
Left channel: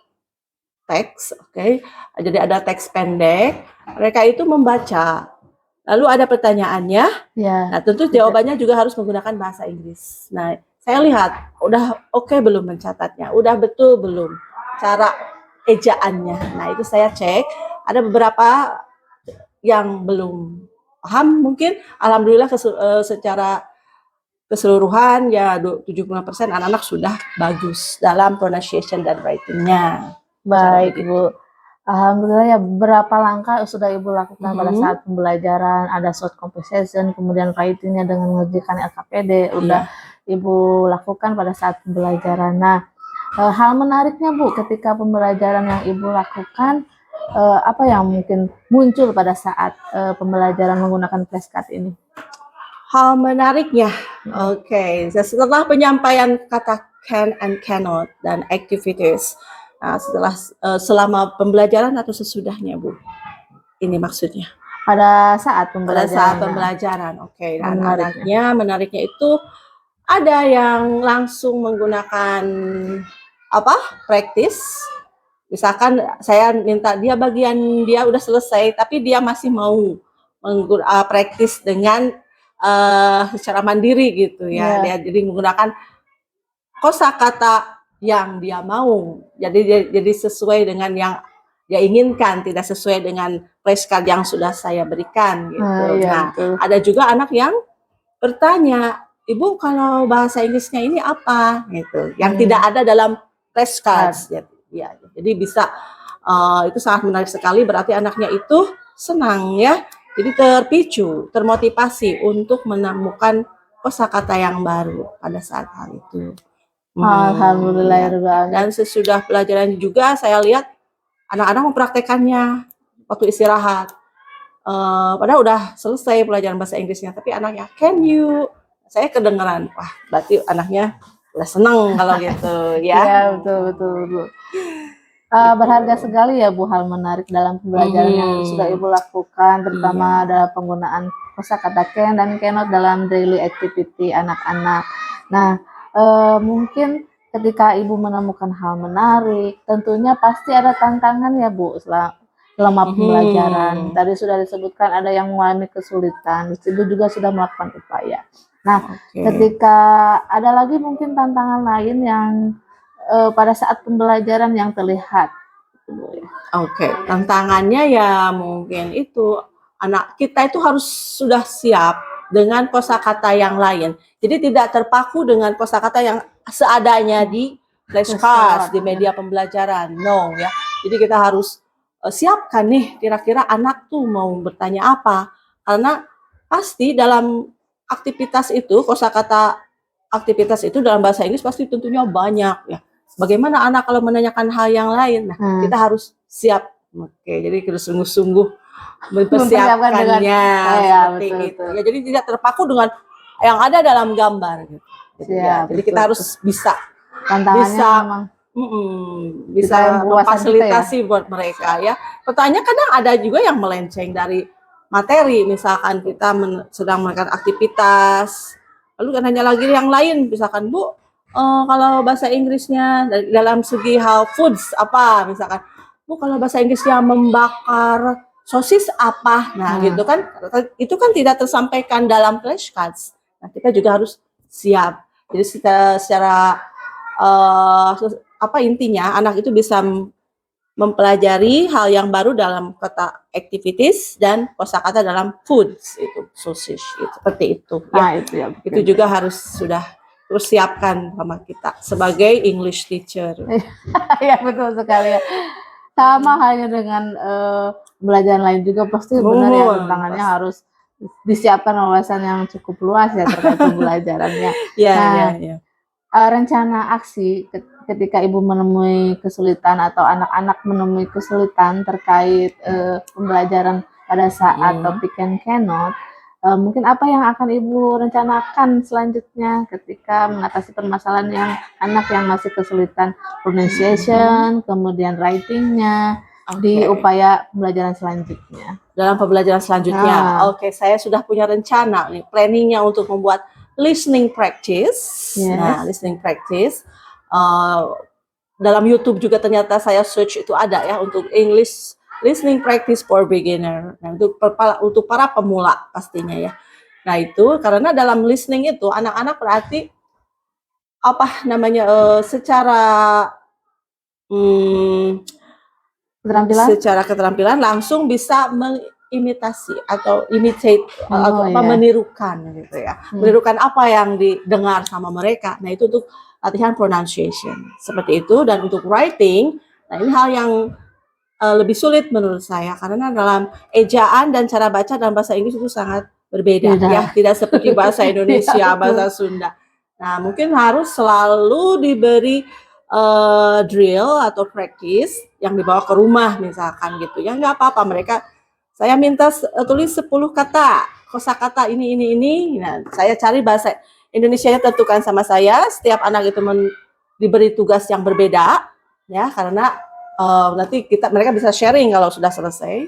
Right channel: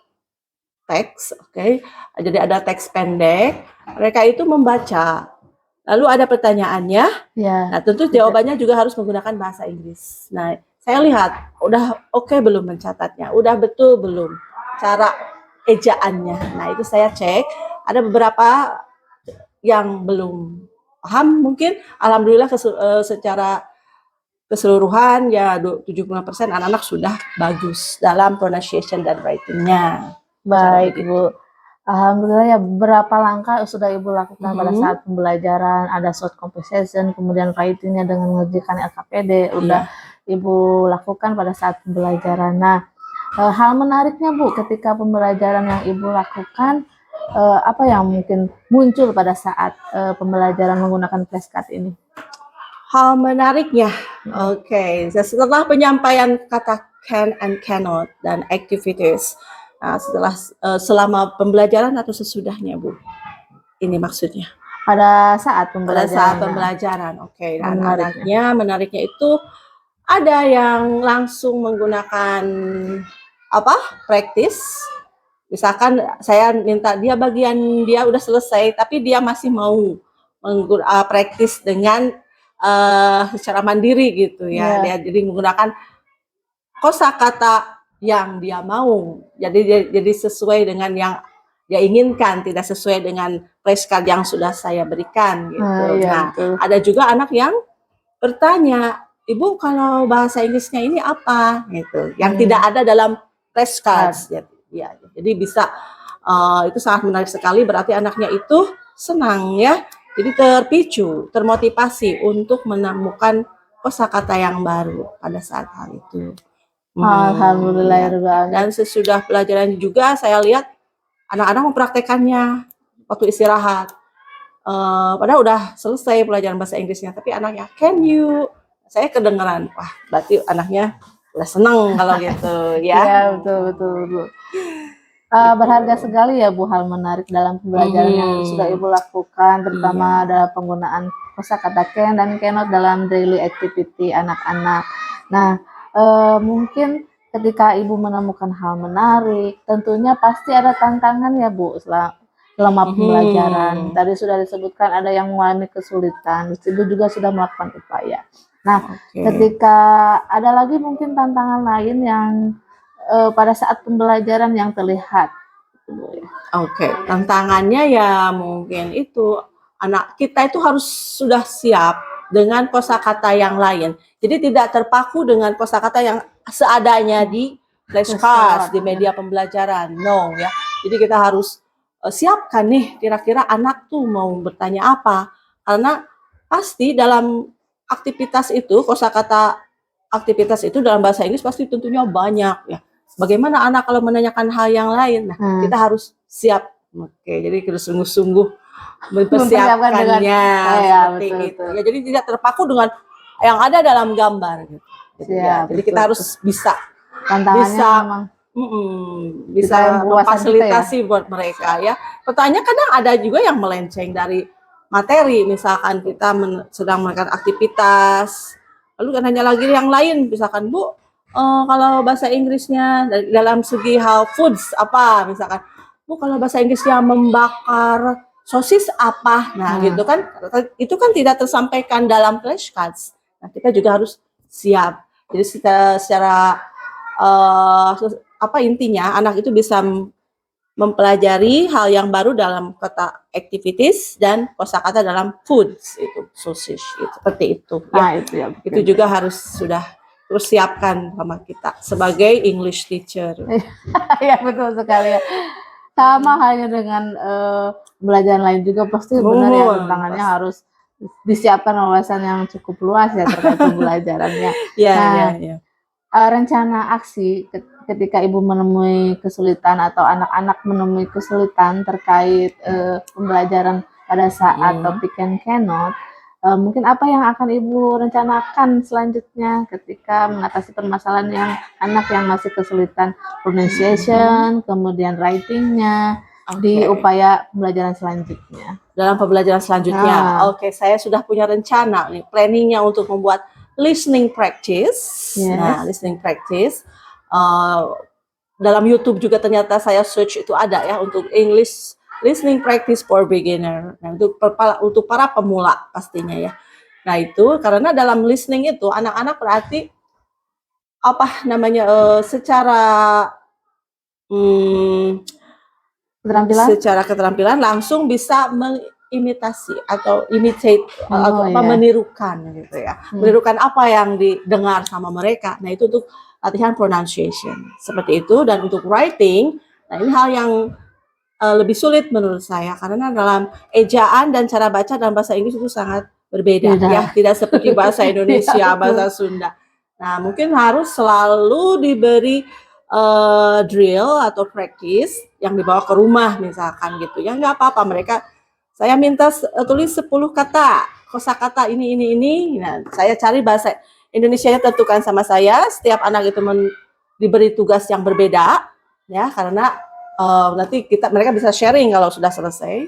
teks, oke. Jadi ada teks pendek, mereka itu membaca. Lalu ada pertanyaannya. Ya. Nah, tentu jawabannya juga harus menggunakan bahasa Inggris. Nah, saya lihat udah oke belum mencatatnya, udah betul belum cara ejaannya. Nah, itu saya cek. Ada beberapa yang belum paham mungkin. Alhamdulillah secara keseluruhan ya 75% anak-anak sudah bagus dalam pronunciation dan writing-nya. Baik, Ibu. Alhamdulillah ya, berapa langkah sudah Ibu lakukan pada saat pembelajaran, ada short conversation, kemudian writing-nya dengan mengerjakan LKPD, udah Ibu lakukan pada saat pembelajaran. Nah, hal menariknya Bu, ketika pembelajaran yang Ibu lakukan, apa yang mungkin muncul pada saat pembelajaran menggunakan flashcard ini? Hal menariknya, oke, setelah penyampaian kata can and cannot dan activities, nah, selama pembelajaran atau sesudahnya Bu? Ini maksudnya. Pada saat Pada pembelajaran. saat pembelajaran, oke. Dan menariknya itu ada yang langsung menggunakan praktis. Misalkan saya minta dia udah selesai, tapi dia masih mau praktis dengan secara mandiri gitu ya. Dia jadi menggunakan kosakata yang dia mau. Jadi sesuai dengan yang dia inginkan, tidak sesuai dengan flashcard yang sudah saya berikan gitu. Ada juga anak yang bertanya, Ibu kalau bahasa Inggrisnya ini apa gitu, yang tidak ada dalam flashcards. Ya, jadi bisa itu sangat menarik sekali, berarti anaknya itu senang ya. Jadi terpicu, termotivasi untuk menemukan kosakata yang baru pada saat hal itu. Alhamdulillah ya. Dan sesudah pelajaran juga saya lihat anak-anak mempraktekannya waktu istirahat. Padahal udah selesai pelajaran bahasa Inggrisnya, tapi anaknya can you, saya kedengeran, wah berarti anaknya udah seneng kalau gitu ya. Iya, betul. Berharga sekali ya Bu, hal menarik dalam pembelajaran yang sudah Ibu lakukan, terutama dalam penggunaan kosakata can dan cannot dalam daily activity anak-anak. Nah, mungkin ketika Ibu menemukan hal menarik, tentunya pasti ada tantangan ya Bu selama pembelajaran. Tadi sudah disebutkan ada yang mengalami kesulitan, Ibu juga sudah melakukan upaya. Nah, ketika ada lagi mungkin tantangan lain yang pada saat pembelajaran yang terlihat. Tantangannya ya mungkin itu anak kita itu harus sudah siap dengan kosakata yang lain. Jadi tidak terpaku dengan kosakata yang seadanya di flashcards, di media pembelajaran. No ya. Jadi kita harus siapkan nih kira-kira anak tuh mau bertanya apa. Karena pasti dalam aktivitas itu, kosakata aktivitas itu dalam bahasa Inggris pasti tentunya banyak ya. Bagaimana anak kalau menanyakan hal yang lain? Nah, kita harus siap. Jadi harus sungguh-sungguh mempersiapkannya seperti itu. Ya, jadi tidak terpaku dengan yang ada dalam gambar gitu. Jadi kita harus bisa memfasilitasi buat mereka ya. Pertanyaan kadang ada juga yang melenceng dari materi, misalkan kita sedang melakukan aktivitas, lalu kan hanya lagi yang lain, misalkan Bu, kalau bahasa Inggrisnya dalam segi hal foods apa, misalkan Bu kalau bahasa Inggrisnya membakar sosis apa, nah gitu kan, itu kan tidak tersampaikan dalam flashcards. Nah kita juga harus siap. Jadi secara intinya anak itu bisa mempelajari hal yang baru dalam kata activities dan kosakata dalam foods itu sausage itu, seperti itu ya. Nah, itu ya. Itu juga harus sudah persiapkan sama kita sebagai English teacher. Ya betul sekali ya. Sama halnya dengan pembelajaran lain juga pasti benar ya, tantangannya harus disiapkan wawasan yang cukup luas ya terkait pembelajarannya. Ya, Nah, ya. Rencana aksi ketika ibu menemui kesulitan atau anak-anak menemui kesulitan terkait pembelajaran pada saat topik and cannot, mungkin apa yang akan ibu rencanakan selanjutnya ketika mengatasi permasalahan yang anak yang masih kesulitan pronunciation, kemudian writingnya di upaya pembelajaran selanjutnya. Dalam pembelajaran selanjutnya, oke, saya sudah punya rencana nih, planningnya untuk membuat listening practice. Yes. Nah, listening practice dalam YouTube juga ternyata saya search itu ada ya untuk English listening practice for beginner. Nah, untuk para pemula pastinya ya. Nah, itu karena dalam listening itu anak-anak berarti apa namanya secara keterampilan langsung bisa mengimitasi atau imitate atau menirukan gitu ya. Menirukan apa yang didengar sama mereka. Nah, itu untuk latihan pronunciation. Seperti itu. Dan untuk writing, nah ini hal yang lebih sulit menurut saya karena dalam ejaan dan cara baca dalam bahasa Inggris itu sangat berbeda ya, tidak seperti bahasa Indonesia, bahasa Sunda. Nah, mungkin harus selalu diberi drill atau practice yang dibawa ke rumah misalkan gitu ya, nggak apa-apa mereka, saya minta tulis 10 kata kosakata ini. Nah, saya cari bahasa Indonesianya tentukan sama saya, setiap anak itu diberi tugas yang berbeda ya, karena nanti mereka bisa sharing kalau sudah selesai,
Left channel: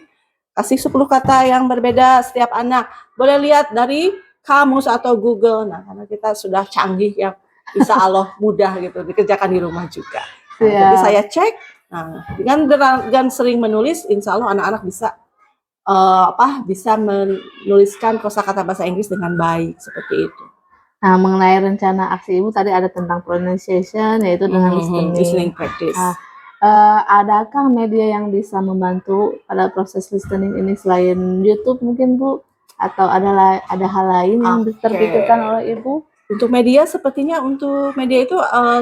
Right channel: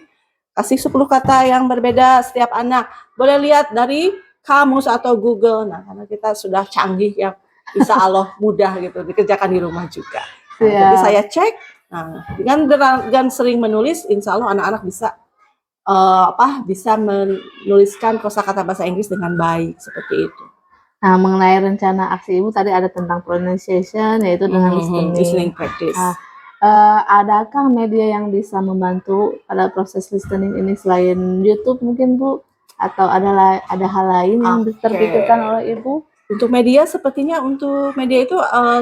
kasih 10 kata yang berbeda setiap anak, boleh lihat dari kamus atau Google. Nah, karena kita sudah canggih ya, insya Allah mudah gitu dikerjakan di rumah juga. Nah, jadi saya cek, nah, dengan sering menulis, insya Allah anak-anak bisa bisa menuliskan kosakata bahasa Inggris dengan baik seperti itu. Nah, mengenai rencana aksi ibu tadi ada tentang pronunciation, yaitu dengan listening practice. Adakah media yang bisa membantu pada proses listening ini selain YouTube mungkin Bu? Atau ada hal lain yang terpikirkan oleh Ibu? Untuk media sepertinya untuk media itu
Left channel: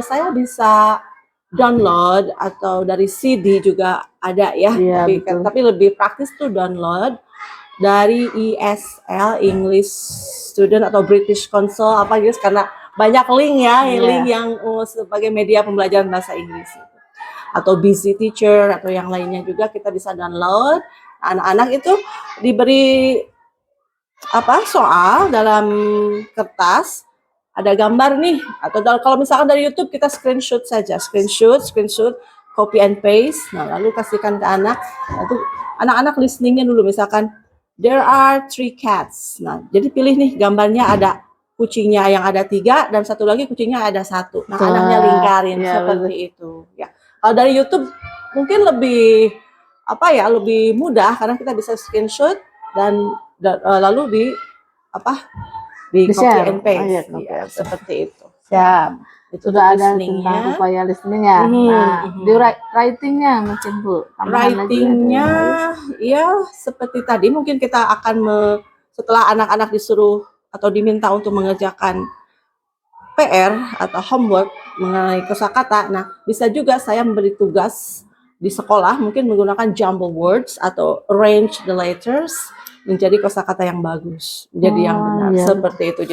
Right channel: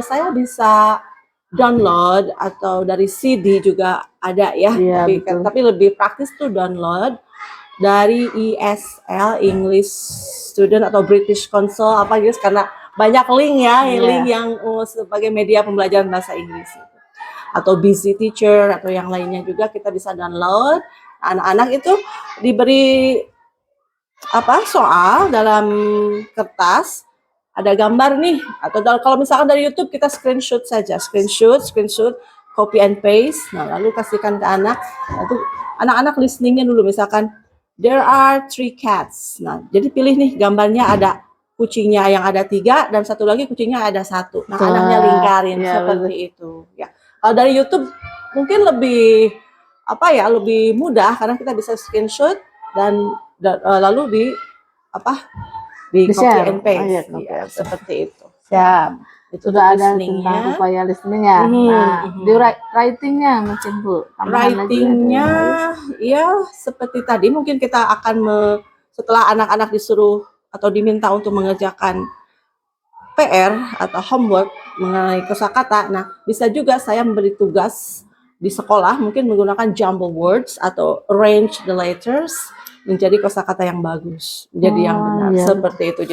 saya bisa download atau dari CD juga ada ya, tapi lebih praktis tuh download dari ESL English Student atau British Council apa gitu, karena banyak link ya, link yang sebagai media pembelajaran bahasa Inggris atau Busy Teacher atau yang lainnya juga kita bisa download. Anak-anak itu diberi soal dalam kertas, ada gambar nih, atau kalau misalkan dari YouTube kita screenshot saja, screenshot, copy and paste. Nah, lalu kasihkan ke anak. Itu anak-anak listeningnya dulu, misalkan there are 3 cats. Nah, jadi pilih nih gambarnya ada kucingnya yang ada 3 dan satu lagi kucingnya ada 1. Nah, anaknya lingkarin seperti itu. Ya, kalau dari YouTube mungkin lebih lebih mudah karena kita bisa screenshot dan lalu di copy and paste, seperti itu. Siap. Itu sudah ada tentang upaya listening ya. Nah, di writingnya mungkin Bu. Writingnya ya seperti tadi, mungkin kita akan setelah anak-anak disuruh atau diminta untuk mengerjakan PR atau homework mengenai kosakata. Nah, bisa juga saya memberi tugas di sekolah mungkin menggunakan jumble words atau arrange the letters menjadi kosakata yang bagus, menjadi yang benar, seperti itu.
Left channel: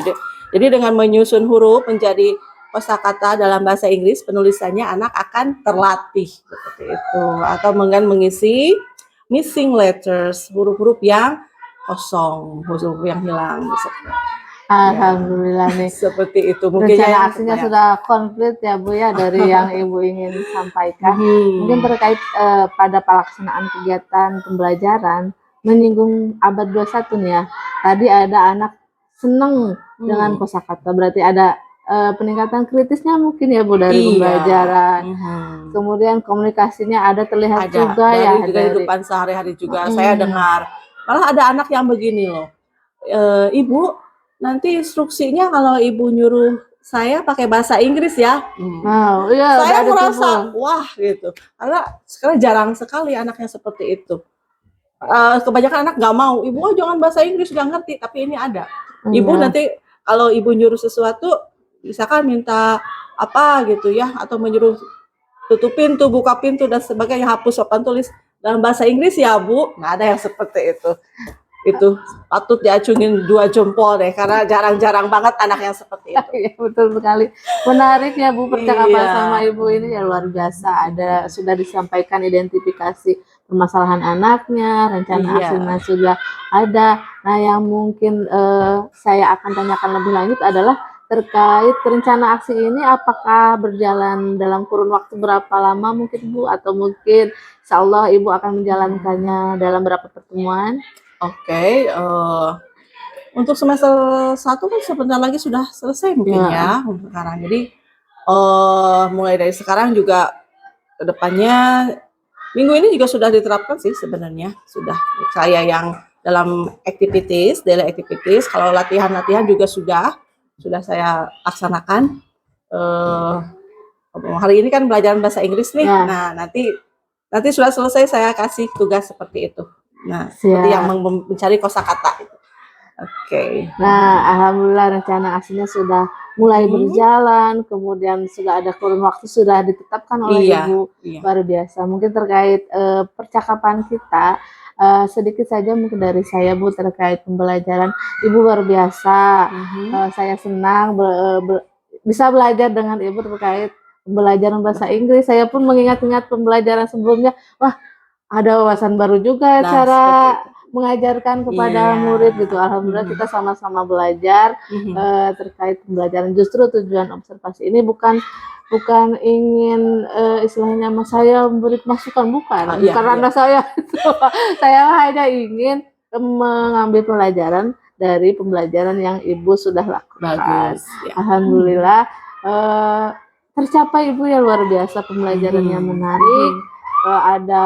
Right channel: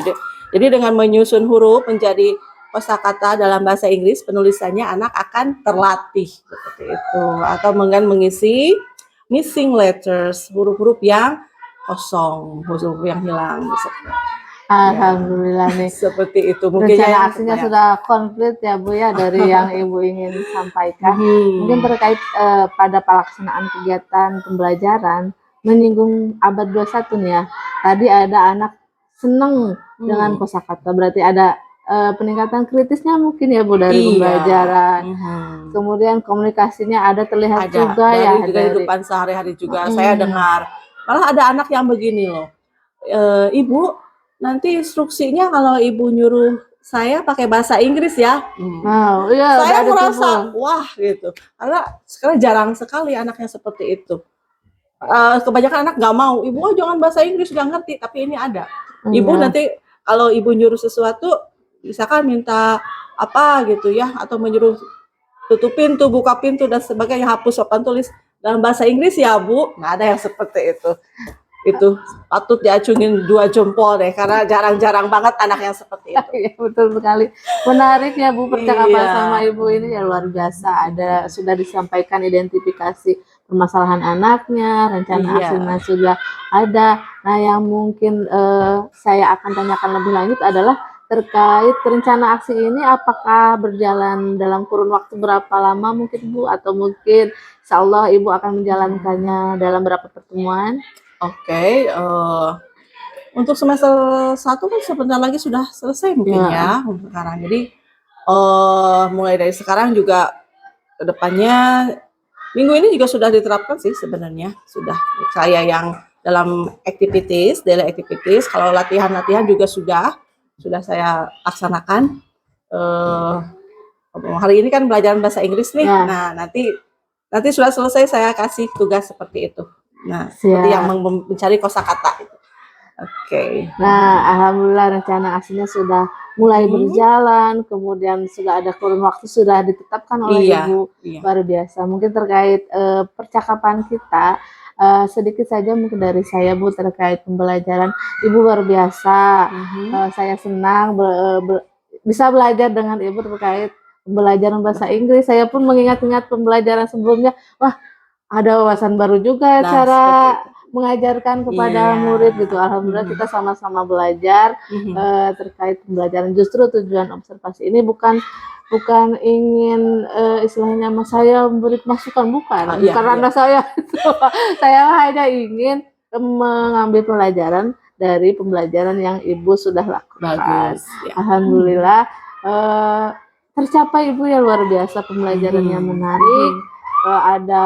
Jadi dengan menyusun huruf menjadi kosakata dalam bahasa Inggris, penulisannya anak akan terlatih seperti itu. Atau dengan mengisi missing letters, huruf-huruf yang kosong, huruf yang hilang. Alhamdulillah nih. Seperti itu. Mungkin rencana aksinya sudah komplit ya Bu ya dari yang Ibu ingin sampaikan. Mungkin terkait pada pelaksanaan kegiatan pembelajaran menyinggung abad 21 nih ya. Tadi ada anak senang dengan kosakata, berarti ada peningkatan kritisnya mungkin ya Bu dari pembelajaran. Kemudian komunikasinya ada terlihat juga ya dari kehidupan sehari-hari juga. Saya dengar malah ada anak yang begini loh, Ibu nanti instruksinya kalau Ibu nyuruh saya pakai bahasa Inggris ya. Wow, iya, udah Saya ada merasa timbul. wah gitu. Karena sekarang jarang sekali anaknya seperti itu. Kebanyakan anak nggak mau, ibu jangan bahasa Inggris nggak ngerti, tapi ini ada. Ibu Iya. nanti kalau ibu nyuruh sesuatu, misalkan minta apa gitu ya, atau menyuruh tutup pintu, buka pintu dan sebagainya, hapus papan tulis dalam bahasa Inggris ya Bu, nggak ada yang seperti itu. Itu patut diacungin 2 jempol deh, karena jarang-jarang banget anak yang seperti itu. Iya, betul sekali. Menarik ya Bu, percakapan Iya. sama Ibu ini ya luar biasa. Ada sudah disampaikan identifikasi permasalahan anaknya, rencana Iya. aksinya sudah ada. Nah, yang mungkin saya akan tanyakan lebih lanjut adalah terkait rencana aksi ini apakah berjalan dalam kurun waktu berapa lama mungkin Bu, atau mungkin insya Allah Ibu akan menjalankannya dalam berapa pertemuan? Oke, untuk semester 1 kan sebentar lagi sudah selesai mungkin ya untuk sekarang. Jadi mulai dari sekarang juga ke depannya minggu ini juga sudah diterapkan sih sebenarnya. Sudah saya yang dalam activities, daily activities, kalau latihan-latihan juga sudah saya laksanakan. Hari ini kan belajar bahasa Inggris nih. Ya. Nah, nanti sudah selesai saya kasih tugas seperti itu. Nah, seperti Siap. yang mencari kosakata. Oke. Nah, alhamdulillah rencana aksinya sudah mulai berjalan, kemudian sudah ada kurun waktu sudah ditetapkan oleh Iya, Ibu. iya. Luar biasa. Mungkin terkait percakapan kita, sedikit saja mungkin dari saya Bu terkait pembelajaran. Ibu luar biasa. Saya senang bisa belajar dengan Ibu terkait pembelajaran bahasa Inggris. Saya pun mengingat-ingat pembelajaran sebelumnya. Wah, ada wawasan baru juga Nah, cara seperti itu. mengajarkan kepada Iya. murid gitu. Alhamdulillah kita sama-sama belajar terkait pembelajaran. Justru tujuan observasi ini bukan ingin istilahnya saya memberi masukan, bukan Iya, karena saya saya hanya ingin mengambil pelajaran dari pembelajaran yang Ibu sudah lakukan. Bagus. Ya. Alhamdulillah tercapai Ibu ya, luar biasa, pembelajarannya menarik. Ada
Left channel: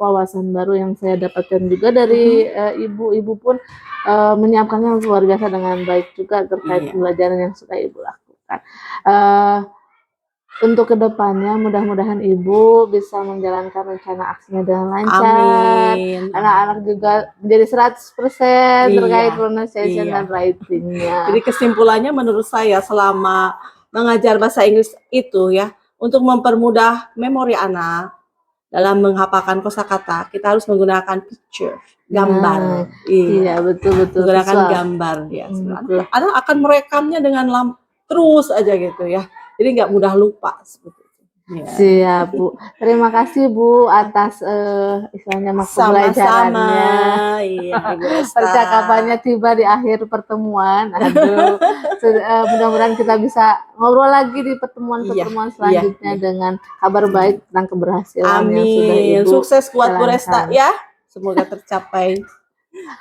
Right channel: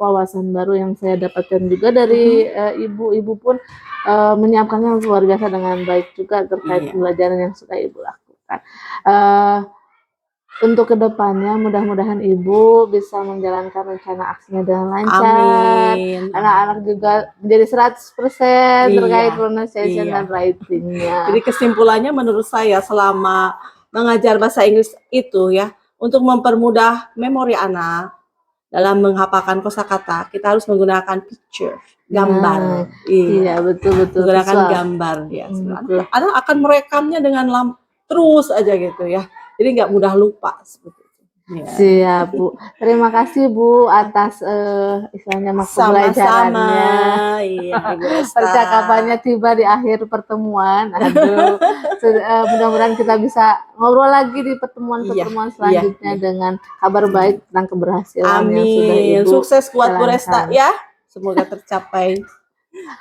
wawasan baru yang saya dapatkan juga dari ibu pun menyiapkannya luar biasa dengan baik juga terkait pembelajaran yang sudah Ibu lakukan. Untuk kedepannya mudah-mudahan Ibu bisa menjalankan rencana aksinya dengan lancar. Amin. Anak-anak juga menjadi 100% terkait pronunciation dan writing-nya. Jadi kesimpulannya menurut saya selama mengajar bahasa Inggris itu ya, untuk mempermudah memori anak dalam menghafalkan kosakata, kita harus menggunakan picture, gambar. Iya, betul. Menggunakan visual. gambar ya. Anak akan merekamnya dengan terus aja gitu ya. Jadi nggak mudah lupa seperti itu. Ya. Siap Bu. Terima kasih Bu atas istilahnya pembelajarannya. Iya, Ibu Esta. Percakapannya tiba di akhir pertemuan. Aduh, mudah-mudahan kita bisa ngobrol lagi di pertemuan-pertemuan selanjutnya dengan kabar baik tentang keberhasilan yang sudah Ibu Sukses buat Bu Resta jalankan. ya. Semoga tercapai.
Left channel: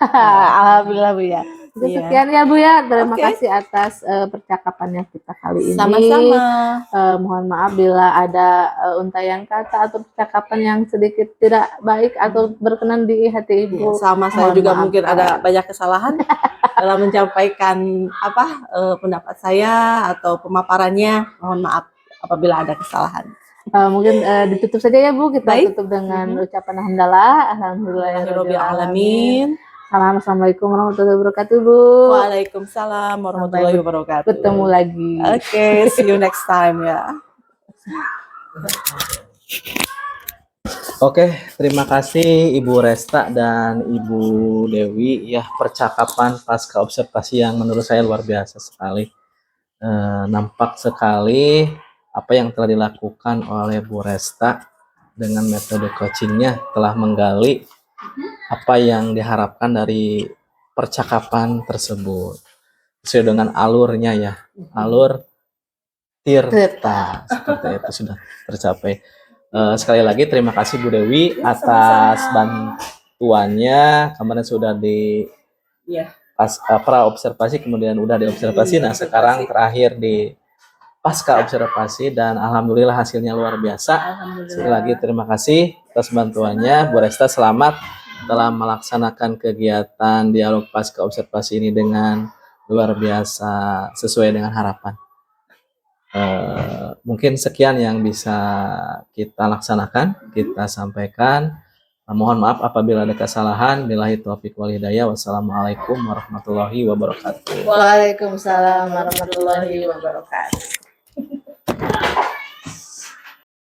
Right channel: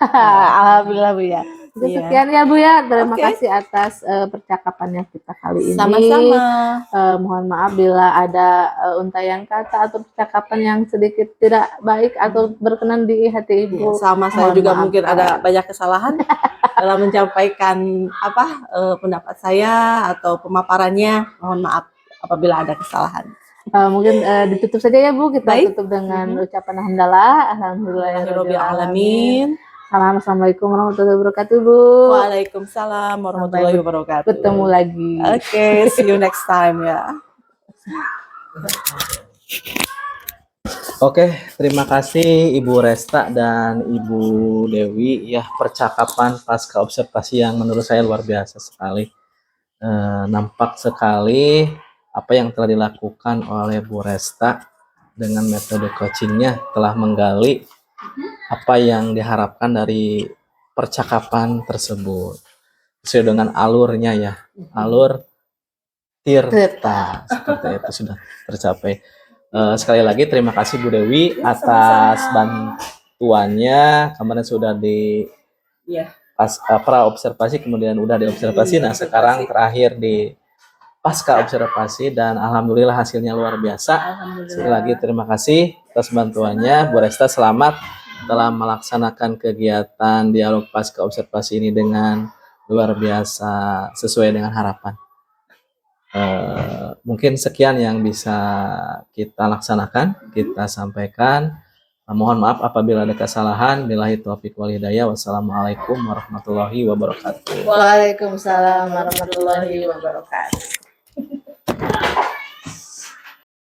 Alhamdulillah Bu ya. Sekian ya Bu ya. Terima kasih atas percakapannya kita kali ini. Sama-sama. Mohon maaf bila ada untayan kata atau percakapan yang sedikit tidak baik atau berkenan di hati Ibu. Sama saya Mohon juga maaf. mungkin ada banyak kesalahan dalam menyampaikan pendapat saya atau pemaparannya. Mohon maaf apabila ada kesalahan. Mungkin ditutup saja ya Bu. Kita Baik. tutup dengan ucapan hamdalah. Alhamdulillahirabbil alamin. Assalamualaikum warahmatullahi wabarakatuh Bu. Waalaikumsalam warahmatullahi wabarakatuh. Bertemu lagi. Oke, see you next time ya. Oke, terima kasih Ibu Resta dan Ibu Dewi ya, percakapan pasca observasi yang menurut saya luar biasa sekali. Nampak sekali apa yang telah dilakukan oleh Bu Resta dengan metode coachingnya telah menggali apa yang diharapkan dari percakapan tersebut sesuai dengan alurnya ya, alur Tirta seperti itu sudah tercapai. Sekali lagi terima kasih Bu Dewi atas bantuannya. Kemarin sudah di pra observasi, kemudian udah di observasi, nah sekarang terakhir di pasca observasi, dan alhamdulillah hasilnya luar biasa. Sekali lagi terima kasih atas bantuannya. Bu Resta selamat telah melaksanakan kegiatan dialog pasca observasi ini dengan luar biasa sesuai dengan harapan. Mungkin sekian yang bisa kita laksanakan, kita sampaikan. Mohon maaf apabila ada kesalahan. Billahi taufiq wal hidayah. Wassalamualaikum warahmatullahi wabarakatuh. Waalaikumsalam warahmatullahi wabarakatuh.